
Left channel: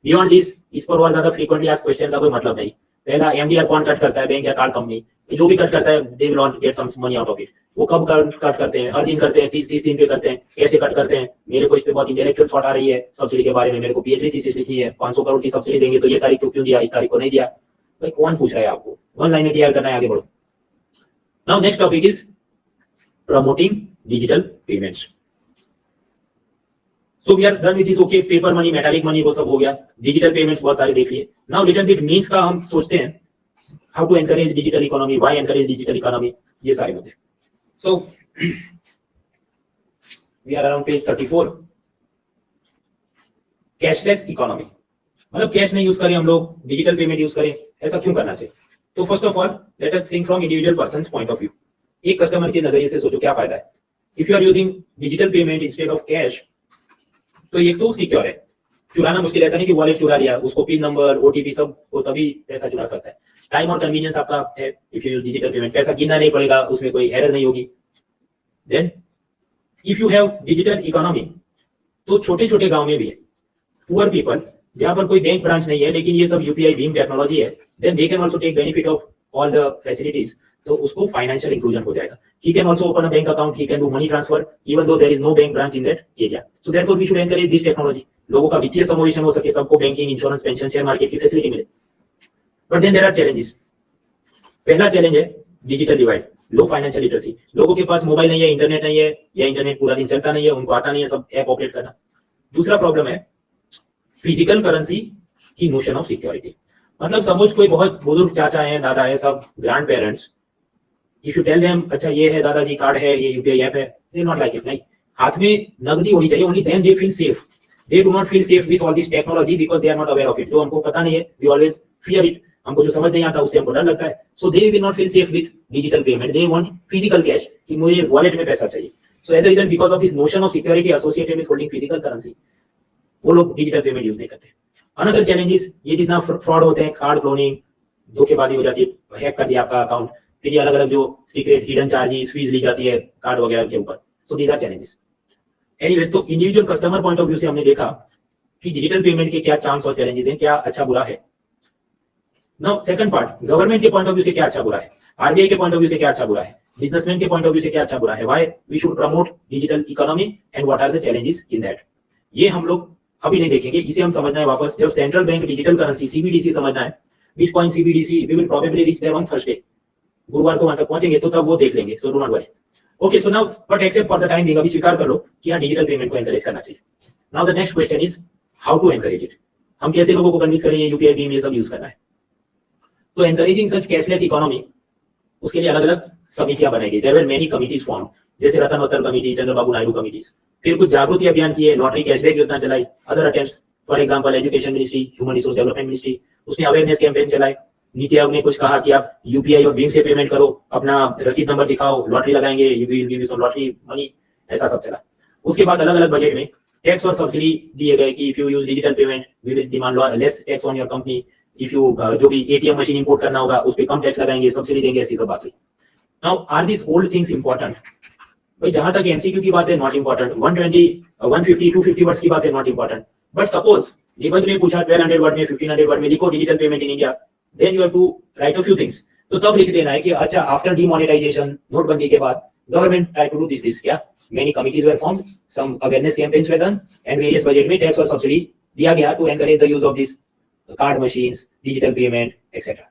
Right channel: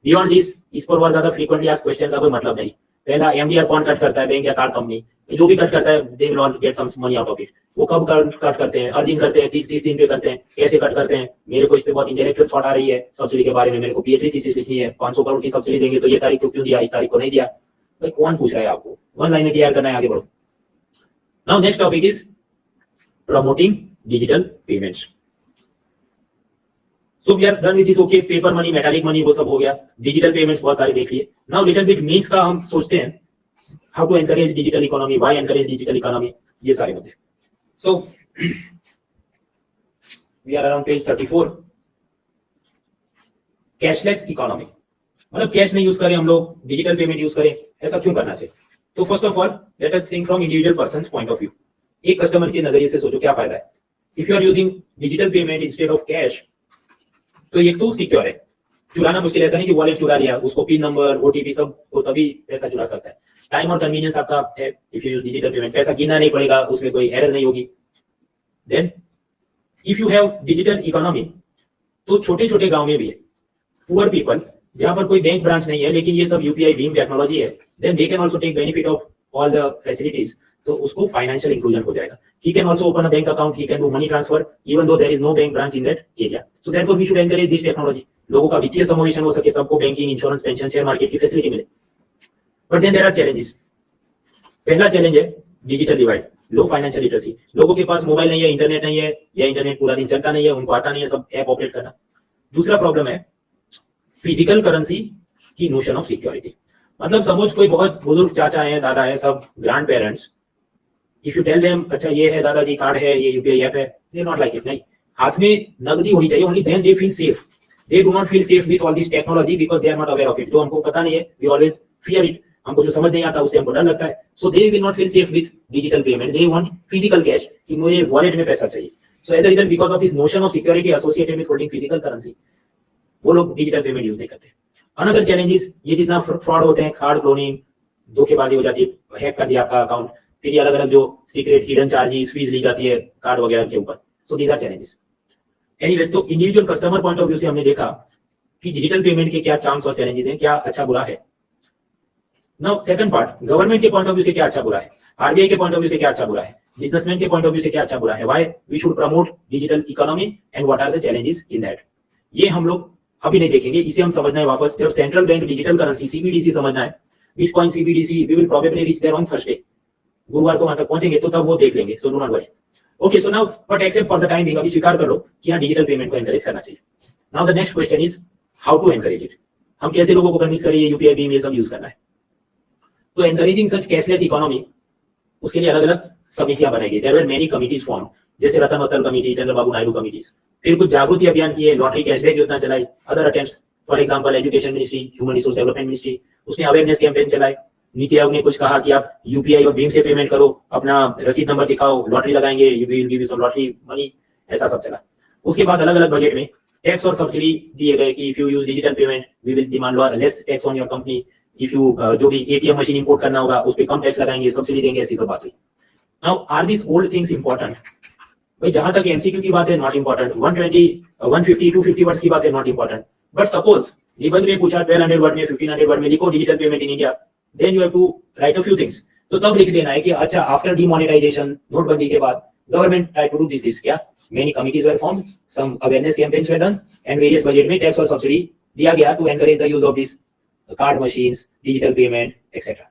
बियॉन्ड दिस, इस पर और ज्यादा फ्रीक्वेंटली आस्क्ड क्वेश्चन का कोई मतलब नहीं। पहला, एमडीआर कौन कट करता है? बैंक या कार्ड कंपनी? जो भी कट करता है, they will not get some money out of it. वो कब कट करते हैं? हर दिन करते हैं, 30-30 दिन पे करते हैं, कैसे कट करते हैं? मेरे को इस पे बहुत इंटेलेक्चुअल थॉट आ रही है सब्सिडी के बारे में, मेरे को पीएचडी थीसिस लिखनी है। 500 करोड़ की सब्सिडी देंगे तो ये तारीख को क्यों दिया, इस तारीख को नहीं दिया? भाई कौन पूछ रहा है आपको? वन लाइन में तैयार करना है, आगे बढ़ो। Now next topic is promoting digital payments. So we are done with this. Okay, paper money, metallic money वो सब हो गया, डिजिटल पेमेंट्स बहुत सारे देख लिए। नाउ लिटिल बिट मीन्स का हम सोचते हैं, how to encourage digital economy, why encourage digital economy, ये सारे मुद्दे। So we are around page 34। Cashless economy, मतलब कैश नहीं यूज करें हम लोग, डिजिटल पेमेंट यूज करें, ऐसा क्यों करना चाहिए? तो first of all let us think from individual persons point of view. एक कस्टमर के नजरिए से सोचो क्या फायदा है। If you are using digital payment instead of cash, तो ये तो सिक्योर है, चुराना मुश्किल, ऐसा नहीं कि वॉलेट चुरा लिया, उसको पिन नंबर, ओटीपी सब हो तभी पैसा चुरा सकता है। टाइम और कन्वीनियंस आपका है if you use digital payment, पैसा गिनना नहीं पड़ेगा, उसमें कोई एरर नहीं होगी। Then if you have digital economy, तो छोटे छोटे गांव में भी पुअर पीपल जहां पर कोई बैंक ब्रांच नहीं है लेकिन ये सब यूपीआई भीम टेक्नोलॉजी है, then they can also take benefit of all the facilities, तो उसको फाइनेंशियल इंक्लूजन हो जाएगा. He can also open a bank account, he can do money transfer even though there is no bank branch in that area. So therefore we should encourage this technology. लोगों का वित्तीय समावेशन हो सके, सबको banking, insurance, pension, share market की facility मिले. But then there are challenges. पहला चैलेंज है digital divide, low financial literacy. लोगों के पास मोबाइल नहीं है, इंटरनेट नहीं है, या इंटरनेट पूरा दिन चलता नहीं है, उनको आता नहीं है सब ऐप ऑपरेट करना. दूसरा प्रॉब्लम है फिजिकल करेंसी की नोशन ऑफ सिक्योरिटी. मतलब सपोज कोई बहुत बुजुर्ग चाचा है, दादा है, सब grandparents, if you tell them अच्छा ये है दादाजी कार्ड है, ये यूपीआई ऐप है, दे नॉट लाइक इट. नहीं, हाथ में नगदी होनी चाहिए, only then they feel safe. They do not feel safe with all this technology because they are not aware of it. जो हमको पता नहीं है, वी ऑलवेज फियर इट. हमको जो समझ नहीं आता उससे हमको डर लगता है. So they will not feel safe with digital payment. They want physical cash, कि मुझे वॉलेट में पैसा चाहिए. So as a result, because of this notion of security associated with holding physical currency, वो लोग डिजिटल पेमेंट यूज नहीं करते. Another challenges, ये जितना फ्रॉड होते हैं, कार्ड क्लोनिंग, धोखेबाजी हो जाती है, हैक कर दिया आपका अकाउंट, फिर ये अलग अलग जो सीक्रेट हिडन चार्जेस, फीस ली जाती है कार्ड वगैरह के ऊपर. So these are challenges. Anyways, तो individual customer point of view से हमने देखा कि डिजिटल पेमेंट के क्या चांस और चैलेंजेस हैं, क्या अच्छा बुरा है. नाउ सेकंड पार्ट, गवर्नमेंट के पॉइंट ऑफ व्यू से क्या अच्छा बुरा है, आरबीआई के पॉइंट ऑफ व्यू से क्या अच्छा बुरा है, बिजनेसमैन के पॉइंट ऑफ व्यू से क्या अच्छा बुरा है, why we should promote digital economy and what are the challenges in that. ये हम लोग अभी नहीं देखेंगे, इसे हम समझना है वापस जब central bank digital currency CBDC समझना है. Bitcoin CBDC we will probably reach there on Thursday. गुरुवार को वहां तक पहुंचेंगे तो तब वो देख लेंगे. सो do not worry. Okay, so now but except for the time being, अभी स्वीकार कर लो कि यार डिजिटल पेमेंट को एनकरेज करना चाहिए. Now the next question is how to encourage it. हम कैसे लोगों को कन्विंस करें ये यूपीआई भीम ये सब यूज करना है. तो एनकरेजिंग सच कैशलेस इकोनॉमी, उसके लिए अलग अलग समितियां बनाएंगे. There were many committees form, जैसे रतन वत्तल कमिटी, चंद्रबाबू नायडू कमिटीज. फिर कुछ जागृति अभियान किए, लॉटरी कैशबैक योजना चलाई, other attempts. For example education ministry, human resource development ministry, उसने अवेयरनेस कैंपेन चलाए. नीति आयोग ने कुछ कहा कि आप यूपीआई और भीम से पेमेंट करो, अपना रसीद नंबर दिखाओ, लॉटरी लगाएंगे, you will give you some lottery money, ऐसा सब चला. उसके बाद अलग अलग बजट में टैक्स और सब्सिडी दिए गए कि if you use digital payment we will demand less tax on your company. If you जो भी एटीएम मशीन इंपोर्ट करना होगा उस पे कम टैक्स लगाएंगे, सब्सिडी देंगे, ऐसी सब बात हुई. Now are this old things important? भाई जहां तक एमसीक्यू की बात है नॉट इंपॉर्टेंट, 120 150 250 वर्ड्स की बात है नॉट इंपॉर्टेंट. बट सपोज निबंध में पूछा 1200 वर्ड में, 1500 वर्ड में लिखो digital payment in India, then you have to write a few things. तो तब लिख देना है कि अच्छा आफ्टर डीमोनेटाइजेशन, नोटबंदी के बाद government try to do this क्या many committees were formed, some awareness campaigns were done and various budget में टैक्स और सब्सिडी दिया गया to encourage the use of this card machines, digital payment etcetera.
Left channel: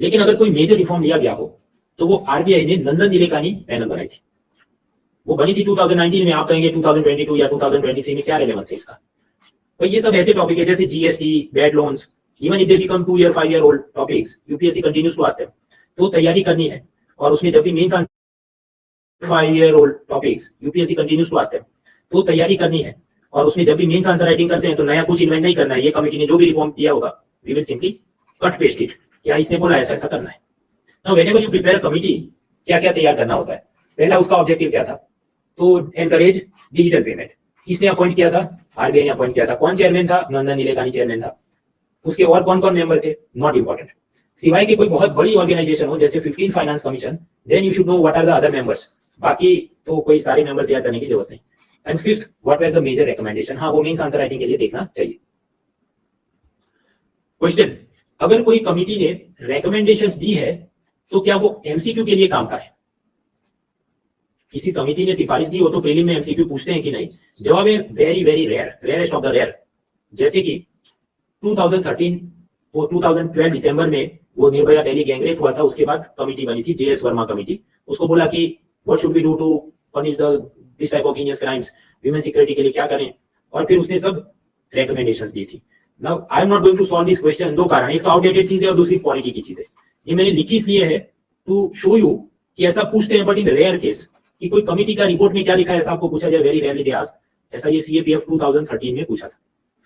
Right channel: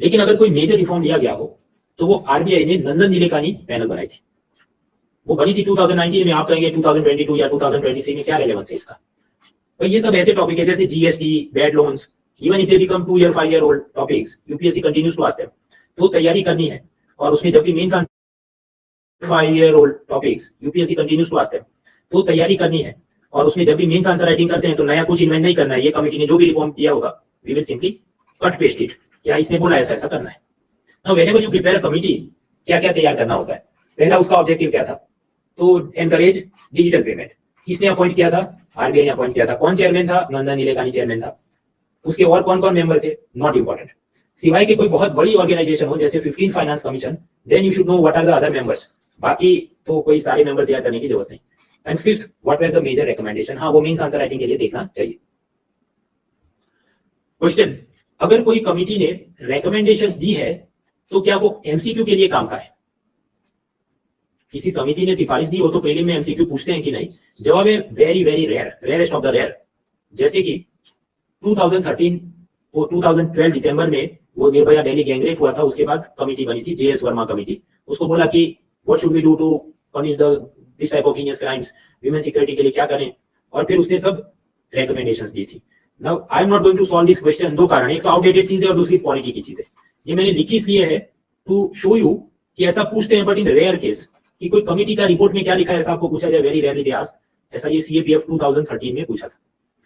लेकिन अगर कोई मेजर रिफॉर्म लिया गया हो तो वो आरबीआई ने नंदन नीलेकानी पैनल बनाई थी. वो बनी थी 2019 में. आप कहेंगे 2022 या 2023 में क्या रेलेवेंस है इसका? तो ये सब ऐसे टॉपिक है जैसे GST, bad loans, even if they become 2 year 5 year old topics, UPSC continues to ask them. तो तैयारी करनी है और उसमें जब भी mains 5 year old topics UPSC continues to ask them, तो तैयारी करनी है. और उसमें जब भी मेंस आंसर राइटिंग करते हैं तो नया कुछ इन्वेंट नहीं करना है. ये कमिटी ने जो भी रिफॉर्म किया होगा we will simply cut paste it. क्या इसने बोला ऐसा ऐसा करना है. Now whenever you prepare a committee, क्या क्या तैयार करना होता है. पहला उसका ऑब्जेक्टिव क्या था? तो एनकरेज डिजिटल पेमेंट. किसने अपॉइंट किया था? आरबीआई ने अपॉइंट किया था. कौन चेयरमैन था? नंदन नीलेकानी चेयरमैन था. उसके और कौन कौन मेंबर थे? Not important. सिवाय के कोई बहुत बड़ी ऑर्गेनाइजेशन हो जैसे 15 finance commission, then you should know what are the other members. बाकी तो कोई सारे मेंबर तैयार करने की जरूरत नहीं. And fifth, what were the major recommendation. हाँ, वो मेंस आंसर राइटिंग के लिए देखना चाहिए. क्वेश्चन, अगर कोई कमिटी ने रिकमेंडेशंस दी है तो क्या वो एमसीक्यू के लिए काम का है? किसी समिति ने सिफारिश दी हो तो प्रीलिम में एमसीक्यू पूछते हैं कि नहीं? जवाब है very very rare, rarest of the rare. जैसे कि 2013 और 2012 दिसंबर में वो निर्भया दिल्ली गैंगरेप हुआ था. उसके बाद कमिटी बनी थी जेएस वर्मा कमिटी. उसको बोला कि what should we do to punish the this type of heinous crimes, human security के लिए क्या करें. और फिर उसने सब रिकमेंडेशंस दी थी. Now I am not going to solve this question. दो कारण, एक तो आउटडेटेड चीज है और दूसरी पॉलिटी की चीज है. ये मैंने लिखी इसलिए है टू शो यू कि ऐसा पूछते हैं, बट इन रेयर केस कि कोई कमिटी का रिपोर्ट में क्या लिखा है ऐसा आपको पूछा जाए, वेरी रेयरली दे आस्क. ऐसा ये सीएपीएफ 2013 में पूछा था.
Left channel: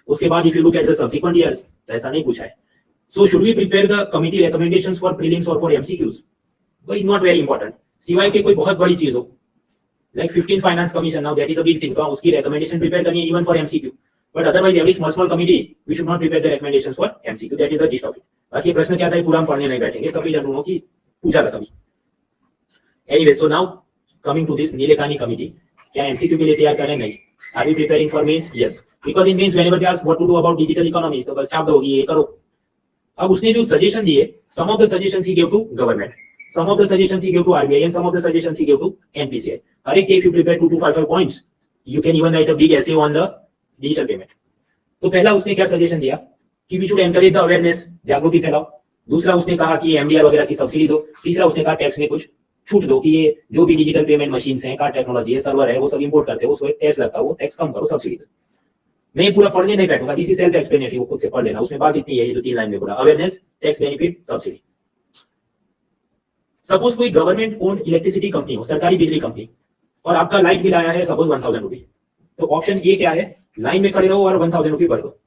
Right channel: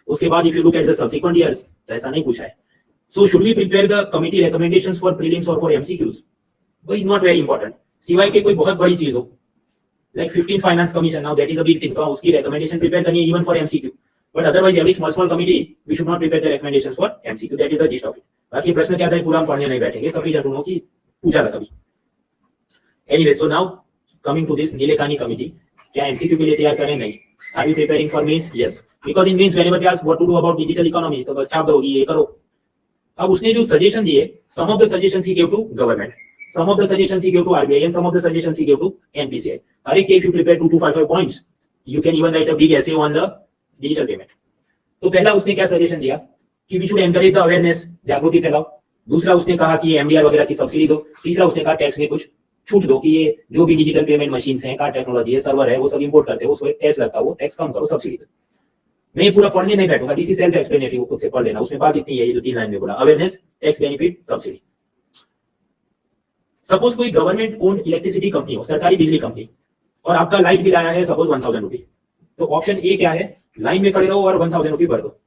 उसके बाद if you look at the subsequent years तो ऐसा नहीं पूछा है. So should we prepare the committee recommendations for prelims और फॉर एमसीक्यूज? वो इज नॉट वेरी इंपॉर्टेंट. सिवाय के कोई बहुत बड़ी चीज हो like 15 finance commission, now that is a big thing, तो उसकी रिकमेंडेशन प्रिपेयर करनी है even for MCQ. But otherwise every small committee we should not prepare the recommendations for MCQ. That is the gist of it. बाकी प्रश्न क्या था पूरा हम पढ़ने नहीं बैठेंगे, सफिशिएंट हो कि पूछा था कभी. Anyway, so now coming to this Nilekani committee, क्या एमसीक्यू के लिए तैयार करें? नहीं. Are we preparing for mains? Yes. Because in mains whenever they ask what to do about digital economy, तो बस छाप दोगी ये करो। अब उसने जो सजेशन दिए, some of the suggestions he give to government, some of the suggestions he give to RBI and some of the suggestions he give to NPCI. हर एक if you prepare 2 to 5 points, you can even write a big essay on the digital payment. तो पहला उसने क्या suggestion दिया कि we should encourage the awareness, जागृति फैलाओ। दूसरा उसने कहा कि एमडीआर वगैरह की सब्सिडी दो। तीसरा उसने कहा टैक्स में कुछ छूट दो कि ये जो भी डिजिटल पेमेंट मशीन है, कार्ड टेक्नोलॉजी है, सर्वर है, वो सब इंपोर्ट करते हो, उसको टैक्स लगता है, वो टैक्स कम करो, सब्सिडी दो। मैं पूरा पढ़ने नहीं बैठूंगा, दिस इज सेल्फ एक्सप्लेनेटरी, वो खुद से पढ़ लेना। उसमें बात इतनी है, ये जो 3 लाइन में बोला, awareness, tax benefit, subsidy. Suppose कोई गवर्नमेंट ओन इलेक्ट्रिसिटी कंपनी हो, सरकारी बिजली कंपनी, और आपका लाइट बिल आया है सपोज 1000 रुपी, तो ऑप्शन ए क्या है, लाइन में खड़े रहो और 1000 रुपी भर दो।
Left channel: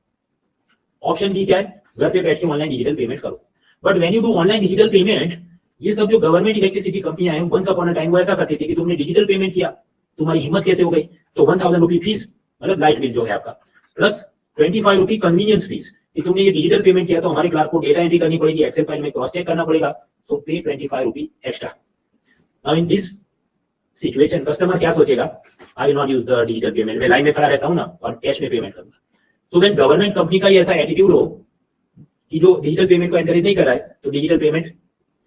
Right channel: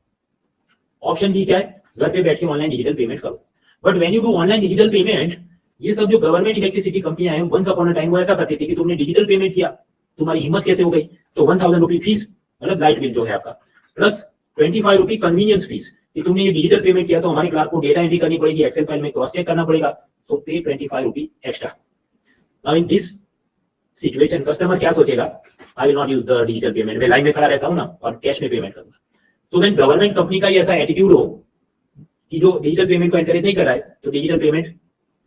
ऑप्शन बी क्या है, घर पे बैठ के ऑनलाइन डिजिटल पेमेंट करो। But when you do online digital payment, ये सब जो गवर्नमेंट इलेक्ट्रिसिटी कंपनियां हैं, वंस अपॉन अ टाइम वो ऐसा करती थी कि तुमने डिजिटल पेमेंट किया, तुम्हारी हिम्मत कैसे हो गई, तो 1000 रुपी फीस, मतलब लाइट बिल जो है आपका, प्लस 25 रुपी कन्वीनियंस फीस, कि तुमने ये डिजिटल पेमेंट किया तो हमारे क्लार्क को डेटा एंट्री करनी पड़ेगी, एक्सेल फाइल में क्रॉस चेक करना पड़ेगा, तो pay 25 rupee extra. Now in this situation customer क्या सोचेगा, I will not use the digital payment, मैं लाइन में खड़ा रहता हूं ना और कैश में पेमेंट करूंगा। तो व्हेन गवर्नमेंट कंपनी का ये ऐसा एटीट्यूड हो कि जो डिजिटल पेमेंट को एनकरेज नहीं कर रहा है, तो डिजिटल पेमेंट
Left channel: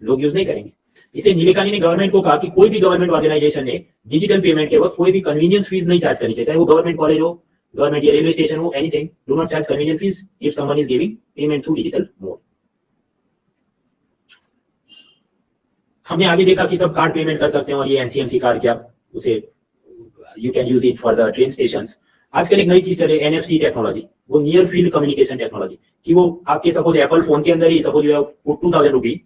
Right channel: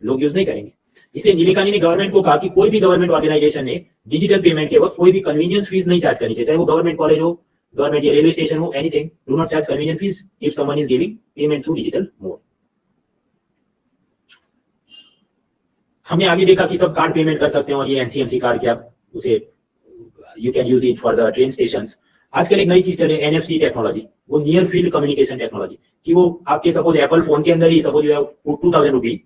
लोग यूज नहीं करेंगे। इसलिए नीलेकानी ने गवर्नमेंट को कहा कि कोई भी गवर्नमेंट ऑर्गेनाइजेशन ने डिजिटल पेमेंट के वक्त कोई भी कन्वीनियंस फीस नहीं चार्ज करनी चाहिए, चाहे वो गवर्नमेंट कॉलेज हो, गवर्नमेंट या रेलवे स्टेशन हो, anything, do not charge convenience fees if someone is giving payment through digital mode. हमने आगे देखा कि सब कार्ड पेमेंट कर सकते हैं, और ये एनसीएमसी कार्ड क्या, उसे you can use it for the train stations. आजकल एक नई चीज चले, एनएफसी टेक्नोलॉजी, वो नियर फील्ड कम्युनिकेशन टेक्नोलॉजी, कि वो आपके सपोज एप्पल फोन के अंदर ही सपोज यू हैव 2000 रुपी,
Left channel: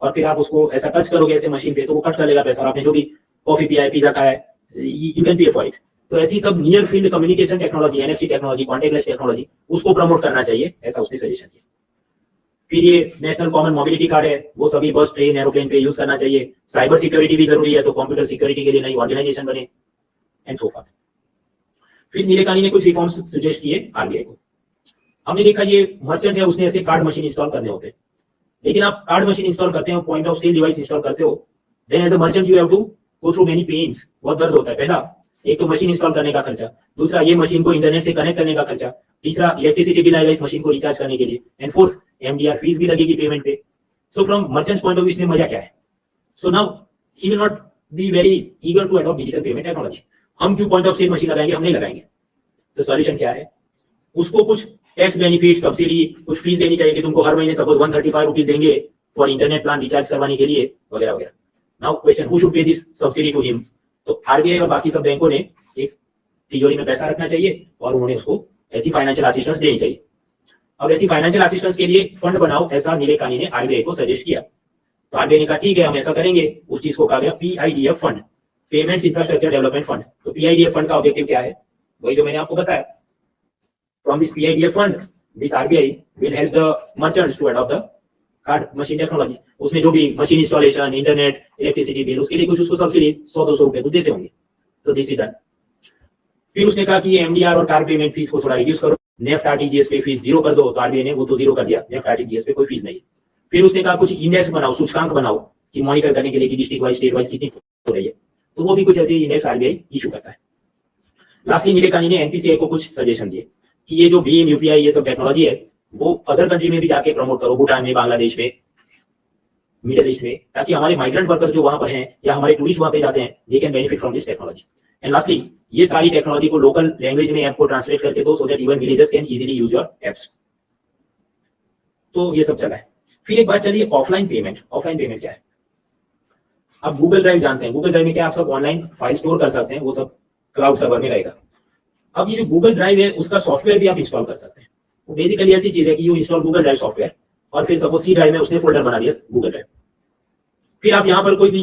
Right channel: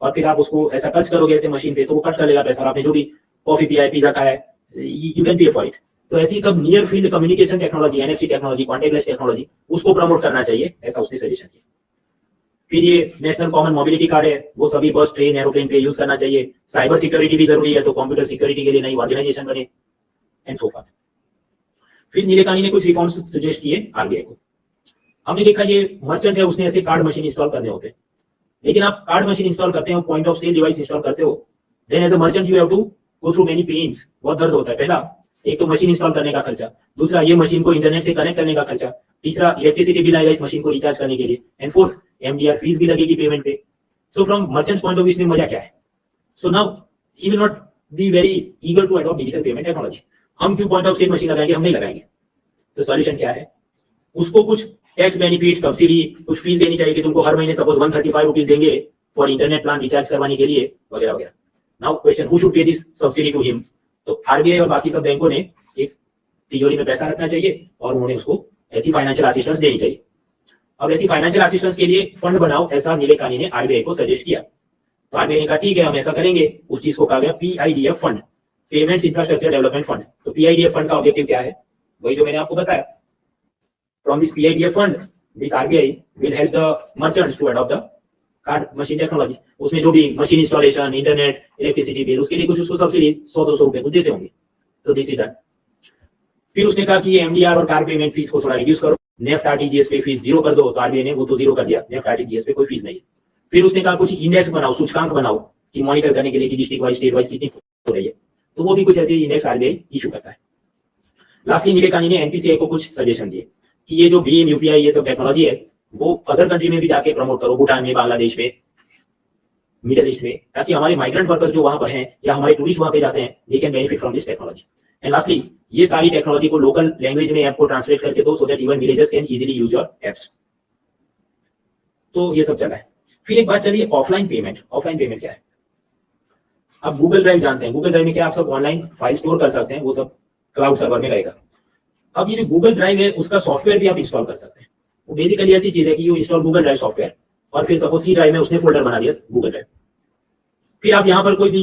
और फिर आप उसको ऐसा टच करोगे ऐसे मशीन पे, तो वो कट कर लेगा पैसा, और आपने जो भी कॉफी पिया है, पिज्जा खाया है, you can pay for it. तो ऐसी सब near field communication technology, NFC technology, contact lens technology, उसको प्रमोट करना चाहिए, ऐसा उसने सजेशन किया। फिर ये नेशनल कॉमन मोबिलिटी कार्ड है, वो सभी बस, ट्रेन, एरोप्लेन पे यूज करना चाहिए। साइबर सिक्योरिटी भी जरूरी है, तो कंप्यूटर सिक्योरिटी के लिए नई ऑर्गेनाइजेशन बने, एंड सो फॉर। फिर नीलेकानी ने कुछ रिफॉर्म्स सजेस्ट किए आरबीआई को। हमने देखा ये मर्चेंट है, उसने ऐसे कार्ड मशीन इंस्टॉल करने होते हैं, लेकिन आप कार्ड मशीन इंस्टॉल करते हो, point of sale device install करते हो, then as a merchant you have to go through many pains, बहुत दर्द होता है। पहला, एक तो मशीन इंस्टॉल करने का खर्चा, दूसरा ये मशीन को इंटरनेट से कनेक्ट करने का खर्चा, तीसरा इलेक्ट्रिसिटी बिल आएगा इस मशीन को रिचार्ज करने के लिए, एंड फोर्थ एमडीआर फीस भी लगेगी पेमेंट पे। So from merchants point of view इसमें मजा क्या है? So now he will not be very eager to adopt digital payment technology. हम क्यों पॉइंट ऑफ सेल मशीन लगाएंगे? हम नहीं लगाएंगे। तो सॉल्यूशन क्या है? उसको कुछ टैक्स बेनिफिट, सब्सिडी, कुछ फीस देनी चाहिए कि तुमको हर महीने सपोज 135 रुपीज देंगे फॉर इंटरनेट प्लान रिचार्ज करवाने के लिए, वगैरह वगैरह। Now question, who should pay this subsidy to him? तो आरबीआई और बाकी सब बैंकों ने एक तिजोरी में पैसा रखना चाहिए और उन्होंने उसको ऐसी फाइनेंशियल असिस्टेंस देनी चाहिए। अब ऐसी फाइनेंशियल असिस्टेंस के लिए फंड बनाओ, ऐसा नीलेकानी ने आरबीआई को सजेस्ट किया। तो आरबीआई ने कहा ठीक है हम ऐसा करेंगे। उस चीज को कहा गया PIDF fund, payments infrastructure development fund. तो पीआईडीएफ फंड का ऑब्जेक्टिव क्या है? वही जो मैंने आपको बताया। From this PIDF fund this RBI will help the merchants to adopt the card machine technology. उसमें जो भी machine installation, internet, electricity bill, उसके लिए कुछ उसको सब्सिडी 100-200 रुपए तो देते होंगे। तो दिस इज दैट। फिर उसने कहा कि ये एमडीआर और कार्ड पेमेंट फीस को थोड़ा रिड्यूस करो, नेफ्ट आरटीजीएस पे फीस 0 कर दो। तो आरबीआई ने वो तो 0 कर दिया, नेफ्ट आरटीजीएस पे कोई फीस नहीं। फिर उसने कहा कुछ इंडेक्स बनाओ, सूचकांक बनाओ कि मॉनिटर करने के लिए कि डिस्ट्रिक्ट वाइज, स्टेट वाइज कितनी हो रही है। तो वो भी कुछ ऐसे इंडेक्स आरबीआई इशू करता है। लास्टली नीलेकानी ने एनपीसीआई को कुछ सजेशन दिए कि ये जो भीम, यूपीआई, ये सब टेक्नोलॉजी है वो अदर कंट्री में भी जाके प्रमोट करो, भूटान में, बांग्लादेश में, मिडिल ईस्ट में, ताकि हमारे माइग्रेंट वर्कर्स जो वहां पर हैं या हमारे टूरिस्ट वहां पे जाते हैं, they can benefit from this technology. And lastly, ये सारी टेक्नोलॉजी को लोकल लैंग्वेज में ऐप को ट्रांसलेट करके दो, so that even villagers can easily use your apps. तो ये सब चला है। फिर एक बात चलिए ऑफलाइन पेमेंट। ऑफलाइन पेमेंट क्या है? अब गूगल ड्राइव जानते हैं, गूगल ड्राइव में क्या आप सब ऑनलाइन फाइल स्टोर कर सकते हैं, वो सब क्लाउड सर्वर में रहेगा। अब ये जो गूगल ड्राइव है उसका सॉफ्टवेयर भी आप इंस्टॉल कर सकते हैं। वो बेसिकली ऐसी चीज है कि you install Google drive software, और फिर सपोज सी ड्राइव में उसने फोल्डर बना दिया गूगल ड्राइव। फिर आप यहाँ पर कोई भी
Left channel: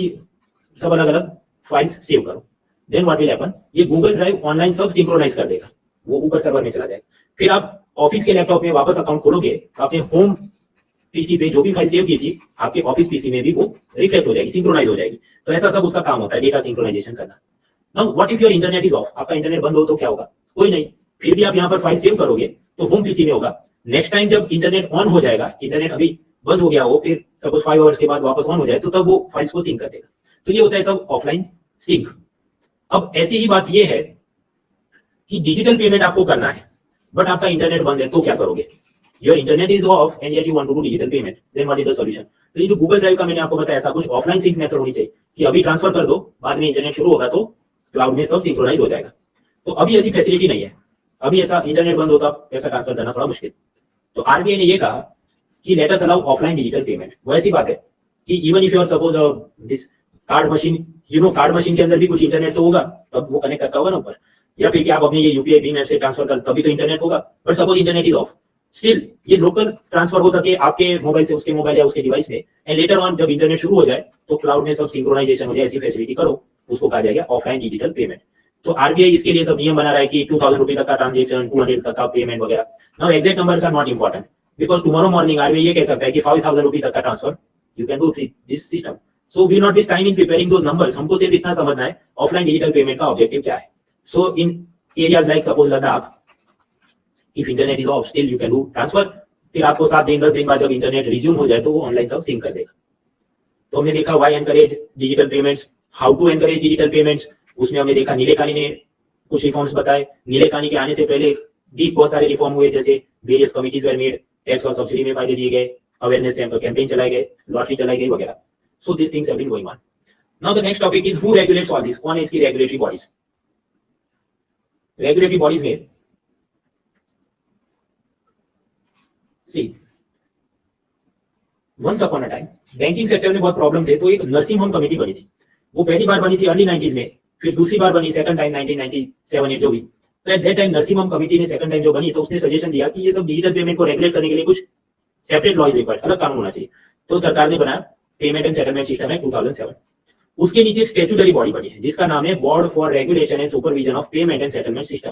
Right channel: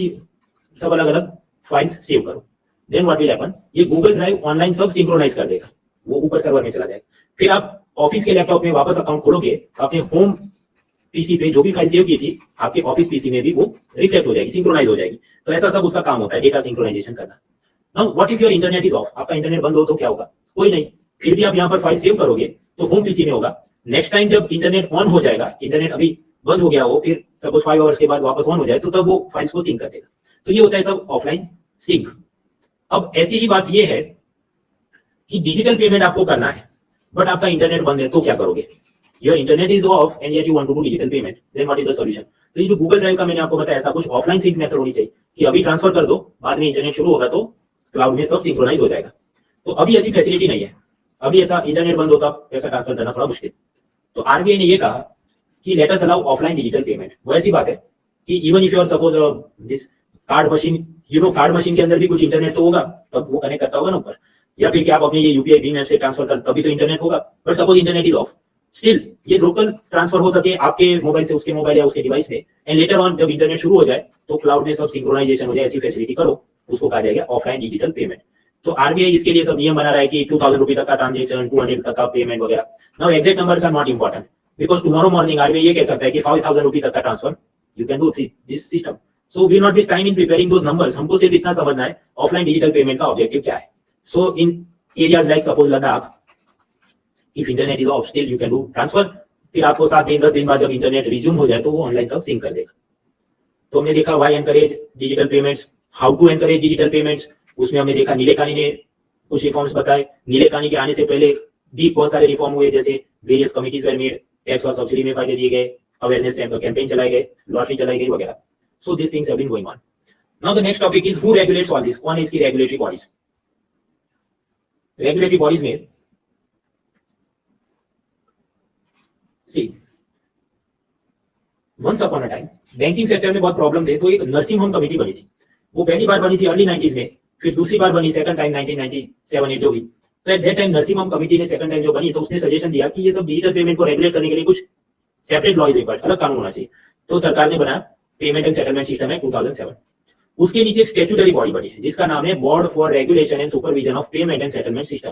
सब अलग अलग फाइल्स सेव करो। देन व्हाट विल हैपन, ये गूगल ड्राइव ऑनलाइन सब सिंक्रोनाइज कर देगा, वो ऊपर सर्वर में चला जाएगा। फिर आप ऑफिस के लैपटॉप में वापस अकाउंट खोलोगे, अपने होम पीसी पे जो भी फाइल सेव की थी आपके ऑफिस पीसी में भी वो रिफ्लेक्ट हो जाएगी, सिंक्रोनाइज हो जाएगी। तो ऐसा सब उसका काम होता है, डेटा सिंक्रोनाइजेशन करना। Now what if your internet is of? आपका इंटरनेट बंद हो तो क्या होगा? कोई नहीं। फिर भी आप यहाँ पर फाइल सेव करोगे तो होम पीसी में होगा। नेक्स्ट टाइम जब इंटरनेट ऑन हो जाएगा, इंटरनेट अभी बंद हो गया हो, फिर सपोज 5 आवर्स के बाद वापस ऑन हो जाए, तो तब वो फाइल्स को सिंक कर देगा। तो ये होता है सब ऑफलाइन सिंक। अब ऐसी ही बात ये है कि डिजिटल पेमेंट आपको करना है, बट आपका इंटरनेट बंद है तो क्या करोगे? Your internet is off and yet you want to do digital payment, then what is the solution? तो ये जो गूगल ड्राइव का मैंने आपको बताया, ऐसा कुछ ऑफलाइन सिंक मेथड होनी चाहिए कि अभी ट्रांसफर कर दो, बाद में इंटरनेट शुरू होगा तो क्लाउड में सब सिंक्रोनाइज हो जाएगा। तो अभी ऐसी फैसिलिटी नहीं है, अभी ऐसा इंटरनेट बंद होता पैसा ट्रांसफर करना थोड़ा मुश्किल। तो आरबीआई ने ये कहा कि let us allow offline digital payment. वो ऐसी बात है कि even if you are suppose this card machine, you know card machine के अंदर भी कुछ इंटरनेट तो होगा, तब वो कनेक्ट करता होगा ना ऊपर, या फिर क्या आप अपनी ये यूपीआई भीम ऐप से ट्रांसफर कर तभी तो इंटरनेट होगा। But suppose internet is off, still ये लोकल ट्रांसफर हो सके आपके मोबाइल से उसके मोबाइल या उसके डिवाइस में, एंड लेटर ऑन जब इंटरनेट शुरू हो जाए तो क्लाउड में सब सिंक्रोनाइजेशन हो जाए, ऐसी फैसिलिटी करो, उसको कहा जाएगा ऑफलाइन डिजिटल पेमेंट। तो आरबीआई इसके लिए सब नियम बना रहा है कि 2000 रुपए तक का ट्रांजेक्शन, 200 तक का पेमेंट वगैरह। Now exact numbers are not important because tomorrow morning RBI ये कह सकता है कि 5000 रुपए तक का transfer you can do this system. So we not waste time in preparing those numbers, हमको सिर्फ इतना समझना है ऑफलाइन डिजिटल पेमेंट का ऑब्जेक्टिव क्या है। So in areas like suppose Ladakh, if internet is off still you can do transfer. फिर आपको 7 दिन 10 दिन बाद जब इंटरनेट रिज्यूम हो जाए तो वो ऑनलाइन सब सिंक कर देगा। तो हमने देखा why encourage digital payments, how to encourage digital payments. उसमें हमने देखा नीलेकानी ने कुछ रिफॉर्म्स बताए। नीलेकानी के आने से पहले भी बहुत सारे रिफॉर्म हुए, जैसे various committees were made, tax और सब्सिडी में फायदे दिए गए, अवेयरनेस कैंपेन चलाए गए, लॉटरी चलाई गई वगैरह। So this things have been going on. Now the next topic is who regulates all this, कौन है इसकी रेगुलेटरी बॉडीज? रेगुलेटरी बॉडीज में see once upon a time banking sector में बहुत प्रॉब्लम थे, तो एक नर्सिंग होम कमेटी बनी थी। वो पहली बार बनी थी अर्ली 90s में, फिर दूसरी बार बनी सेकंड टाइम 1997-8 जो भी। तो eight that time nursing home committee ने सेकंड टाइम जो बनी, तो उसने सजेशन दिया कि ये सब डिजिटल पेमेंट को रेगुलेट करने के लिए कुछ सेपरेट लॉ इज रिक्वायर्ड, अलग कानून होना चाहिए। तो सरकार ने बनाया पेमेंट एंड सेटलमेंट सिस्टम है 2007। उसके नीचे एक स्टैट्यूटरी बॉडी बनी है जिसका नाम है board for regulation and supervision of payment and settlement system,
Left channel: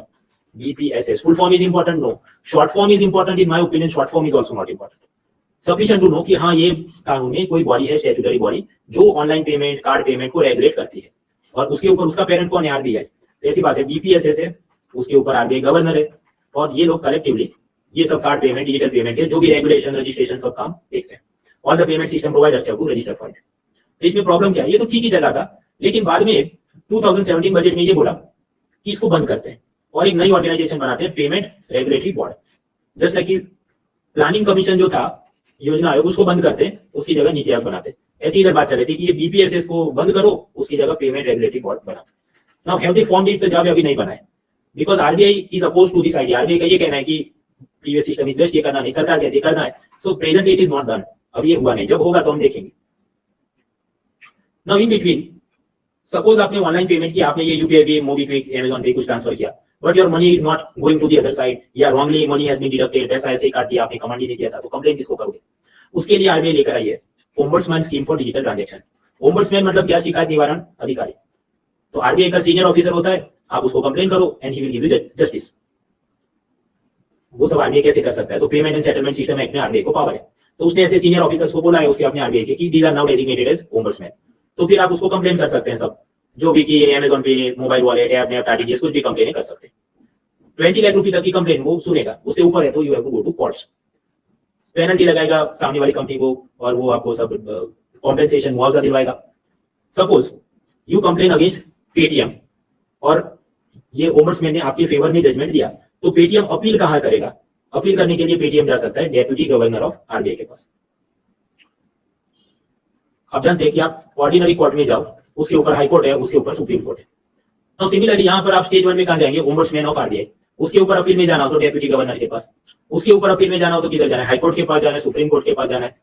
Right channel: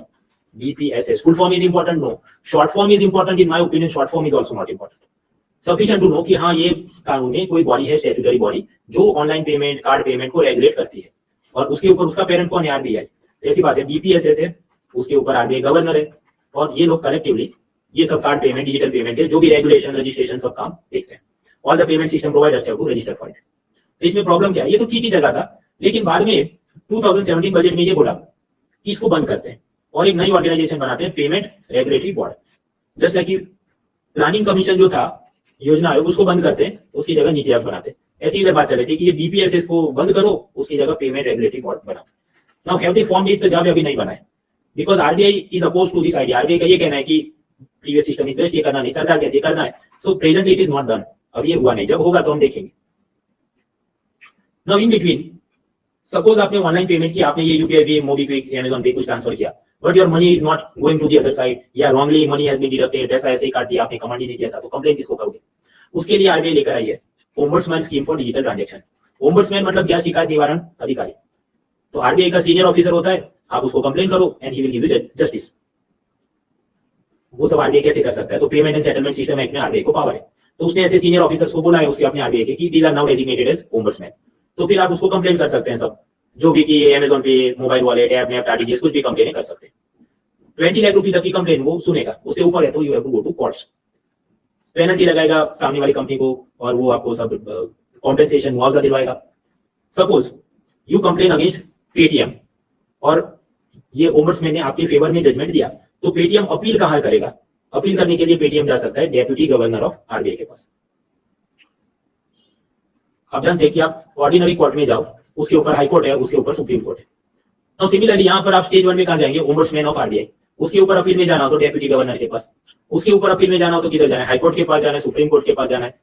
BPSS। Full form is important? No. Short form is important in my opinion, short form is also not important. Sufficient to know कि हाँ ये कानून में कोई body है, statutory body, जो online payment, card payment को regulate करती है, और उसके ऊपर उसका पेरेंट कौन है? आरबीआई। ऐसी बात है, BPSS है, उसके ऊपर आरबीआई गवर्नर है, और ये लोग कलेक्टिवली ये सब कार्ड पेमेंट, डिजिटल पेमेंट के जो भी रेगुलेशन, रजिस्ट्रेशन सब काम देखते हैं। All the payment system providers have to register for it. तो इसमें प्रॉब्लम क्या है? ये तो ठीक ही चल रहा था, लेकिन बाद में 2017 बजट में ये बोला कि इसको बंद करते हैं और एक नई ऑर्गेनाइजेशन बनाते हैं, payment regulatory board. Just like planning commission जो था, योजना आयोग, उसको बंद करते हैं, उसकी जगह नीति आयोग बनाते हैं। ऐसी इधर बात चल रही थी कि ये BPSS को बंद करो, उसकी जगह पेमेंट रेगुलेटरी बोर्ड बना। Now have they formed it? तो जब अभी नहीं बनाए, because RBI is oppose to this idea. RBI का ये कहना है कि प्रीवियस सिस्टम इज बेस्ट, ये करना नहीं, सरकार कहती है करना है। So presently it is not done, अभी ये हुआ नहीं, जब होगा तो हम देखेंगे। नाउ इन बिटवीन, सपोज आपने ऑनलाइन पेमेंट किया, आपने ये यूपीआई पे, मोबीक्विक, अमेज़न पे कुछ ट्रांसफर किया, but your money is not going to the other side, या wrongly money has been deducted, पैसा ऐसे ही काट दिया आपने, कमांड ही नहीं किया था, तो कंप्लेंट किसको करोगे? उसके लिए आरबीआई लेकर आई है ombudsman scheme for digital transaction. Ombudsman मतलब क्या? शिकायत निवारण अधिकारी। तो आरबीआई का सीनियर ऑफिसर होता है, आप उसको कंप्लेन करो and he will give you justice. वो सब आरबीआई कैसे कर सकता है? तो payment and settlement system act में आरबीआई को पावर है, तो उसने ऐसे सीनियर ऑफिसर्स को बोला है उसके अपने आरबीआई के कि these are now designated as ombudsman. तो फिर आप उसको कंप्लेन कर सकते हैं, सब जो भी कि अमेज़न पे, मोबाइल वॉलेट, ऐप में आरटीजीएस कुछ भी कंप्लेन कर सकते हैं। 20 लाख रुपए तक की कंप्लेन वो सुनेगा, उससे ऊपर है तो you have to go to courts. Penalty लगाएगा सामने वाली कंपनी को, और वो आपको सब कॉम्पेंसेशन, मुआवजा दिलवाएगा। Suppose you complain against Paytm और ये ओम्बड्समैन ने आपके फेवर में जजमेंट दिया, तो पेटीएम अपील कहां करेगा? अपील करने के लिए पेटीएम जा सकता है डेप्यूटी गवर्नर ऑफ आरबीआई के पास। आप जानते हैं कि आप ऑर्डिनरी कोर्ट में जाओ, उसके ऊपर हाई कोर्ट है, उसके ऊपर सुप्रीम कोर्ट है। तो सिमिलरली यहाँ पर आप स्टेज 1 में कहां जाएंगे? Ombudsman of RBI. उसके ऊपर अपील में जाना हो तो डेप्यूटी गवर्नर के पास, उसके ऊपर अपील में जाना हो तो किधर जाना है? हाई कोर्ट के पास जाना है, सुप्रीम कोर्ट के पास जाना है?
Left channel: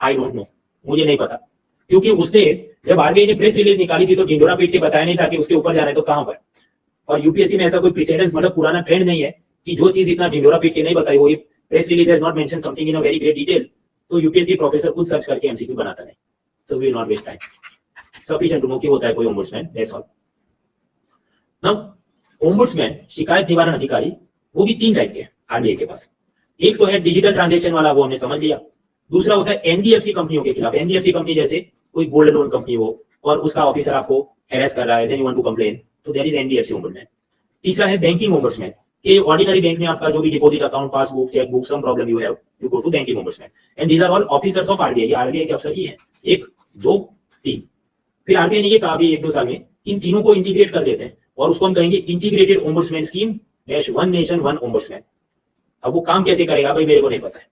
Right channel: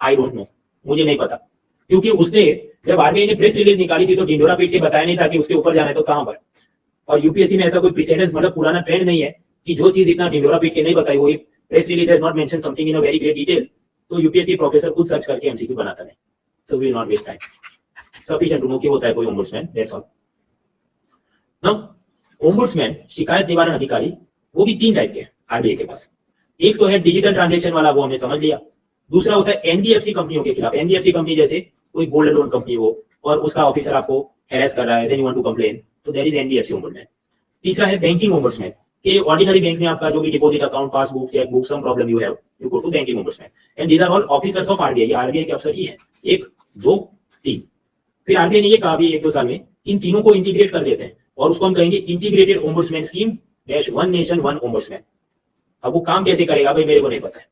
आई डोंट नो, मुझे नहीं पता, क्योंकि उसने जब आरबीआई ने प्रेस रिलीज निकाली थी तो ढिंडोरा पीट के बताया नहीं था कि उसके ऊपर जाना है तो कहां पर। और यूपीएससी में ऐसा कोई प्रेसिडेंस, मतलब पुराना ट्रेंड नहीं है कि जो चीज इतना ढिंडोरा पीट के नहीं बताई, वो press release has not mention something in a very great detail, तो यूपीएससी प्रोफेसर खुद सर्च करके एमसीक्यू बनाता नहीं। So we will not waste time, sufficient to know कि होता है कोई ombudsman, that's all. Now ombudsman, शिकायत निवारण अधिकारी, वो भी 3 टाइप के आरबीआई के पास। एक तो है डिजिटल ट्रांजैक्शन वाला, वो हमने समझ लिया। दूसरा होता है एनबीएफसी कंपनियों के खिलाफ। एनबीएफसी कंपनी जैसे कोई गोल्ड लोन कंपनी हो और उसका ऑफिसर आपको हैरेस कर रहा है, then you want to complain, तो देयर इज एनबीएफसी ओम्बड्समैन। तीसरा है बैंकिंग ओम्बड्समैन, कि ऑर्डिनरी बैंक में आपका जो भी deposit account, passbook, chequebook, some problem you have, you go to banking ombudsman, and these are all officers of RBI. RBI के अफसर ही हैं, 1 2 3। फिर आरबीआई ने ये कहा भी 1-2 साल में कि इन तीनों को इंटीग्रेट कर देते हैं और उसको हम कहेंगे integrated ombudsman scheme dash one nation one ombudsman. अब वो काम कैसे करेगा भाई मेरे को नहीं पता है,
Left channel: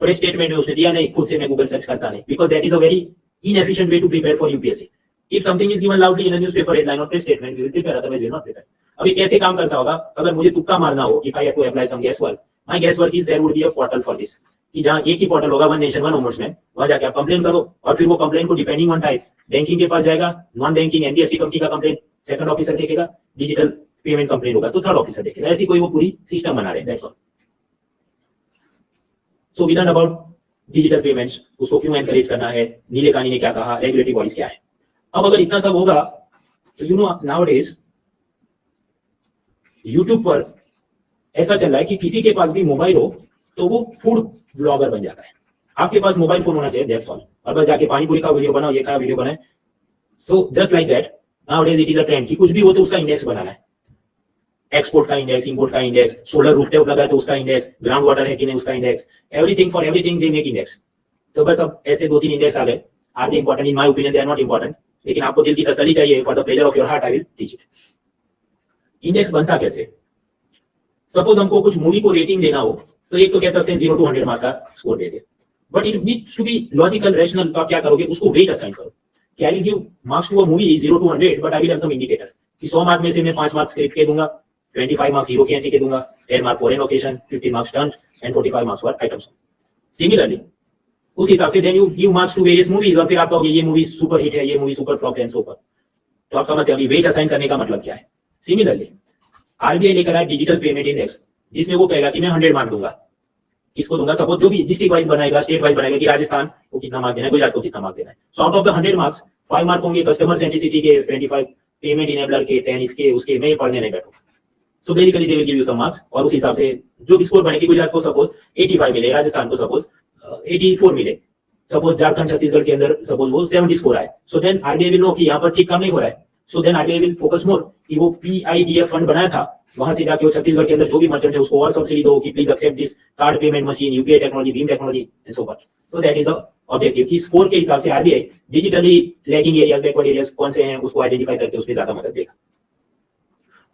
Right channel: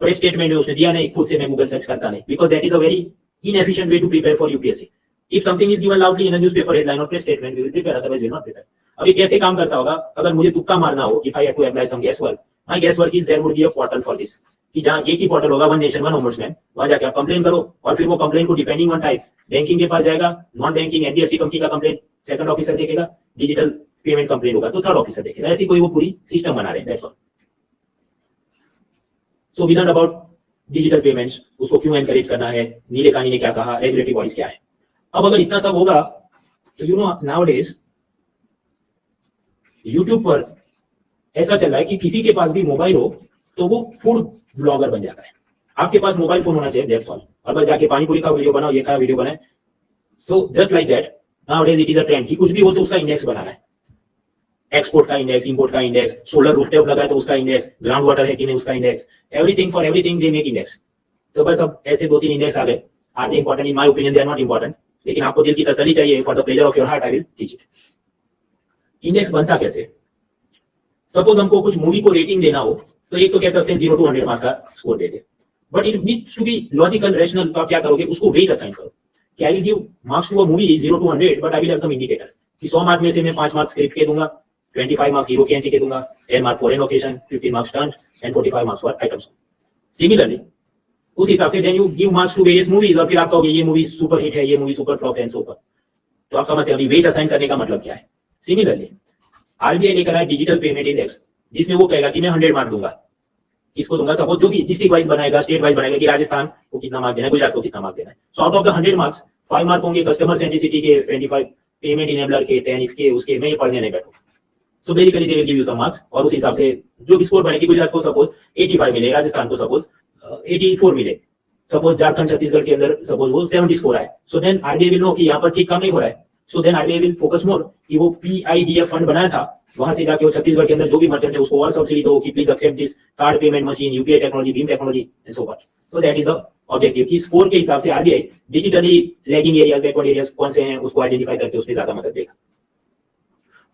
प्रेस स्टेटमेंट में उसने दिया नहीं, खुद से मैं गूगल सर्च करता नहीं, because that is a very inefficient way to prepare for UPSC. If something is given loudly in a newspaper headline or press statement, we will prepare, otherwise we will not prepare. अभी कैसे काम करता होगा, अगर मुझे तुक्का मारना हो, if I have to apply some guesswork, my guesswork is there would be a portal for this, कि जहाँ एक ही पोर्टल होगा, वन नेशन वन ओम्बुड्समैन, वहां जाके आप कंप्लेन करो, और फिर वो कंप्लेन को डिपेंडिंग ऑन टाइप बैंकिंग के पास जाएगा, नॉन बैंकिंग एनबीएफसी कंपनी का कंप्लेन सेकंड ऑफिसर देखेगा, डिजिटल पेमेंट कंप्लेन होगा तो थर्ड ऑफिसर देखेगा, ऐसी कोई वो पूरी सिस्टम बना रहे हैं, that's all. So we learn about digital payments, उसको क्यों एनकरेज करना है, नीले कानी ने क्या कहा, रेगुलेटरी बॉडीज क्या है. अब अगर इतना सब होगा तो यू नो नाउअडेज यूट्यूब पर ऐसा चल रहा है कि किसी के पास भी मोबाइल हो तो वो फूड ब्लॉगर बन जाता है. आपके पास मोबाइल फोन होना चाहिए, दैट्स ऑल. और बस जाके पानीपुरी का वीडियो बनाओ, ये का वीडियो बनाए. So just like that nowadays it is a trend कि कुछ भी हो तो उसका इंडेक्स बनाना है, एक्सपोर्ट का इंडेक्स, इंपोर्ट का इंडेक्स, सोलर रूफटॉप लगा है तो उसका इंडेक्स, ग्राउंड वाटर है कि नहीं उसका index, everything for everything they make index. तो बस अब ऐसे दो तीन इंडेक्स आ गए. Are they important? In my opinion they are not important, लेकिन आपको दिल की तसल्ली चाहिए, for the pleasure of your heart I will teach it. Index बनता कैसे? सपोज हमको कुछ मूवी को रेटिंग देना हो तो एक तो कह सकते हैं 0 to 100 मार्क का स्कोर दे दे, but it needs to be logical rational. तो आप क्या करोगे, उसको वेट असाइन करो कि I will give marks to a movie 0 to 100, but I will have some indicator कि 100 मार्क में से मैं 5 मार्क्स स्क्रिप्ट के दूंगा, 25 मार्क्स हीरो की एंट्री के दूंगा, 10 mark for location, 15 marks stunt and 45 marks for items. Similarly उस हिसाब से then you give marks to various movies, और फिर आप कहोगे ये मूवी सुपर हिट है, ये मूवी सुपर फ्लॉप है, सुपर. तो आप समझते हैं अभी वेट असाइन करने का मतलब क्या है. सिमिलरली आरबीआई लेकर आया डिजिटल पेमेंट इंडेक्स, जिसमें वो कहेगा कि मैं 100 मार्क दूंगा. किसको दूंगा? सपोज जो भी डिस्ट्रिक्ट वाइज बनाएगा, स्टेट वाइज बनाएगा कि राजस्थान को कितना मार्क देना है, गुजरात को कितना मार्क देना है. So out of the 100 marks 5 mark होंगे कस्टमर सेंट्रिसिटी के, 25 पेमेंट इनेबलर के, 10 इसके उसके, मैं ये पढ़ने नहीं बैठूं. So basically they will give you some marks, और उस हिसाब से जो भी स्कोर बनेगी, गुजरात को सपोज 85 मिले, राजस्थान को सपोज 84 मिले, सपोज झारखंड छत्तीसगढ़ के अंदर सपोज वो 70 स्कोर आए. So then RBI will know कि यहाँ पर ठीक काम नहीं हो रहा है. So then RBI will focus more कि वो पीआईडीएफ फंड बनाया था, वहां से जाके वो छत्तीसगढ़ के अंदर जो भी मर्चेंट है उसको और सब्सिडी दो कि please accept this card payment machine, UPI technology, भीम technology and so forth. So that is the objective कि स्कोर के हिसाब से RBI digitally lagging areas, backward areas कौन से हैं उसको आइडेंटिफाई करके उसमें ज्यादा मदद देगा.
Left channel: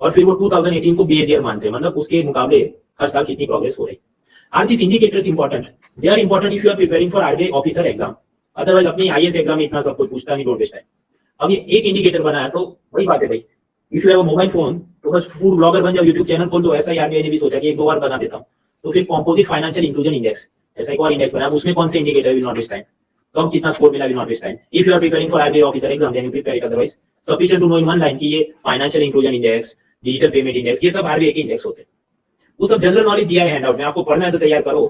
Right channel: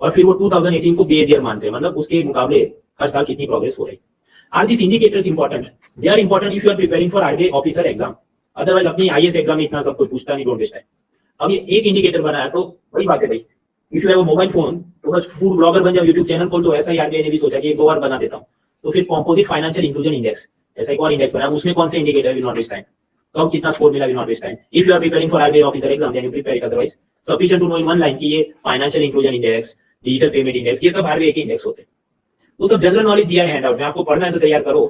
और फिर वो 2018 को बेस ईयर मानते हैं, मतलब उसके मुकाबले हर साल कितनी प्रोग्रेस हो रही. Are this indicators important? They are important if you are preparing for RBI officer exam. Otherwise अपनी आईएएस एग्जाम में इतना सब कुछ पूछता नहीं, डोंट वेस्ट टाइम. अब ये एक इंडिकेटर बनाया तो वही बात है भाई, if you have a mobile phone तो बस फूड ब्लॉगर बन जाओ, यूट्यूब चैनल खोल दो. ऐसा ही आरबीआई ने भी सोचा कि एक दो बार बना देता हूं. तो फिर कॉम्पोजिट फाइनेंशियल इंक्लूजन इंडेक्स, ऐसा एक और इंडेक्स बना, उसमें कौन से indicator will not waste time, कब कितना स्कोर मिला will not waste time. If you are preparing for RBI officer exam then you prepare it. Otherwise sufficient to know in one line कि ये financial inclusion index, digital payment index, ये सब RBI के index होते हैं. वो सब general knowledge दिया है हैंडआउट में, आपको पढ़ना है तो तैयार करो.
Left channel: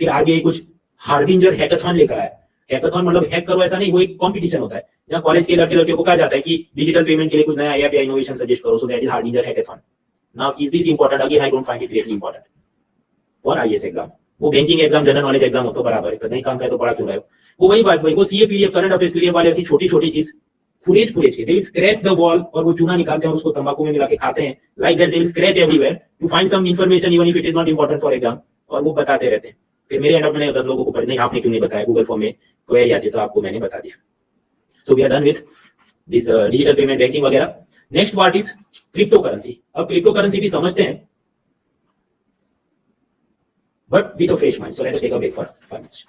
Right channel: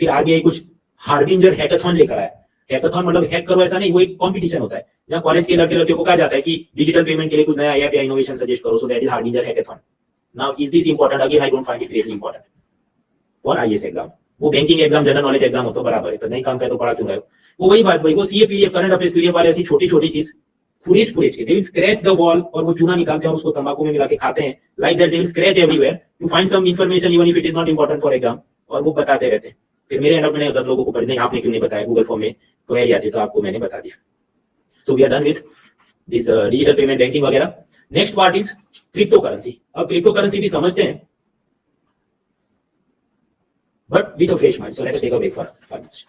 फिर आरबीआई कुछ हार्बिंजर हैकाथॉन लेकर आया. हैकाथॉन मतलब हैक करो ऐसा नहीं, वो एक कंपटीशन होता है जहां कॉलेज के लड़के लड़कियों को कहा जाता है कि डिजिटल पेमेंट के लिए कुछ नया आइडिया इनोवेशन सजेस्ट करो. So that is harbinger hackathon. Now is this important? Again I don't find it really important for IAS exam. वो banking exam, general knowledge exam हो तो बराबर है, नहीं काम का तो पढ़ा क्यों रहे हो. वो वही बात भाई, वो CA PDF, current affairs PDF वाले ऐसी छोटी छोटी चीज फुरेज फुरेज के, दे विल स्क्रैच द वॉल, और वो चूना निकालते हैं और उसको तंबाकू में मिला के खाते हैं. Like that they will scratch everywhere to find some information even if it is not important for exam, और वो बताते रहते हैं. फिर मेरे एंड में अदर लोगों को पढ़ने, आपने क्यों नहीं बताया, गूगल फॉर्म में क्वेरी आती तो आपको मैंने बता दिया. So we are done with this digital payment, banking वगैरह. Next part is crypto currency. अब क्रिप्टो करेंसी भी समझते हैं but with a fresh mind. So let us take a break for 5 minutes.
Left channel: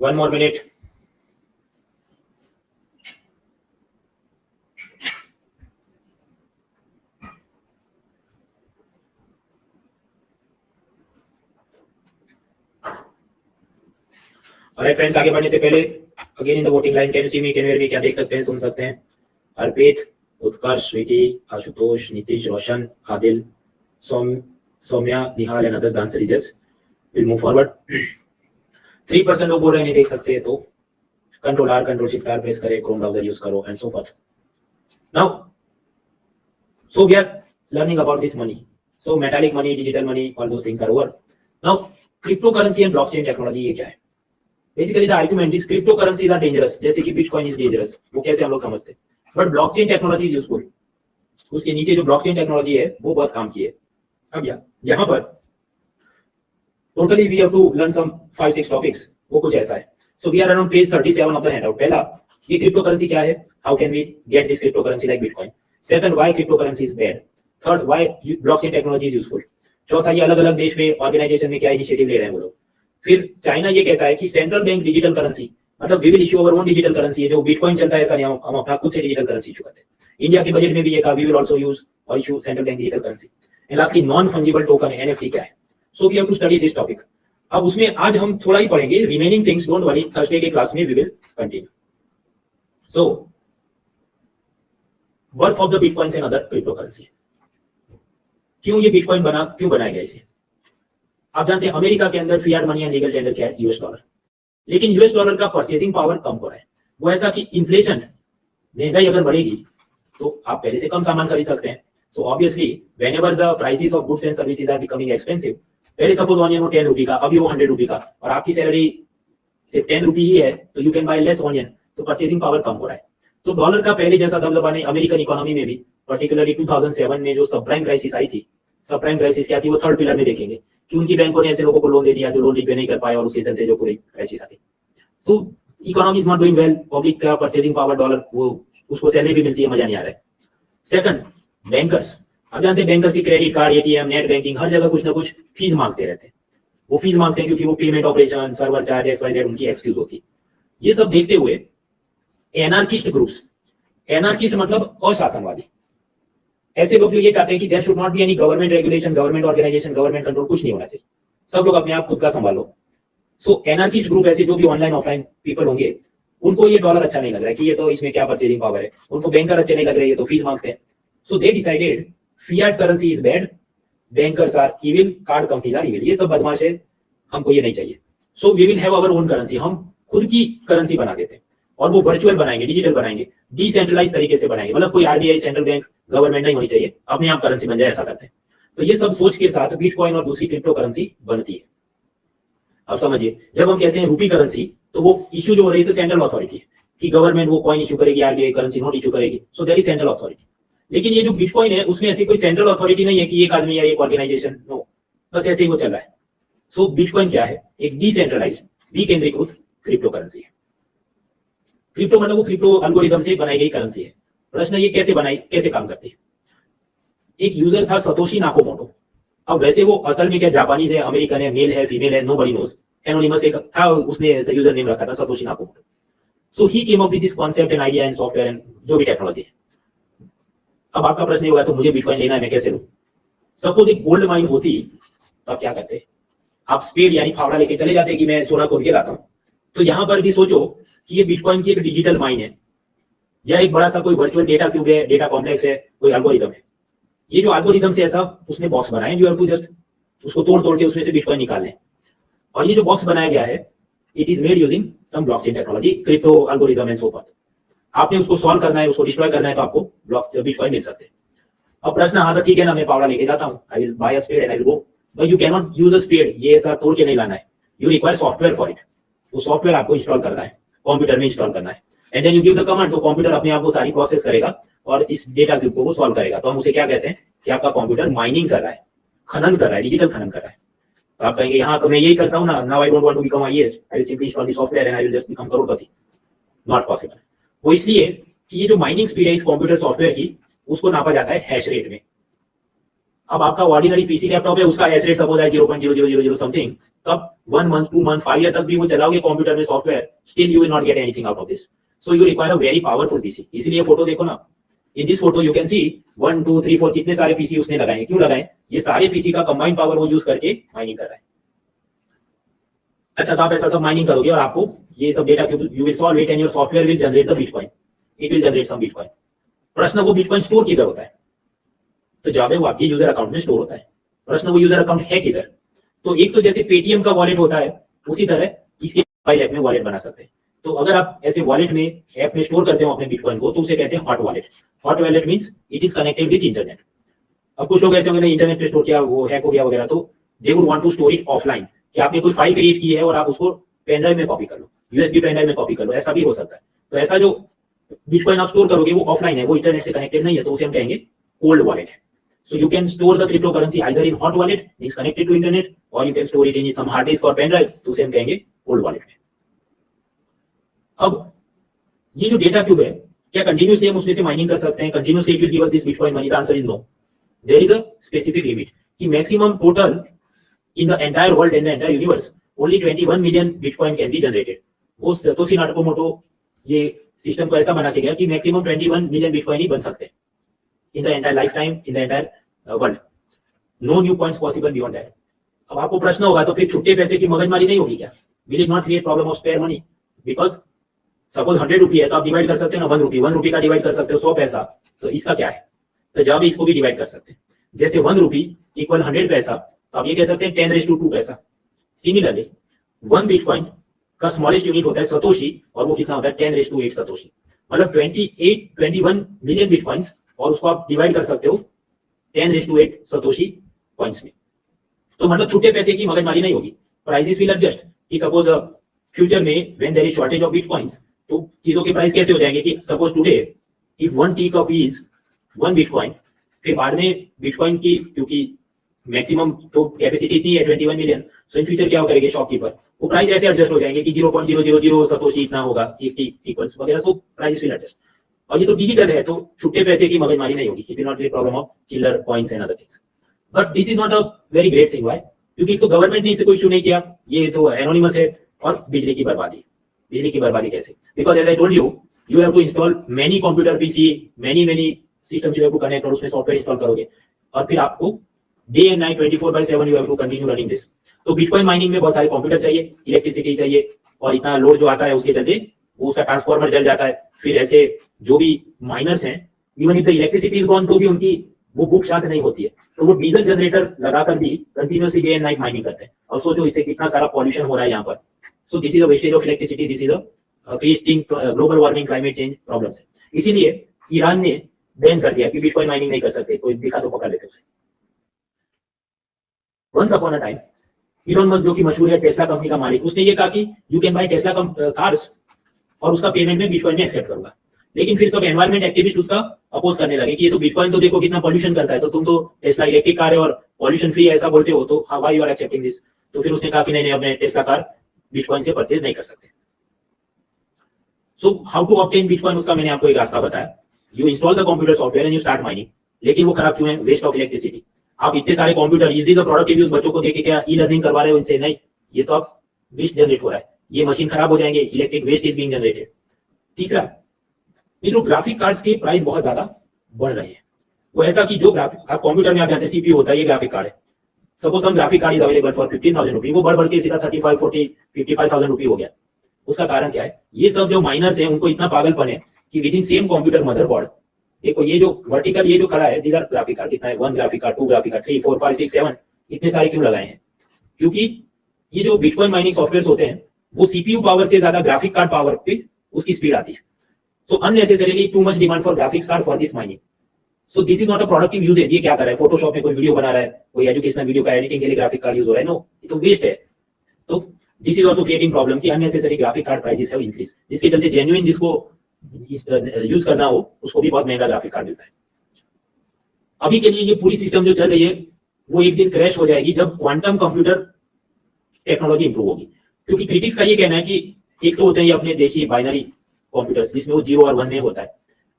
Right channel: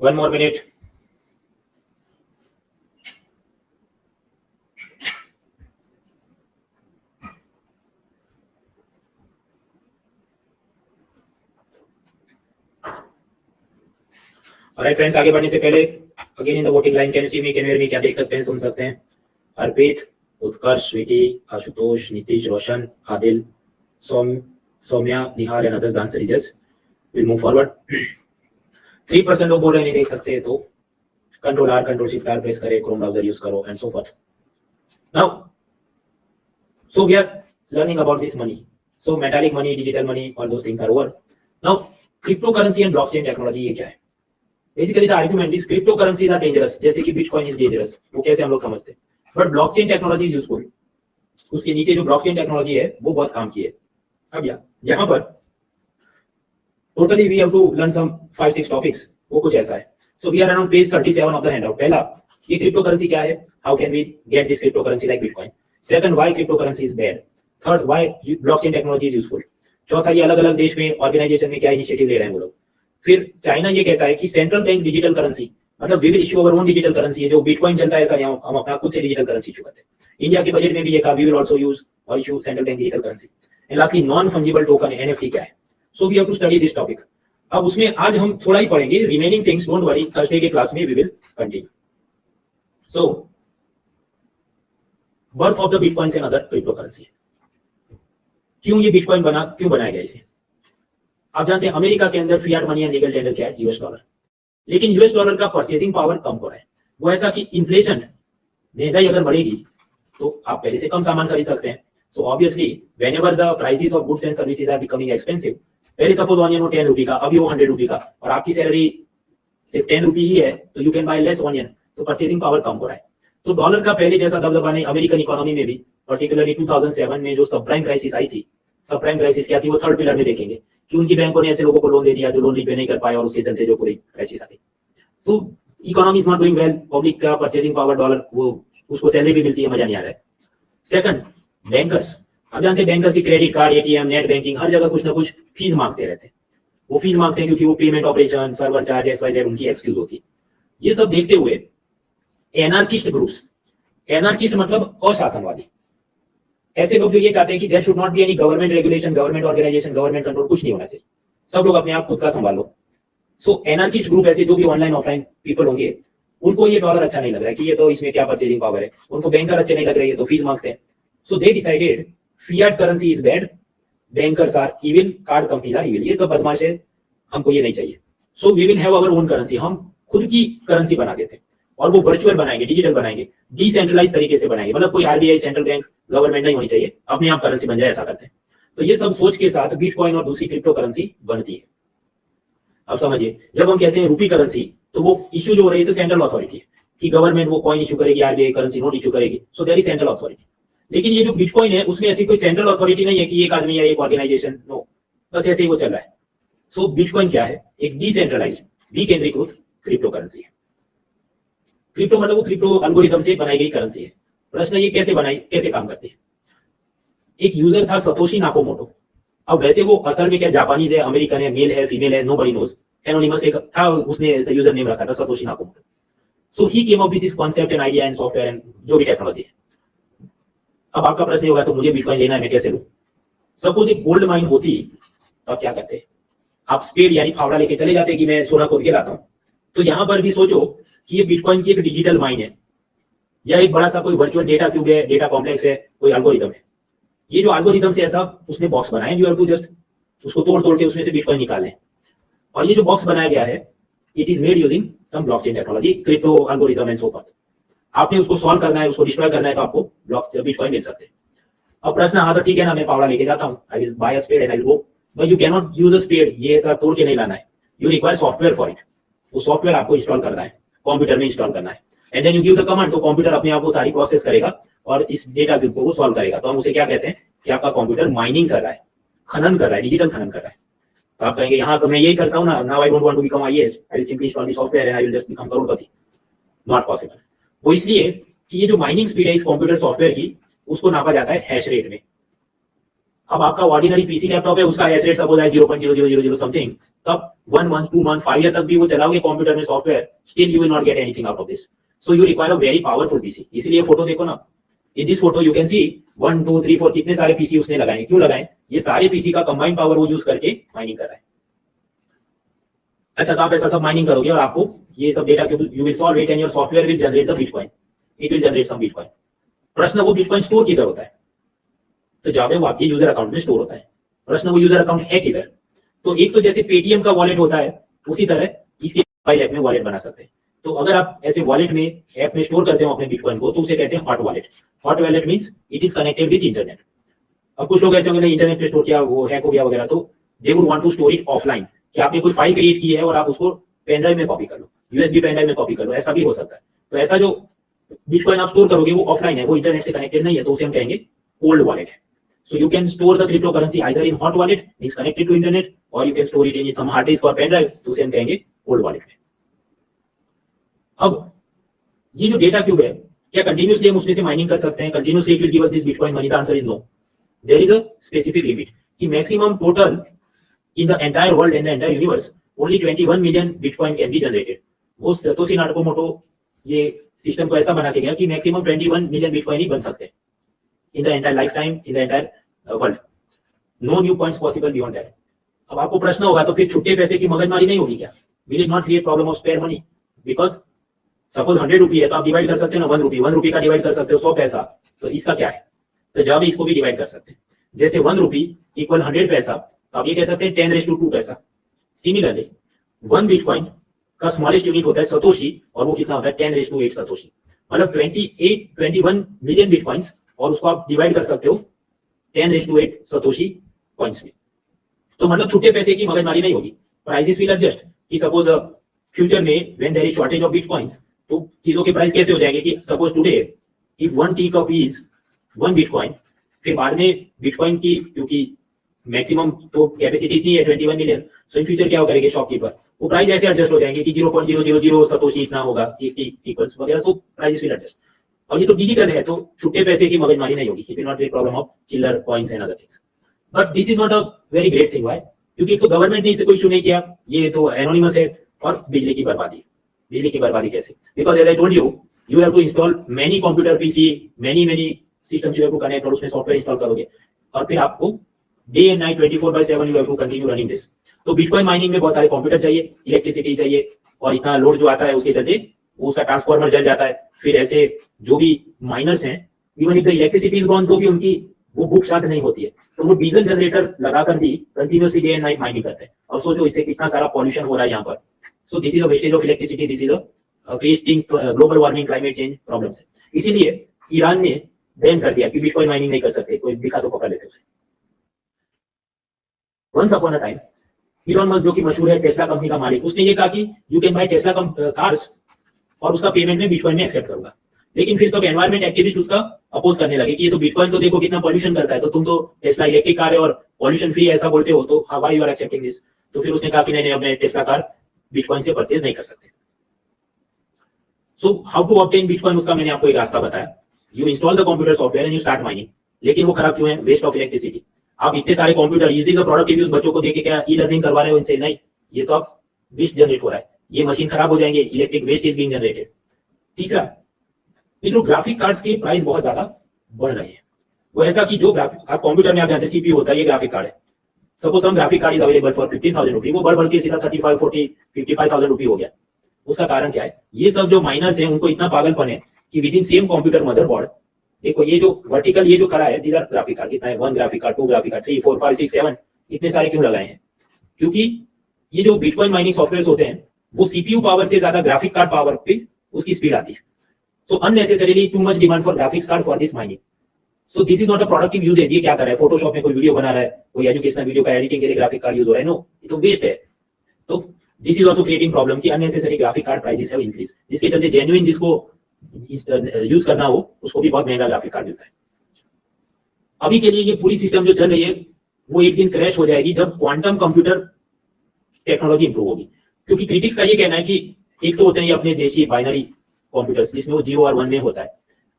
1 more minute. Alright friends, आगे बढ़ने से पहले again in the voting line, can you see me, can you hear me? क्या देख सकते हैं, सुन सकते हैं? अर्पित, उत्कर्ष, Sweety, Ashutosh, Nitish, Roshan, Adil, Saumya, Nihal and others. The answer is yes. Will move forward. 3% लोग बोल रहे हैं नहीं देख सकते, तो control R, control shift R press करें, क्रोम ब्राउजर यूज करो and so forth. Now so we are learning about this money. So metallic money, digital money, all those things are over. Now cryptocurrency and blockchain technology ये क्या है? Basically the argument is cryptocurrencies are dangerous, जैसे कि bitcoin is dangerous. वो कैसे हम लोग समझते हैं? But blockchain technology is useful. उसके नीचे जो blockchain technology है वो बहुत काम की है. अब यहाँ पर totally we have to learn some 5-6 topics. वो कुछ ऐसा है. So we are around page 37 of the handout. पहला, ये cryptocurrency क्या है? How can we get this cryptocurrency like bitcoin? Second, why cryptocurrency is bad? Third, why blockchain technology is useful? चौथा, ये अलग अलग देश में ऑर्गेनाइजेशन में क्या इनिशिएटिव ले रहे हैं वो लोग. फिर चाइना ये कहता है कि सेंट्रल बैंक डिजिटल करेंसी, मतलब we will issue our own digital currency. जो बिटकॉइन चलता है, हम अपना खुद से डिजिटल करेंसी इशू करते हैं. इंडिया के बजट में भी ये कहा, वी विल आल्सो यूज और issue central bank digital currency. And lastly, non fungible token NFT क्या है. So we have to study this topic. अब उसमें आज हम थोड़ा ही पढ़ेंगे, remaining things don't worry, Thursday के क्लास में we will continue. So birth of the bitcoins and other cryptocurrency. क्यों ये बिटकॉइन बना, क्यों बनाया गया इसे? आप जानते हैं अमेरिका के अंदर Fiat money and legal tender क्या है? US dollar. लेकिन यूएस डॉलर का परचेसिंग पावर कम हो रहा है. वो ऐसा कि इन्फ्लेशन, महंगाई अगर बढ़ेगी तो आप पहले से कम सामान खरीद सकते हैं. So obviously whenever the prices of goods and services are becoming expensive, पहले सपोज ऑनियन हो 10 रुपए का, अभी वो 100 रुपए का, और आपकी सैलरी सिर्फ 10 रुपए ही है, तो you can buy less onion. तो परचेसिंग पावर कम हो रहा है. तो डॉलर का पहले जैसा दबदबा नहीं अमेरिकन इकोनॉमी में भी, पर्टिकुलरली 2007 में जो सब प्राइम क्राइसिस आई थी. सब प्राइम क्राइसिस क्या थी, वो थर्ड पिलर में देखेंगे कि उनकी बैंकों ने ऐसे लोगों को लोन दे दिया जो लोन रिपे नहीं कर पाए, और उसके चलते जो पूरी crisis I. So economy is not doing well, public का परचेसिंग पावर डॉलर, वो उसको सैलरी भी मिलती है, मजा नहीं आ रहा है. Second, bankers. आप जानते हैं बैंकर्स की credit card, ATM, net banking, हर जगह कुछ ना कुछ फीस मांगते रहते हैं. वो फीस मांगते हैं क्योंकि वो payment operation, server charge, XYZ उनकी एक्सक्यूज होती है. ये सब देखते हुए एनार्किस्ट ग्रुप्स, एनार्किस्ट मतलब अशासनवादी, ऐसे लोग जो ये चाहते हैं कि there should not be any government regulation, government organisation, government control, कुछ नहीं होना चाहिए, सब लोग अपने आप खुद का संभाल लो. सो एनार्किस्ट ग्रुप ऐसे जो भी ऑनलाइन ऑफलाइन पीपल होंगे, उनको ये डॉलर अच्छा नहीं लग रहा है कि ये तो इसमें क्या परचेजिंग पावर है, उनको बैंकर अच्छे नहीं लग रहे, ये तो फीस मांगते हैं. So they decided fiat currency is bad, bankers are evil, card companies are evil. ये सब बदमाश है, हमको ये नहीं चाहिए. So we will have our own currency, हम खुद की करेंसी बना देते हैं, और वो वर्चुअल बनाएंगे, डिजिटल बनाएंगे, डिसेंट्रलाइज तरीके से बनाएंगे, मतलब कोई आरबीआई, सेंट्रल बैंक, गवर्नमेंट नहीं होनी चाहिए, अपने आप करेंसी बन जाए, ऐसा करते हैं. तो ये सब सोच के साथ बिटकॉइन और दूसरी क्रिप्टो करेंसी बनती है. अब समझिए, जब हम कहते हैं रूपी करेंसी, तो वो इश्यू जो हो रही है तो सेंट्रल अथॉरिटी है कि गवर्नमेंट वो कॉइन इशू करेगी, आरबीआई करेंसी नोट इशू करेगी, so there is central authority. लेकिन ये जो बिटकॉइन है उसमें ऐसी कोई सेंट्रल अथॉरिटी नहीं है कि एक आदमी या एक ऑर्गेनाइजेशन, नो, बस ऐसे ही वो चल रहा है. सो बिटकॉइन क्या है? एक डिसेंट्रलाइज्ड, विकेंद्रीकृत क्रिप्टो करेंसी है. क्रिप्टो मतलब वो क्रिप्टो एल्गोरिथम से बनाई गई करेंसी है. प्रश्न ये कैसे बनाई, कैसे काम करती है? एक यूजर था सतोशी नाकामोटो. अब वैसे वो असल में क्या जापानीज है, अमेरिकन है, मेल है, फीमेल है, नोबडी नोज, एनोनिमस एक था, उसने यूजर नेम रखा था Satoshi Nakamoto. So he came up with this concept and idea and software and जो भी टेक्नोलॉजी है. अब आपका प्रश्न होगा तो मुझे बिटकॉइन लेना है, मैं कैसे लूं? सपोज एक गोल्ड माइन होती तो आप क्या करते हैं? आप स्पेड यानी फावड़ा लेके चले जाते कि मैं सोना खोद के लाता हूं. तो यहां पर भी सोचो कि ये बिटकॉइन की एक डिजिटल माइन है, या एक बड़ा सा कोई वर्चुअल डेटा क्यूब है, डेटा कॉम्प्लेक्स है, कोई एल्गोरिथम है. ये जो एल्गोरिथम से ऐसा उसने बॉक्स बनाया, जो हमको जस्ट उसको तोड़ तोड़ के उसमें से बिटकॉइन निकालने. और ये जो बॉक्स बनाया गया है, it is made using some blockchain technology, crypto algorithm and so forth. आपने उसको सॉल्व करना है, उसको डिस्ट्रॉय करना है, तो आपको बिटकॉइन मिल सकते हैं. अब प्रश्न आता, ठीक है ना, मैं फावड़ा लेके जाता हूं, I will buy a spade and I will go. But you can not use a spade, ये ऐसा तोड़ के नहीं लाना है. You require software for it. वो सॉफ्टवेयर आपको इंस्टॉल करना है, कंप्यूटर में इंस्टॉल करना है, and then you give the command, तो कंप्यूटर अपने आप वो सारी प्रोसेस करेगा और इस डेटा को वो सॉल्व करेगा. तो हम उसे क्या कहते हैं कि आपका कंप्यूटर माइनिंग कर रहा है, खनन कर रहा है, डिजिटल खनन कर रहा है. तो आप कहेंगे यहाँ तो मैं यही करता हूँ ना, now I don't want to become IAS, I will simply install the software and I will just become करोड़पति. Not possible. वो इसलिए कि ये जो माइनिंग स्पीड है इस कंप्यूटर सॉफ्टवेयर की, उसको नापा जाता है हैश रेट में. अब आपका ऑर्डिनरी पीसी लैपटॉप है, उसका हैश रेट सपोज है 0.0000 समथिंग, तब 1 month 2 month 5 year तक भी वो चलाओगे कंप्यूटर में software, still you will not get anything out of this. So you require a very powerful PC. इसलिए फोटो देखो ना, in this photo you can see 1 2 3 4 कितने सारे पीसी उसने लगाए. क्यों लगाए? ये सारे पीसी का कंबाइंड पावर वो यूज करके माइनिंग कर रहा है. अच्छा, तो आप ऐसा सब माइनिंग करोगे और आपको ये सब data you will solve it and your software will generate the bitcoin. It will generate some bitcoin. प्रश्न वो बिटकॉइन स्टोर किधर होता है? तो जावे वो आपके यूजर अकाउंट में स्टोर होता है. प्रश्न वो यूजर अकाउंट है किधर? तो एक तो जैसे पेटीएम का वॉलेट होता है, उसी तरह इसके मोबाइल ऐप में वॉलेट बना सकते हैं. तो अगर आप ऐसे वॉलेट में ऐप में स्टोर करते हो अपने बिटकॉइन को, तो उसे कहते हैं hot wallet. Hot wallet means it is connected with internet. अब कुछ लोग ऐसे होंगे इंटरनेट पे स्टोर किया, वो हैक हो गया वगैरह, तो they would want to store it offline, कि आपने कोई फाइल क्रिएट की है और आप उसको पेन ड्राइव में कॉपी कर लो, यूएसबी पेन ड्राइव में कॉपी कर लो, ऐसा भी हो सकता है. तो ऐसा जो बिटकॉइन आप स्टोर करोगे वो ऑफलाइन है, वो इंटरनेट से कनेक्टेड नहीं है, तो उसे हम कहेंगे कोल्ड वॉलेट है. So you can store the cryptocurrency either in hot wallet, is connected to internet, or you can store it in some hard disk or pen drive, तो उसे हम कहेंगे cold wallet. अब ये जो डेटा क्यूब है, क्या कंटिन्यूसली हम उसमें से माइनिंग कर सकते हैं? Continuously it will give us this bitcoin money? The answer is no. There is a specific limit कि maximum total in the entire world, in the entire universe, only 21 million bitcoin can be generated. वो Satoshi Nakamoto ये system को ऐसा बना के गया कि maximum 21 million bitcoin ही बन सकते हैं in the entire lifetime, in the entire world. No new points possible beyond that. अब आपको प्रश्न होगा तो फिर छुट्टे पैसे की मगजमारी नहीं होगी क्या? Will it not create problem of spare money? Because suppose 100 रुपये है तो आप डिवाइड कर सकते हो ना, 1 रुपये का डिवाइड कर सकते हो 100 पैसा, तो इसका क्या है? तो जब इसको भी डिवाइड कर सकते हैं, जैसे 1 रुपी इक्वल 100 पैसा, तो आप ये कह सकते हैं 10⁻² पैसा. सिमिलरली 1 बिटकॉइन का स्मॉलेस्ट यूनिट होता है सतोशी, और वो कितना होता है 10⁸ सतोशी. मतलब 21 मिलियन बिटकॉइंस, और उसको आप डिवाइड कर सकते हो 10⁸ सतोशी पॉइंट्स में. तो मतलब छुट्टे पैसे की मगजमारी नहीं होगी. प्राइसेस विल एडजस्ट कि सपोज फ्यूचर में when there is shortage of bitcoins, तो चीजों के प्राइस कैसे हो जाएंगे कि suppose today if 1 tea cup is 1 bitcoin, फिर बाद में बिटकॉइन की क्योंकि मैक्सिमम तो कैपेसिटी इतनी है 21 मिलियन, सो इन फ्यूचर क्या करेंगे शॉपकीपर, वो प्राइस ऐसे एडजस्ट हो जाएंगे कि 0.000 सतोशी इतना होगा इक्वल्स वगैरह, सो प्राइसेस विल एडजस्ट. और ये तो डिजिटल है, तो छुट्टे पैसे की मगजमारी नहीं होगी. It will not be problem of चिल्लर coins and other things. But this is not a very great thing. Why? क्योंकि तो गवर्नमेंट ने इसे कोई इशू नहीं किया, ये तो एनोनिमस है. और बिजली की बर्बादी. बिजली की बर्बादी कैसे? Because as I told you, you have to install many computer PC, many systems you have to connect, और उसमें सॉफ्टवेयर इंस्टॉल करोगे, और फिर आपको day and night 24/7 you have to continue running this. तो बिटकॉइन माइनिंग में बहुत सारे कंप्यूटर चाहिए, इलेक्ट्रिसिटी चाहिए, और इतना लोड जो आता है उसके चलते उसका ट्रांसफार्मर जल जाता है. फिर ऐसे जो भी माइनर्स हैं, even if the electricity is gone, तो भी उनकी वो भूख शांत नहीं होती है, तो वो डीजल जनरेटर लगाकर भी continuously day and night mining करते हैं. और सोचो इससे कितना सारा पॉल्यूशन हो रहा है यहाँ पर. सो this is a wastage of electricity, this is a creating global warming, climate change problems है. इसीलिए ईरान ने बैन कर दिया कि बिटकॉइन माइनिंग नहीं कर सकते, कोई दिखा तो पकड़ लेते उसे. Once upon a time Elon Musk, जो कि मशहूर है टेस्ला कंपनी का मालिक, उसने ये कहा कि you can buy Tesla cars, और उसका पेमेंट में बिटकॉइन में एक्सेप्ट करूंगा. लेकिन फिर सब एनवायरमेंट एक्टिविस्ट उसका अपोज करने लगे कि ये तो बिटकॉइन तो देखो कितना पॉल्यूशन करता है, तो तुम तो टेस्ला इलेक्ट्रिक कार है और पॉल्यूशन फ्री है ऐसा बोलते हो, तो why you are accepting this. तो फिर उसने कहा कि नहीं, अपने टेस्ला कार बिटकॉइन से परचेज नहीं कर सकते. So how to obtain bitcoin, उसका मैंने आपको एक रास्ता बताया. You install the computer software and you start mining. लेकिन वो खराब क्यों है? Waste of electricity. आप इतने सारे computer, is this a productive use? बच्चों को देके क्या ई लर्निंग करवा रहे हो इनसे? नहीं, ये तो आप वेस्ट जनरेट हो रहा है, ये मशीन खराब हो जाएंगे, electric waste is being generated. तीसरा, ये जो ग्राफिक कार्ड्स की प्राइस बहुत ज्यादा बढ़ रही है. वो ऐसा कि जो ग्राफिक आप कंप्यूटर में आप जानते हैं सीपीयू होता है, ये ग्राफिक कार्ड है. सपोज हम graphic card is available for 15,000 रुपी, वो बढ़ के सीधा 35, 40, 55,000 रुपी हो गया. उसका कारण क्या है? ये सब जो माइनर्स हैं उनको इतना पागलपन है कि with in same computer motherboard, देखो ये जो वर्टिकल ये जो खड़ा है, दीज आर ग्राफिक कार्ड. कितना है? 1 ग्राफिक कार्ड, 2 ग्राफिक कार्ड, 3, 4, 5, 6, 7, इतने सारे क्यों लगाए हैं? क्योंकि ये जो बिटकॉइन माइनिंग सॉफ्टवेयर होते हैं, वो सीपीयू पावर से ज्यादा ग्राफिक कार्ड पावर पे उसकी स्पीड आती है. So unnecessarily too much demand for graphics card for this mining. So this is not a productive usage. ये क्या कर रहा है? फोटोशॉप में कोई वीडियो बना रहा है, कोई एजुकेशनल वीडियो का एडिटिंग के लिए ग्राफिक कार्ड यूज हो रहा है? नो, ये तो वेस्ट है. तो this is also creating problem कि unnecessary graphic card prices have increase, जिसके चलते जेन्युइन जिसको यूज करना हो उसको भी बहुत महंगा ग्राफिक कार्ड मिलता है. अभी के लिए ये पूरी सिस्टम जो चल रही है वो एक दिन क्रैश हो जाएगी जब क्वांटम कंप्यूटर टेक्नोलॉजी इंप्रूव होगी. क्योंकि क्रिटिक्स का ये कहना है कि एक तो होते हैं ये अपने देशी बाइनरी कंप्यूटर्स, जिसमें वो 0 और 1 में होता है.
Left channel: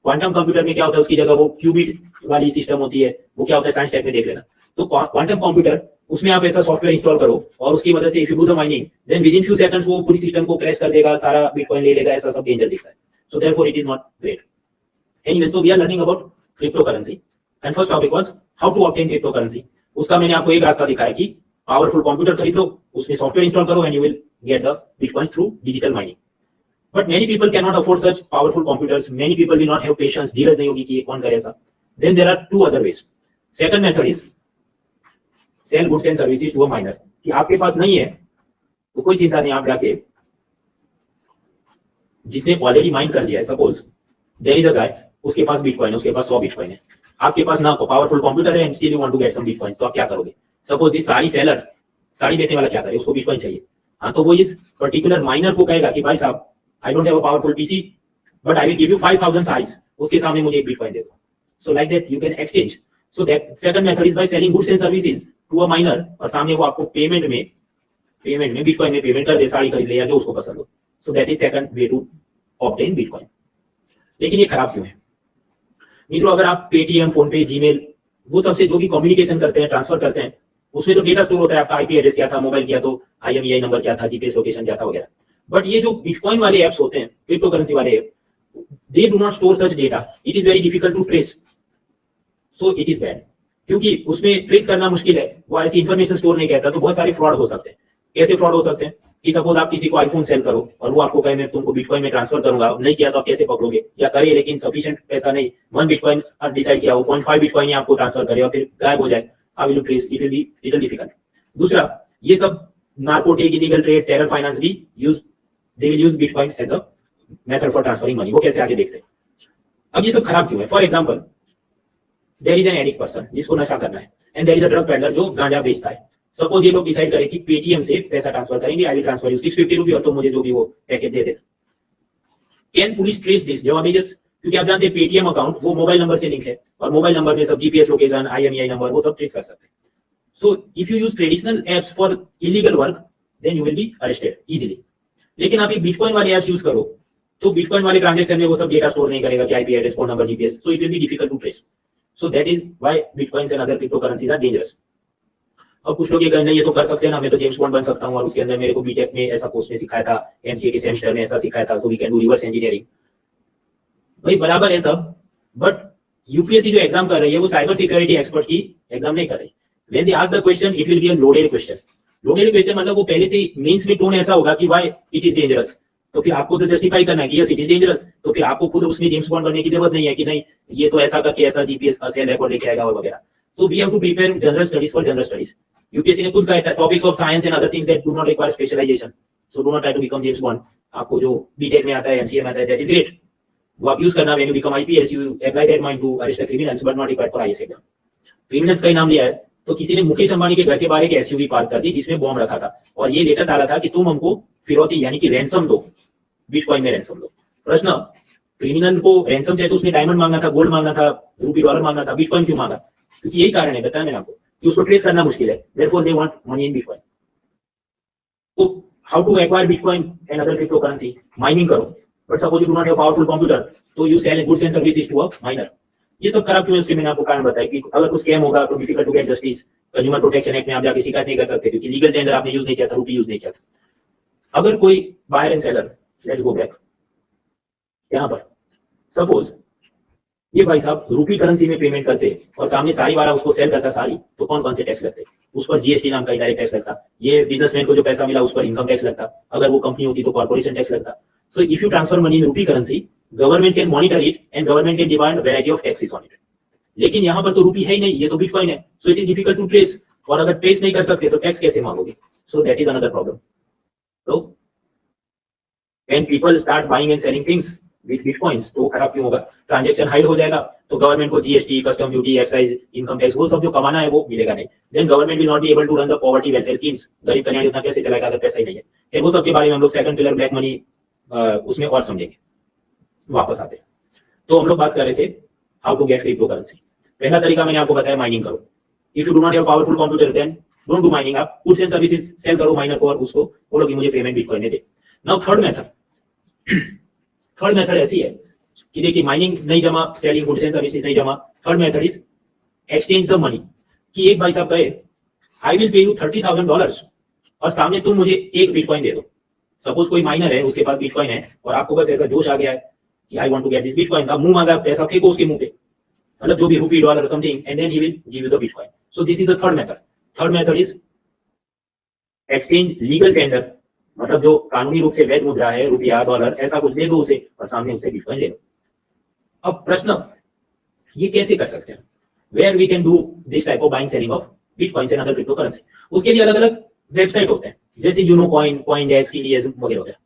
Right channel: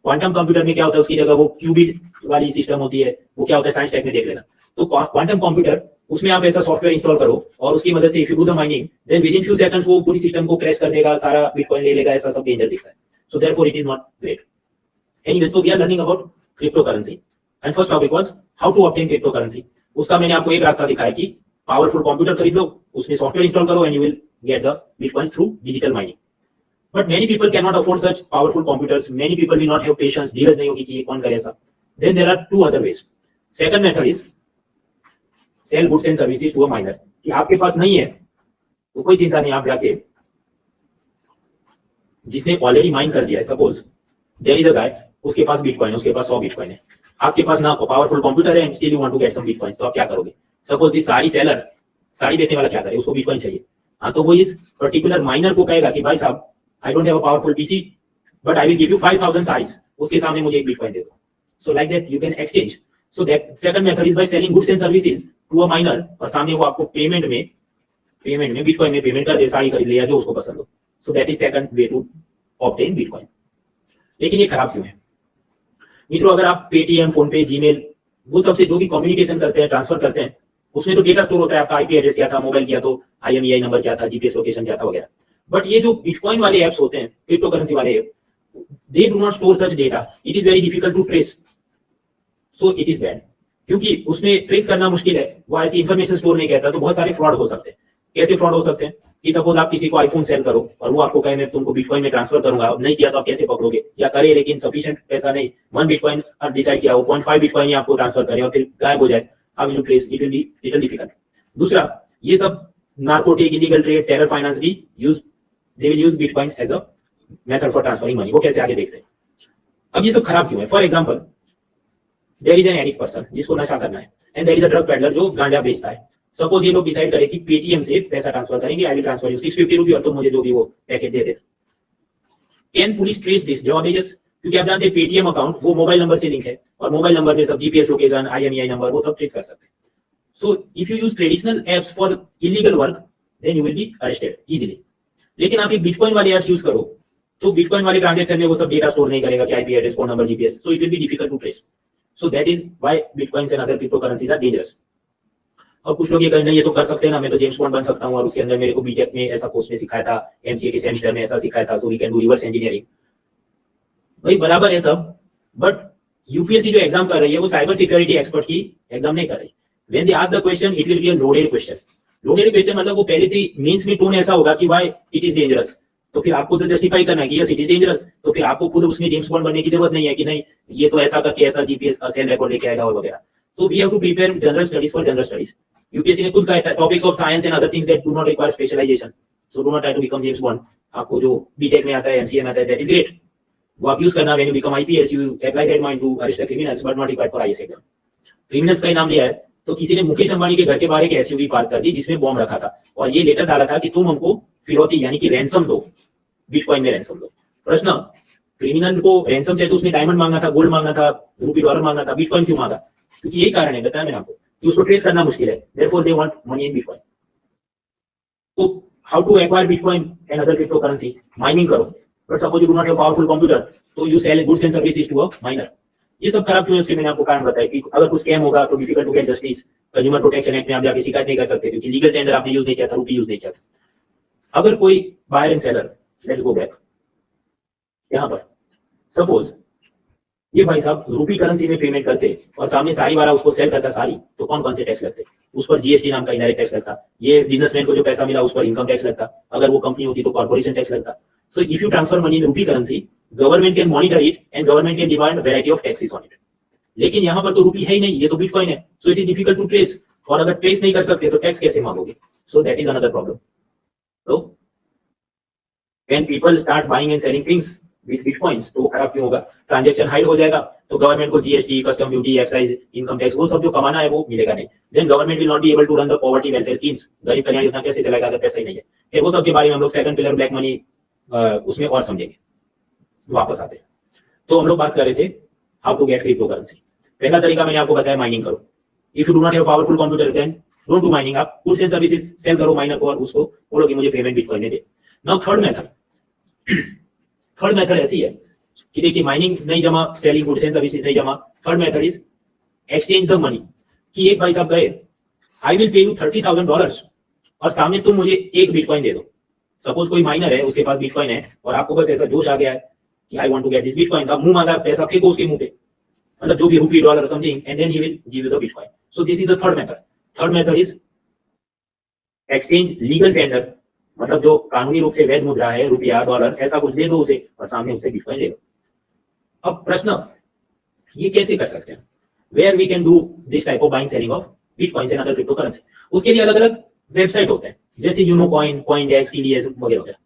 क्वांटम कंप्यूटर में क्या होता है? उसकी जगह वो क्यूबिट वाली सिस्टम होती है. वो क्या होता है? साइंस टेक में देख लेना. तो क्वांटम कंप्यूटर उसमें आप ऐसा सॉफ्टवेयर इंस्टॉल करो और उसकी मदद से if you do the mining then with in few seconds वो पूरी सिस्टम को क्रैश कर देगा, सारा बिटकॉइन ले लेगा, ऐसा सब डेंजर दिखता है. So therefore it is not great. Anyway, so we are learning about crypto currency and first topic was how to obtain crypto currency. उसका मैंने आपको एक रास्ता दिखाया कि पावरफुल कंप्यूटर खरीद लो, उसमें सॉफ्टवेयर इंस्टॉल करो and you will get the bitcoins through digital mining. But many people can not afford such powerful computers. Many people will not have patience, धीरज नहीं होगी कि ये कौन करे ऐसा. Then there are two other ways. Second method is sell goods and services to a miner. कि आपके पास नहीं है तो कोई चिंता नहीं, आप जाके जिसने ऑलरेडी माइन कर दिया है, सपोज देयर इज अ गाय, उसके पास बिटकॉइन है, उसके पास 100 बिटकॉइन है, आपके पास ना पावरफुल कंप्यूटर है and still you want to get some bitcoins, तो आप क्या करोगे? Suppose this sari seller, sari बेचने वाला क्या करे, उसको बिटकॉइन चाहिए. हाँ, तो वो इस पर्टिकुलर माइनर को कहेगा कि भाई साहब I don't have a powerful PC but I will give you 5000 saris, उसके सामने मुझे एक बिटकॉइन दे दो. So like that you can exchange. So that second method is by selling goods and services to a miner, और सामने वो आपको पेमेंट में बिटकॉइन में पेमेंट कर दे, साड़ी खरीद ले या जो उसको पसंद हो. So that is second way to obtain bitcoin. लेकिन ये खराब क्यों है मित्रों? अगर आप पेटीएम, फोन पे, जीमेल, वो सबसे जो भी कम्युनिकेशन करते हैं, ट्रांसफर करते हैं, उसमें तो डेटा स्टोर होता है, आपका आईपी एड्रेस क्या था, मोबाइल क्या, तो आईएमईआई नंबर क्या था, जीपीएस लोकेशन क्या था वगैरह. बट ये जो बिटकॉइन वाले एप्स होते हैं, क्रिप्टो करेंसी वाले app, they do not store such data. It is very difficult to trace. So it is bad, क्योंकि उसमें ट्रेस करना मुश्किल है, वो ऐसी इंफॉर्मेशन स्टोर नहीं कहता, तो बहुत सारे फ्रॉड हो सकते हैं. कैसे फ्रॉड हो सकते हैं कि सपोज आप किसी को आईफोन सेल करो और वो आपको कहे मैं तुमको बिटकॉइन में ट्रांसफर करूंगा, अब नहीं किया तो आप कैसे पकड़ोगे? या करे लेकिन सफिशिएंट पैसा नहीं, 1 बिटकॉइन डिसाइड किया, वो 0.5 बिटकॉइन आपको ट्रांसफर करे और फिर गायब हो जाए, how will you trace? It will be little difficult. दूसरा, ये सब narcotic, illegal trade, terror finance भी they will use bitcoin as a method for transferring money. वो कैसे आगे देखते हैं. अब ये सब खराब क्यों है? For example, there is an addict person जिसको नशा करना है and there is a drug peddler जो गांजा बेचता है. सपोज ये लोग डिसाइड करें कि पेटीएम से पैसा ट्रांसफर करेंगे, आई विल ट्रांसफर यू 650 रुपये और तो मुझे जो भी वो packet they they. Can police trace this? जवाब है यस, क्योंकि आप जानते हैं पेटीएम अकाउंट वो मोबाइल नंबर से लिंक है और मोबाइल नंबर पे सब जीपीएस लोकेशन, आईएमईआई नंबर, वो सब ट्रेस कर सकते हैं. So if you use traditional apps for illegal work then you will be arrested easily. लेकिन आप ये बिटकॉइन वाले एप्स यूज करो तो बिटकॉइन वाले ट्रांजैक्शन में वो सब डेटा स्टोर नहीं करेगा कि IP address, phone number, GPS. So it will be difficult to trace. So that is why bitcoins and other crypto currencies are dangerous. और कुछ लोग ये कहें नहीं ये तो कर सकते हैं ना, मैं तो जेम्स बॉन्ड बन सकता हूँ और उसके अंदर मेरे को बीटेक में ऐसा कोर्स में सिखाया था, एमसीए के सेमेस्टर में ऐसा सिखाया था, so we can do reverse engineering. भाई बराबर है सब, बट यूपीएससी जो एग्जाम कर रही है वो साइबर सिक्योरिटी एक्सपर्ट की एग्जाम नहीं कर रही. When they ask the question it will be a loaded question. Loaded question मतलब वो पहले से मीन्स में टोन ऐसा होगा कि व्हाई इट इज डेंजरस. तो फिर आपको तो जस्टिफाई करना है कि यस इट इज डेंजरस. तो फिर आपको खुद उसमें जेम्स बॉन्ड बनने की जरूरत नहीं है कि नहीं ये तो ऐसा करके ऐसा जीपीएस का सेल रिकॉर्ड लेके आएगा और वगैरह. So we have to prepare general studies for general studies. UPSC ने खुद कहा है topics of science and other things that do not require specialization. So do not try to become James Bond. आपको जो बीटेक में आता है, MCA में आता है, that is great. वो आप यूज करना. when you become IPS you apply that mind to arrest the criminals but not required for IS exam. criminals का ही नाम लिया है तो किसी ने मुकेश अंबानी के घर के बाहर एक एसयूवी पार्क कर दी जिसमें बॉम्ब रखा था और ये लेटर डाला था कि तुम हमको फिरौती यानी कि रैंसम दो, बिटकॉइन में रैंसम दो. प्रश्न, क्रिमिनल को रैंसम चाहिए तो उसने डायमंड मांगना था, गोल्ड मांगना था, रूपी डॉलर मांगना था, बिटकॉइन क्यों मांगा? क्योंकि यही कारण है, बताया मैंने आपको, कि उसको ट्रेस करना मुश्किल है. therefore they want money in bitcoin. तो how to acquire bitcoin and other cryptocurrency? Mining करो. but suppose you do not have powerful computer तो you sell goods and services to a miner. ये सब खराब क्यों है उसके मैंने आपको कारण बताया कि अगर कुछ स्कैम होगा तो difficult to get justice. Consumer protection act में आप जाके शिकायत नहीं कर सकते क्योंकि लीगल टेंडर आपने यूज नहीं किया था, रूपी यूज नहीं किया था. अगर कोई buyer and seller, let's go back यहां पर, सपोज ये भाई साहब रूपी करेंसी में पेमेंट करते और सामने साड़ी वाला उसको सेल करता साड़ी, तो कौन कौन से टैक्स लगते? उस पर जीएसटी नाम का इनडायरेक्ट टैक्स लगता. ये बिजनेसमैन को जो पैसा मिला उस पर इनकम टैक्स लगता. अगर वो कंपनी होती तो कॉर्पोरेशन टैक्स लगता. So if you transfer money in rupee currency government can monitor it and government can demand variety of taxes on it. लेकिन यहाँ पर तो रूपी है ही नहीं, ये तो बिटकॉइन है. So it is difficult to trace. और अगर ट्रेस नहीं कर सकते तो टैक्स कैसे मांगोगे? So that is another problem. तो when people start buying and selling things with bitcoins तो खराब क्यों होगा? ट्रांजैक्शन हाइड हो जाएगा तो गवर्नमेंट को GST, custom duty, excise, income tax वो सब जो कमाना है वो मिलेगा नहीं. Then government will not be able to run the poverty welfare schemes. गरीब कल्याण योजना कैसे चलाएगा अगर पैसा ही नहीं है? फिर वो सब के बारे में हम लोग सेकंड पिलर ब्लैक मनी उसमें और समझेंगे. वापस आते हैं तो हम लोग बात कर रहे थे how to get crypto currency. पहला तरीका मैंने आपको बताया माइनिंग करो. If you do not have powerful computer then don't do mining. आप गुड्स एंड सर्विसेज सेल करो माइनर को और उसको बोलो कि मुझे पेमेंट बिटकॉइन दे दे. नाउ थर्ड मेथड ऐसी है कि देखिए माइनिंग नहीं जमा, सेलिंग गुड्स एंड सर्विसेज नहीं जमा. Third method is exchange the money. कि एक भाई साहब गए आई विल पे यू $30,000 और सामने तुम मुझे एक बिटकॉइन दे दो। सपोज कोई माइनर है, उसके पास बिटकॉइन है और आपको बस ऐसा जोश आ गया है कि I want to get this bitcoin, का मुंह मांगा, पैसा फेंको उसके मुंह पे, मतलब जो भी rupee dollar something, and then he will give you the bitcoin. So this is the third method. Third method is exchange legal tender, मतलब जो कानूनी रूप से वैध मुद्रा है, रुपया डॉलर ऐसा कुछ दे दो उसे और सामने उससे बिटकॉइन ले लो। अब प्रश्न ये कैसे कर सकते हैं, where we can do this type of buying selling of bitcoins and other crypto currency. उसके लिए अलग अलग वेबसाइट होते हैं, जैसे यूनो कॉइन, कॉइनडेक्स, सीडीएस वगैरह वगैरह।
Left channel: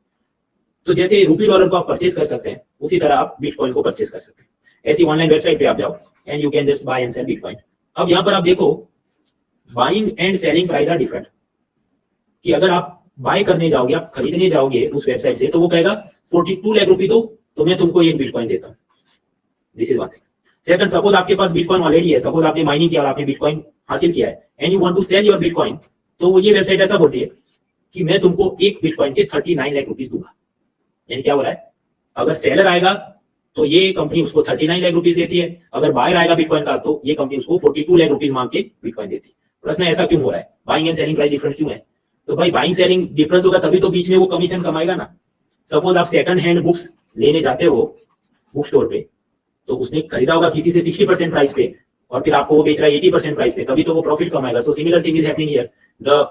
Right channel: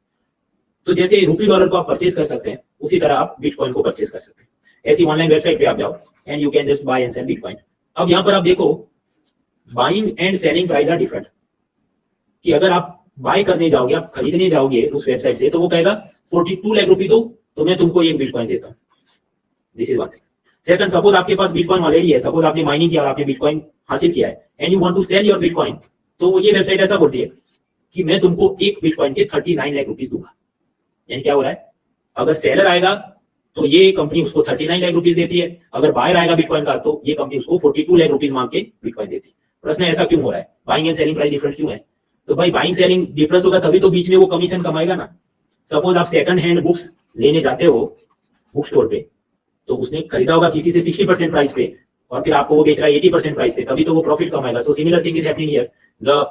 तो जैसे रूपी डॉलर को आप परचेज कर सकते हैं, उसी तरह आप बिटकॉइन को परचेज कर सकते हैं। ऐसी ऑनलाइन वेबसाइट पे आप जाओ and you can just buy and sell bitcoin. अब यहाँ पर आप देखो buying and selling price are different, कि अगर आप बाय करने जाओगे, आप खरीदने जाओगे उस वेबसाइट से, तो वो कहेगा 42 लाख रुपए दो तो मैं तुमको एक बिटकॉइन देता हूँ। This is one thing. Second, suppose आपके पास बिटकॉइन ऑलरेडी है, सपोज आपने माइनिंग किया और आपने बिटकॉइन हासिल किया है and you want to sell your bitcoin, तो ये वेबसाइट ऐसा बोलती है कि मैं तुमको एक बिटकॉइन के 39 लाख रुपीस दूंगा। यानी क्या हो रहा है, अगर सेलर आएगा तो ये कंपनी उसको 39 लाख रुपीस देती है, अगर बायर आएगा बिटकॉइन का तो ये कंपनी उसको 42 लाख रुपीस मांग के बिटकॉइन देती है। प्रश्न ऐसा क्यों हो रहा है, buying and selling price different क्यों है? तो भाई बाइंग सेलिंग डिफरेंस होगा तभी तो बीच में वो कमीशन कमाएगा ना। सपोज आप सेकंड हैंड बुक्स लेने जाते हो बुक स्टोर पे, तो उसने खरीदा होगा किसी से 60% प्राइस पे और फिर आपको वो बेच रहा है 80% प्राइस पे, तभी तो वो प्रॉफिट कमाएगा। So similar thing is happening here. The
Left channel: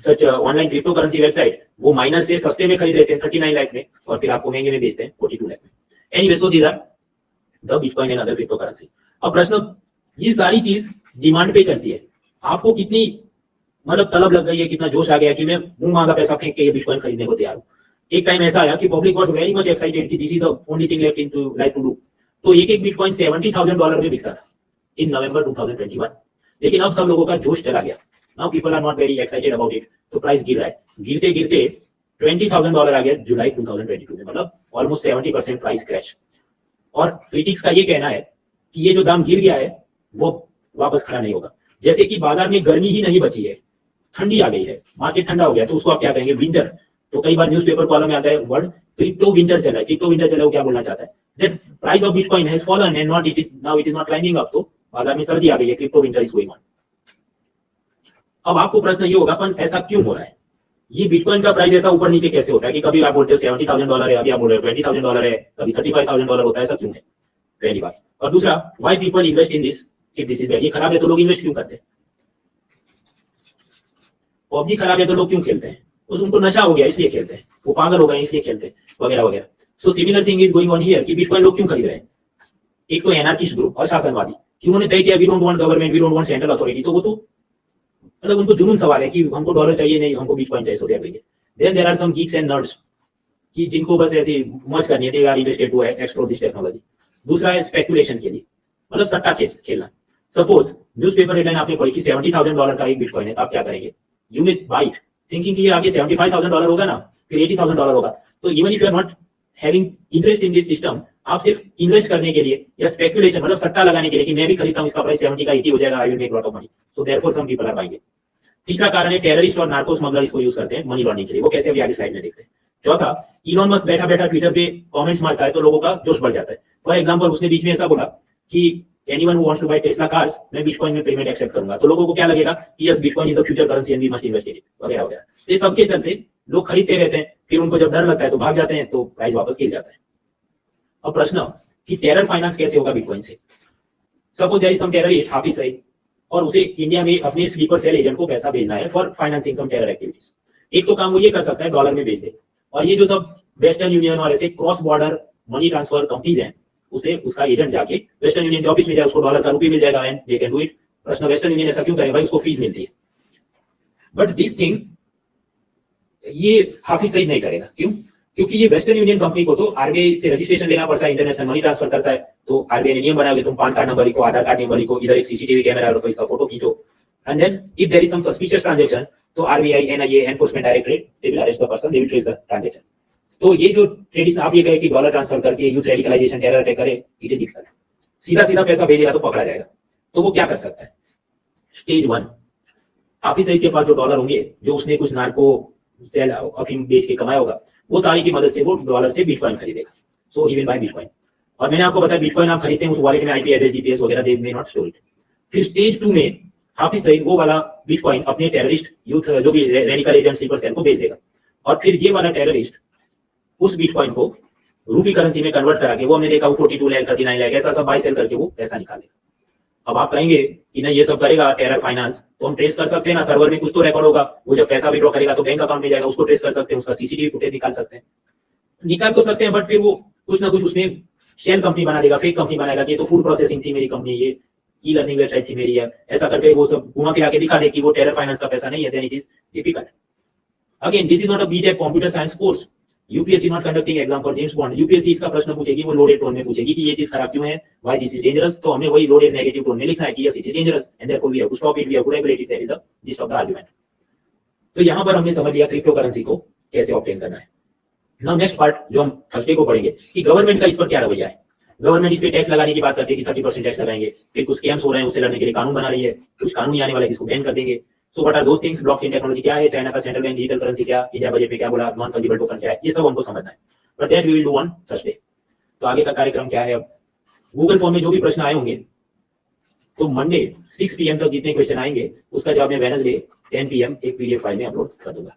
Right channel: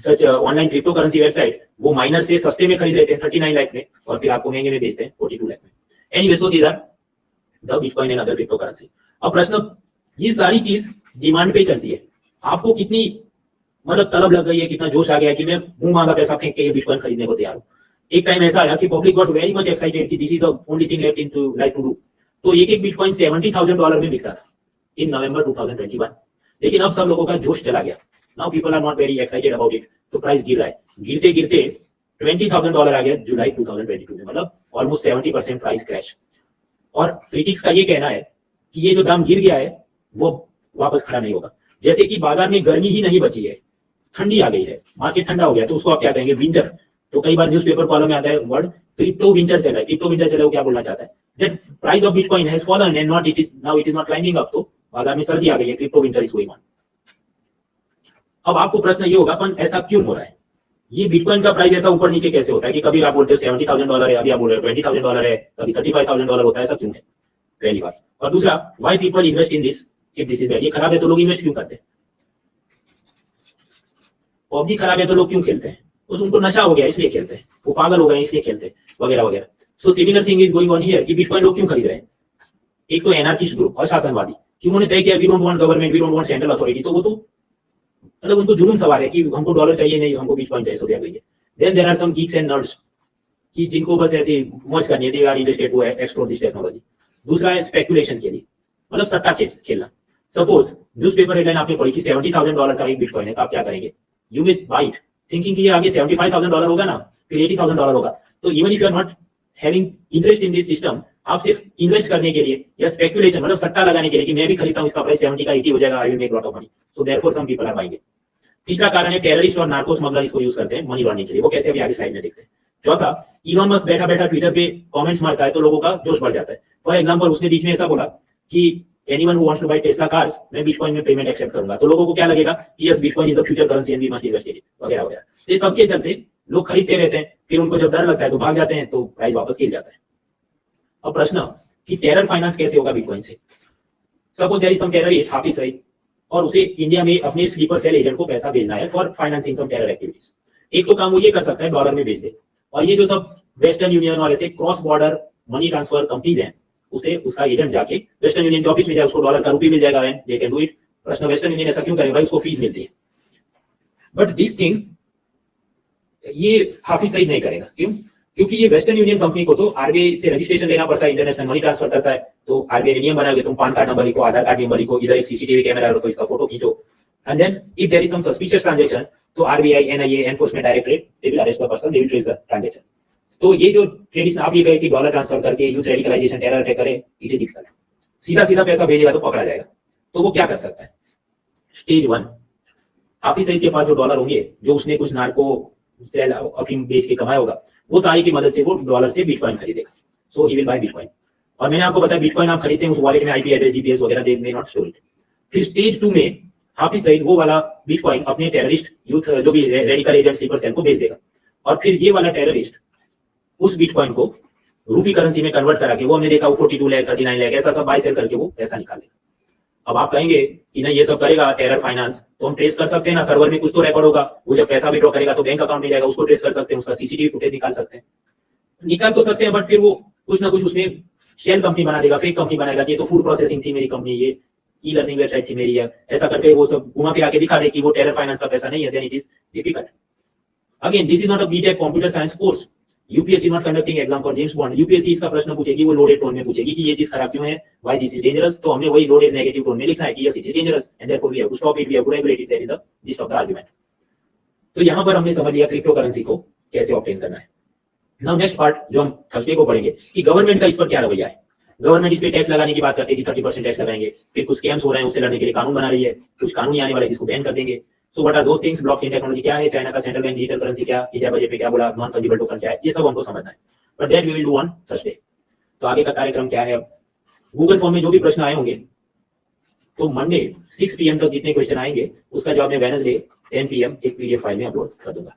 such online crypto currency website वो माइनर से सस्ते में खरीद लेते हैं 39 लाख में और फिर आपको महंगे में बेचते हैं 42 लाख में। Anyway, so these are the bitcoin and other crypto currency. अब प्रश्न, ये सारी चीज डिमांड पे चलती है। आपको कितनी मतलब तलब लग गई है, कितना जोश आ गया कि मैं मुंह मांगा पैसा फेंक के ये बिटकॉइन खरीदने को तैयार हूं। एक टाइम ऐसा आया कि public got very much excited कि this is the only thing left in to like to do. तो एक बिटकॉइन $70,000 में बिकता था इन नवंबर 2021। लेकिन अब सब लोगों का जोश चला गया। Now people are not very excited about it, तो प्राइस गिर रहा है। गिरते गिरते $20,000 आ गया जुलाई 2022 में, मतलब ऑलमोस्ट 70% प्राइस क्रैश। और क्रिटिक्स का ये कहना है कि ये जो दाम गिर गया है वो वापस खड़ा नहीं होगा। जैसे कि बाजार में गर्मी ही नहीं बची है, ठंडी आ गई है, मार्केट ठंडा हो गया, तो उसको आप क्या कहेंगे, विंटर। तो कई बार न्यूज़पेपर कॉलम में आता है वर्ड क्रिप्टो विंटर चला है। क्रिप्टो विंटर चला है, वो क्या बोलना चाहता है, that price of bitcoin has fallen and not it is now it is not climbing up. तो बाजार में सर्दी आ गई है, crypto winter is going on. अब आपको प्रश्न ये होगा अपन ऐसा क्यों हो रहा है, ये बिटकॉइन का प्राइस ऐसा ऊपर नीचे कैसे होता है कि कभी आप बोलते हो $70,000 है, अभी आप बोल रहे हो $20,000 है, कभी $35,000 होता है, ऐसा क्यों है, पहली बात। और दूसरा, why people invest in this if this is bad. ये खराब है तो लोग इन्वेस्ट क्यों करते हैं? पबजी खराब है तो लोग क्यों खेलते हैं? उनको नशा हो गया इसलिए खेलते हैं, वो पागल हो गए इसलिए खेलते हैं, वगैरह वगैरह। So similar thing is going on here कि बिटकॉइन लोग क्यों खरीद रहे हैं। एक तो एनार्किस्ट ग्रुप और शासनवादी कि उन्होंने तय किया we don't want government, we don't want central authority, तो वो तो मतलब उनको जुनून सवार है कि हमको डॉलर चाहिए नहीं, हमको बिटकॉइन चाहिए, so they are doing it. Then there are some geeks and nerds कि जिनको बस ऐसी मौज करनी है, they are interested to explore this technology. दूसरा है स्पेकुलेशन के लिए, मतलब सट्टा खेलना। सपोज न्यूज़पेपर हेडलाइन आपने पढ़ी कि $70,000 का एक बिटकॉइन है, तो आप क्या करेंगे, you will buy it thinking कि ये आगे $75,000 होगा ना, फिर $80,000 होगा। तो even if you are not having interest in this system, आप सिर्फ इन्वेस्ट करने के लिए या स्पेकुलेशन मतलब सट्टा लगाने के लिए कि मैं भी खरीदता हूं, इसका प्राइस 70 का 80 हो जाएगा, I will make lot of money, so therefore some people are buying it. तीसरा कारण है टेररिस्ट और नार्को स्मगलर इसको यूज करते हैं मनी लॉन्ड्रिंग के लिए, वो कैसे अभी आगे स्लाइड में देखते हैं। चौथा, इलॉन मस्क बैठा बैठा ट्विटर पे कमेंट्स मारता है तो लोगों का जोश बढ़ जाता है। फॉर एग्जांपल, उसने बीच में ऐसा बोला कि anyone who wants to buy Tesla cars, मैं बिटकॉइन में पेमेंट एक्सेप्ट करूंगा, तो लोगों को क्या लगेगा कि yes bitcoin is the future currency and we must invest in it, वगैरह वगैरह। ये सबके चलते लोग खरीदते रहते हैं, फिर उनको जब डर लगता है तो भाग जाते हैं, तो प्राइस वापस गिर जाता है। अब प्रश्न कि टेरर फाइनेंस कैसे होगा बिटकॉइन से। Suppose there is some terrorist Hafiz Saeed और उसे इंडिया में अपने स्लीपर सेल एजेंट को पैसा भेजना है for financing some terror activities. एक तो काम वो ये कर सकता है डॉलर में भेज दे, और ये जो सब वेस्टर्न यूनियन और ऐसे cross border money transfer companies हैं, उसे उसका एजेंट जाके वेस्टर्न यूनियन के ऑफिस में जाए, उसको डॉलर का रुपये मिल जाएगा and they can do it. प्रश्न, वेस्टर्न यूनियन ऐसा क्यों करेगा, उसको फीस मिलती है। बट दिस थिंग ये हाफिज सईद नहीं करेगा, क्यों? क्योंकि ये वेस्टर्न यूनियन कंपनी को तो आरबीआई से रजिस्ट्रेशन लेना पड़ता है, इंटरनेशनल मनी ट्रांसफर करता है, तो आरबीआई ने नियम बनाया कि तुम पैन कार्ड नंबर लिखो, आधार कार्ड नंबर लिखो, इधर एक सीसीटीवी कैमरा रखो, इसका फोटो खींचो, and then if there is some suspicious transaction, तो RBI, NIA, enforcement directorate, they will arrest the person, they will trace the transaction. तो ये जो ट्रेडिशन आप ये कहे कि डॉलर ट्रांसफर करके यूथ रेडिकलाइजेशन, टेरर अटैक करे, इट इज डिफिकल्ट। सीधा सीधा पैसा भेजेगा तो पकड़ा जाएगा, तो वो क्या कर सकता है। स्टेज 1, हाफिज सईद के पास जो डॉलर होंगे, जो उसने कुछ नार्को सेल अफीम बेच के कमाया होगा, वो सारी की मदद से वो डॉलर से बिटकॉइन खरीदेगा, सो ही विल बाय बिटकॉइन। और मैंने आपको बताया बिटकॉइन आप खरीदते हैं, उस वॉलेट में आईपी एड्रेस, जीपीएस वगैरह दे मे नॉट स्टोर इट। फिर स्टेज 2 में हाफिज सईद वो वाला बिटकॉइन अपने टेररिस्ट यूथ जो भी रेडिकल एजेंट स्लीपर सेल को बेच देगा, और फिर ये वाला टेररिस्ट उस बिटकॉइन को रूपी करेंसी में कन्वर्ट करा के, वो हमने देखा 42 लाख 39 लाख ऐसा सब बाय सेल करके वो पैसा निकालेगा। अब आप कहेंगे कि नहीं ये सब करेगा टेरर फाइनेंस, तो हम ट्रेस कर सकते हैं ना, सर्वर में कुछ तो रिकॉर्ड होगा, वो जब पैसा विड्रॉ करेगा तो बैंक अकाउंट में जाएगा, उसको ट्रेस कर सकते हैं, उसका सीसीटीवी फुटेज निकाल सकते हैं, निकाल तो सकते हैं, बट फिर वो कुछ ना कुछ उसमें शेल कंपनी बना देगा, फेक कंपनी बनाएगा कि ये तो फूड प्रोसेसिंग थी मेरी कंपनी, ये ई लर्निंग वेबसाइट थी मेरी है, ऐसा करके वो सब घुमा फिरा के दिखा दे कि वो टेरर फाइनेंस का पैसा नहीं है, then it is typical. Again this is not a BTech computer science course, UPSC not conducting exam for James Bond. UPSC इसका प्रश्न पूछेगी, वो लोडेड टोन में पूछेगी कि ये चीज खराब क्यों है, व्हाई दिस इज डेंजरस, तो हमें वही लोडेड नेगेटिव टोन में लिखना है कि yes it is dangerous and therefore we have to stop it, we have to regulate it, that is the gist of the argument. तो यहां पर हमने समझ लिया क्रिप्टो करेंसी को कैसे ऑब्टेन करना है। नाउ नेक्स्ट पार्ट जो हम थर्सडे को पढ़ेंगे कि गवर्नमेंट का इस पर क्या रवैया है। गवर्नमेंट इस पे टैक्स लगाने की बात करती है कि 30% टैक्स लगाएंगे, फिर कुछ स्कैम्स हो रहे हैं उससे लड़ने के लिए कानून बना रही है, कुछ कानून आने वाले जिसको बैन कर देंगे। So what are those things, blockchain technology क्या है, चाइना का सेंट्रल बैंक डिजिटल करेंसी क्या, इंडिया बजट में क्या बोला, नॉन फंजिबल टोकन क्या है, ये सब हमको समझना है, but that we will do on Thursday. तो आगे का कार्यक्रम क्या है, अब गूगल फॉर्म में जो भी प्रश्न आए होंगे तो मंडे 6 PM तक जितने क्वेश्चन आएंगे उसका जवाब मैं वेडनेसडे 10 PM एक पीडीएफ फाइल में अपलोड कर दूंगा।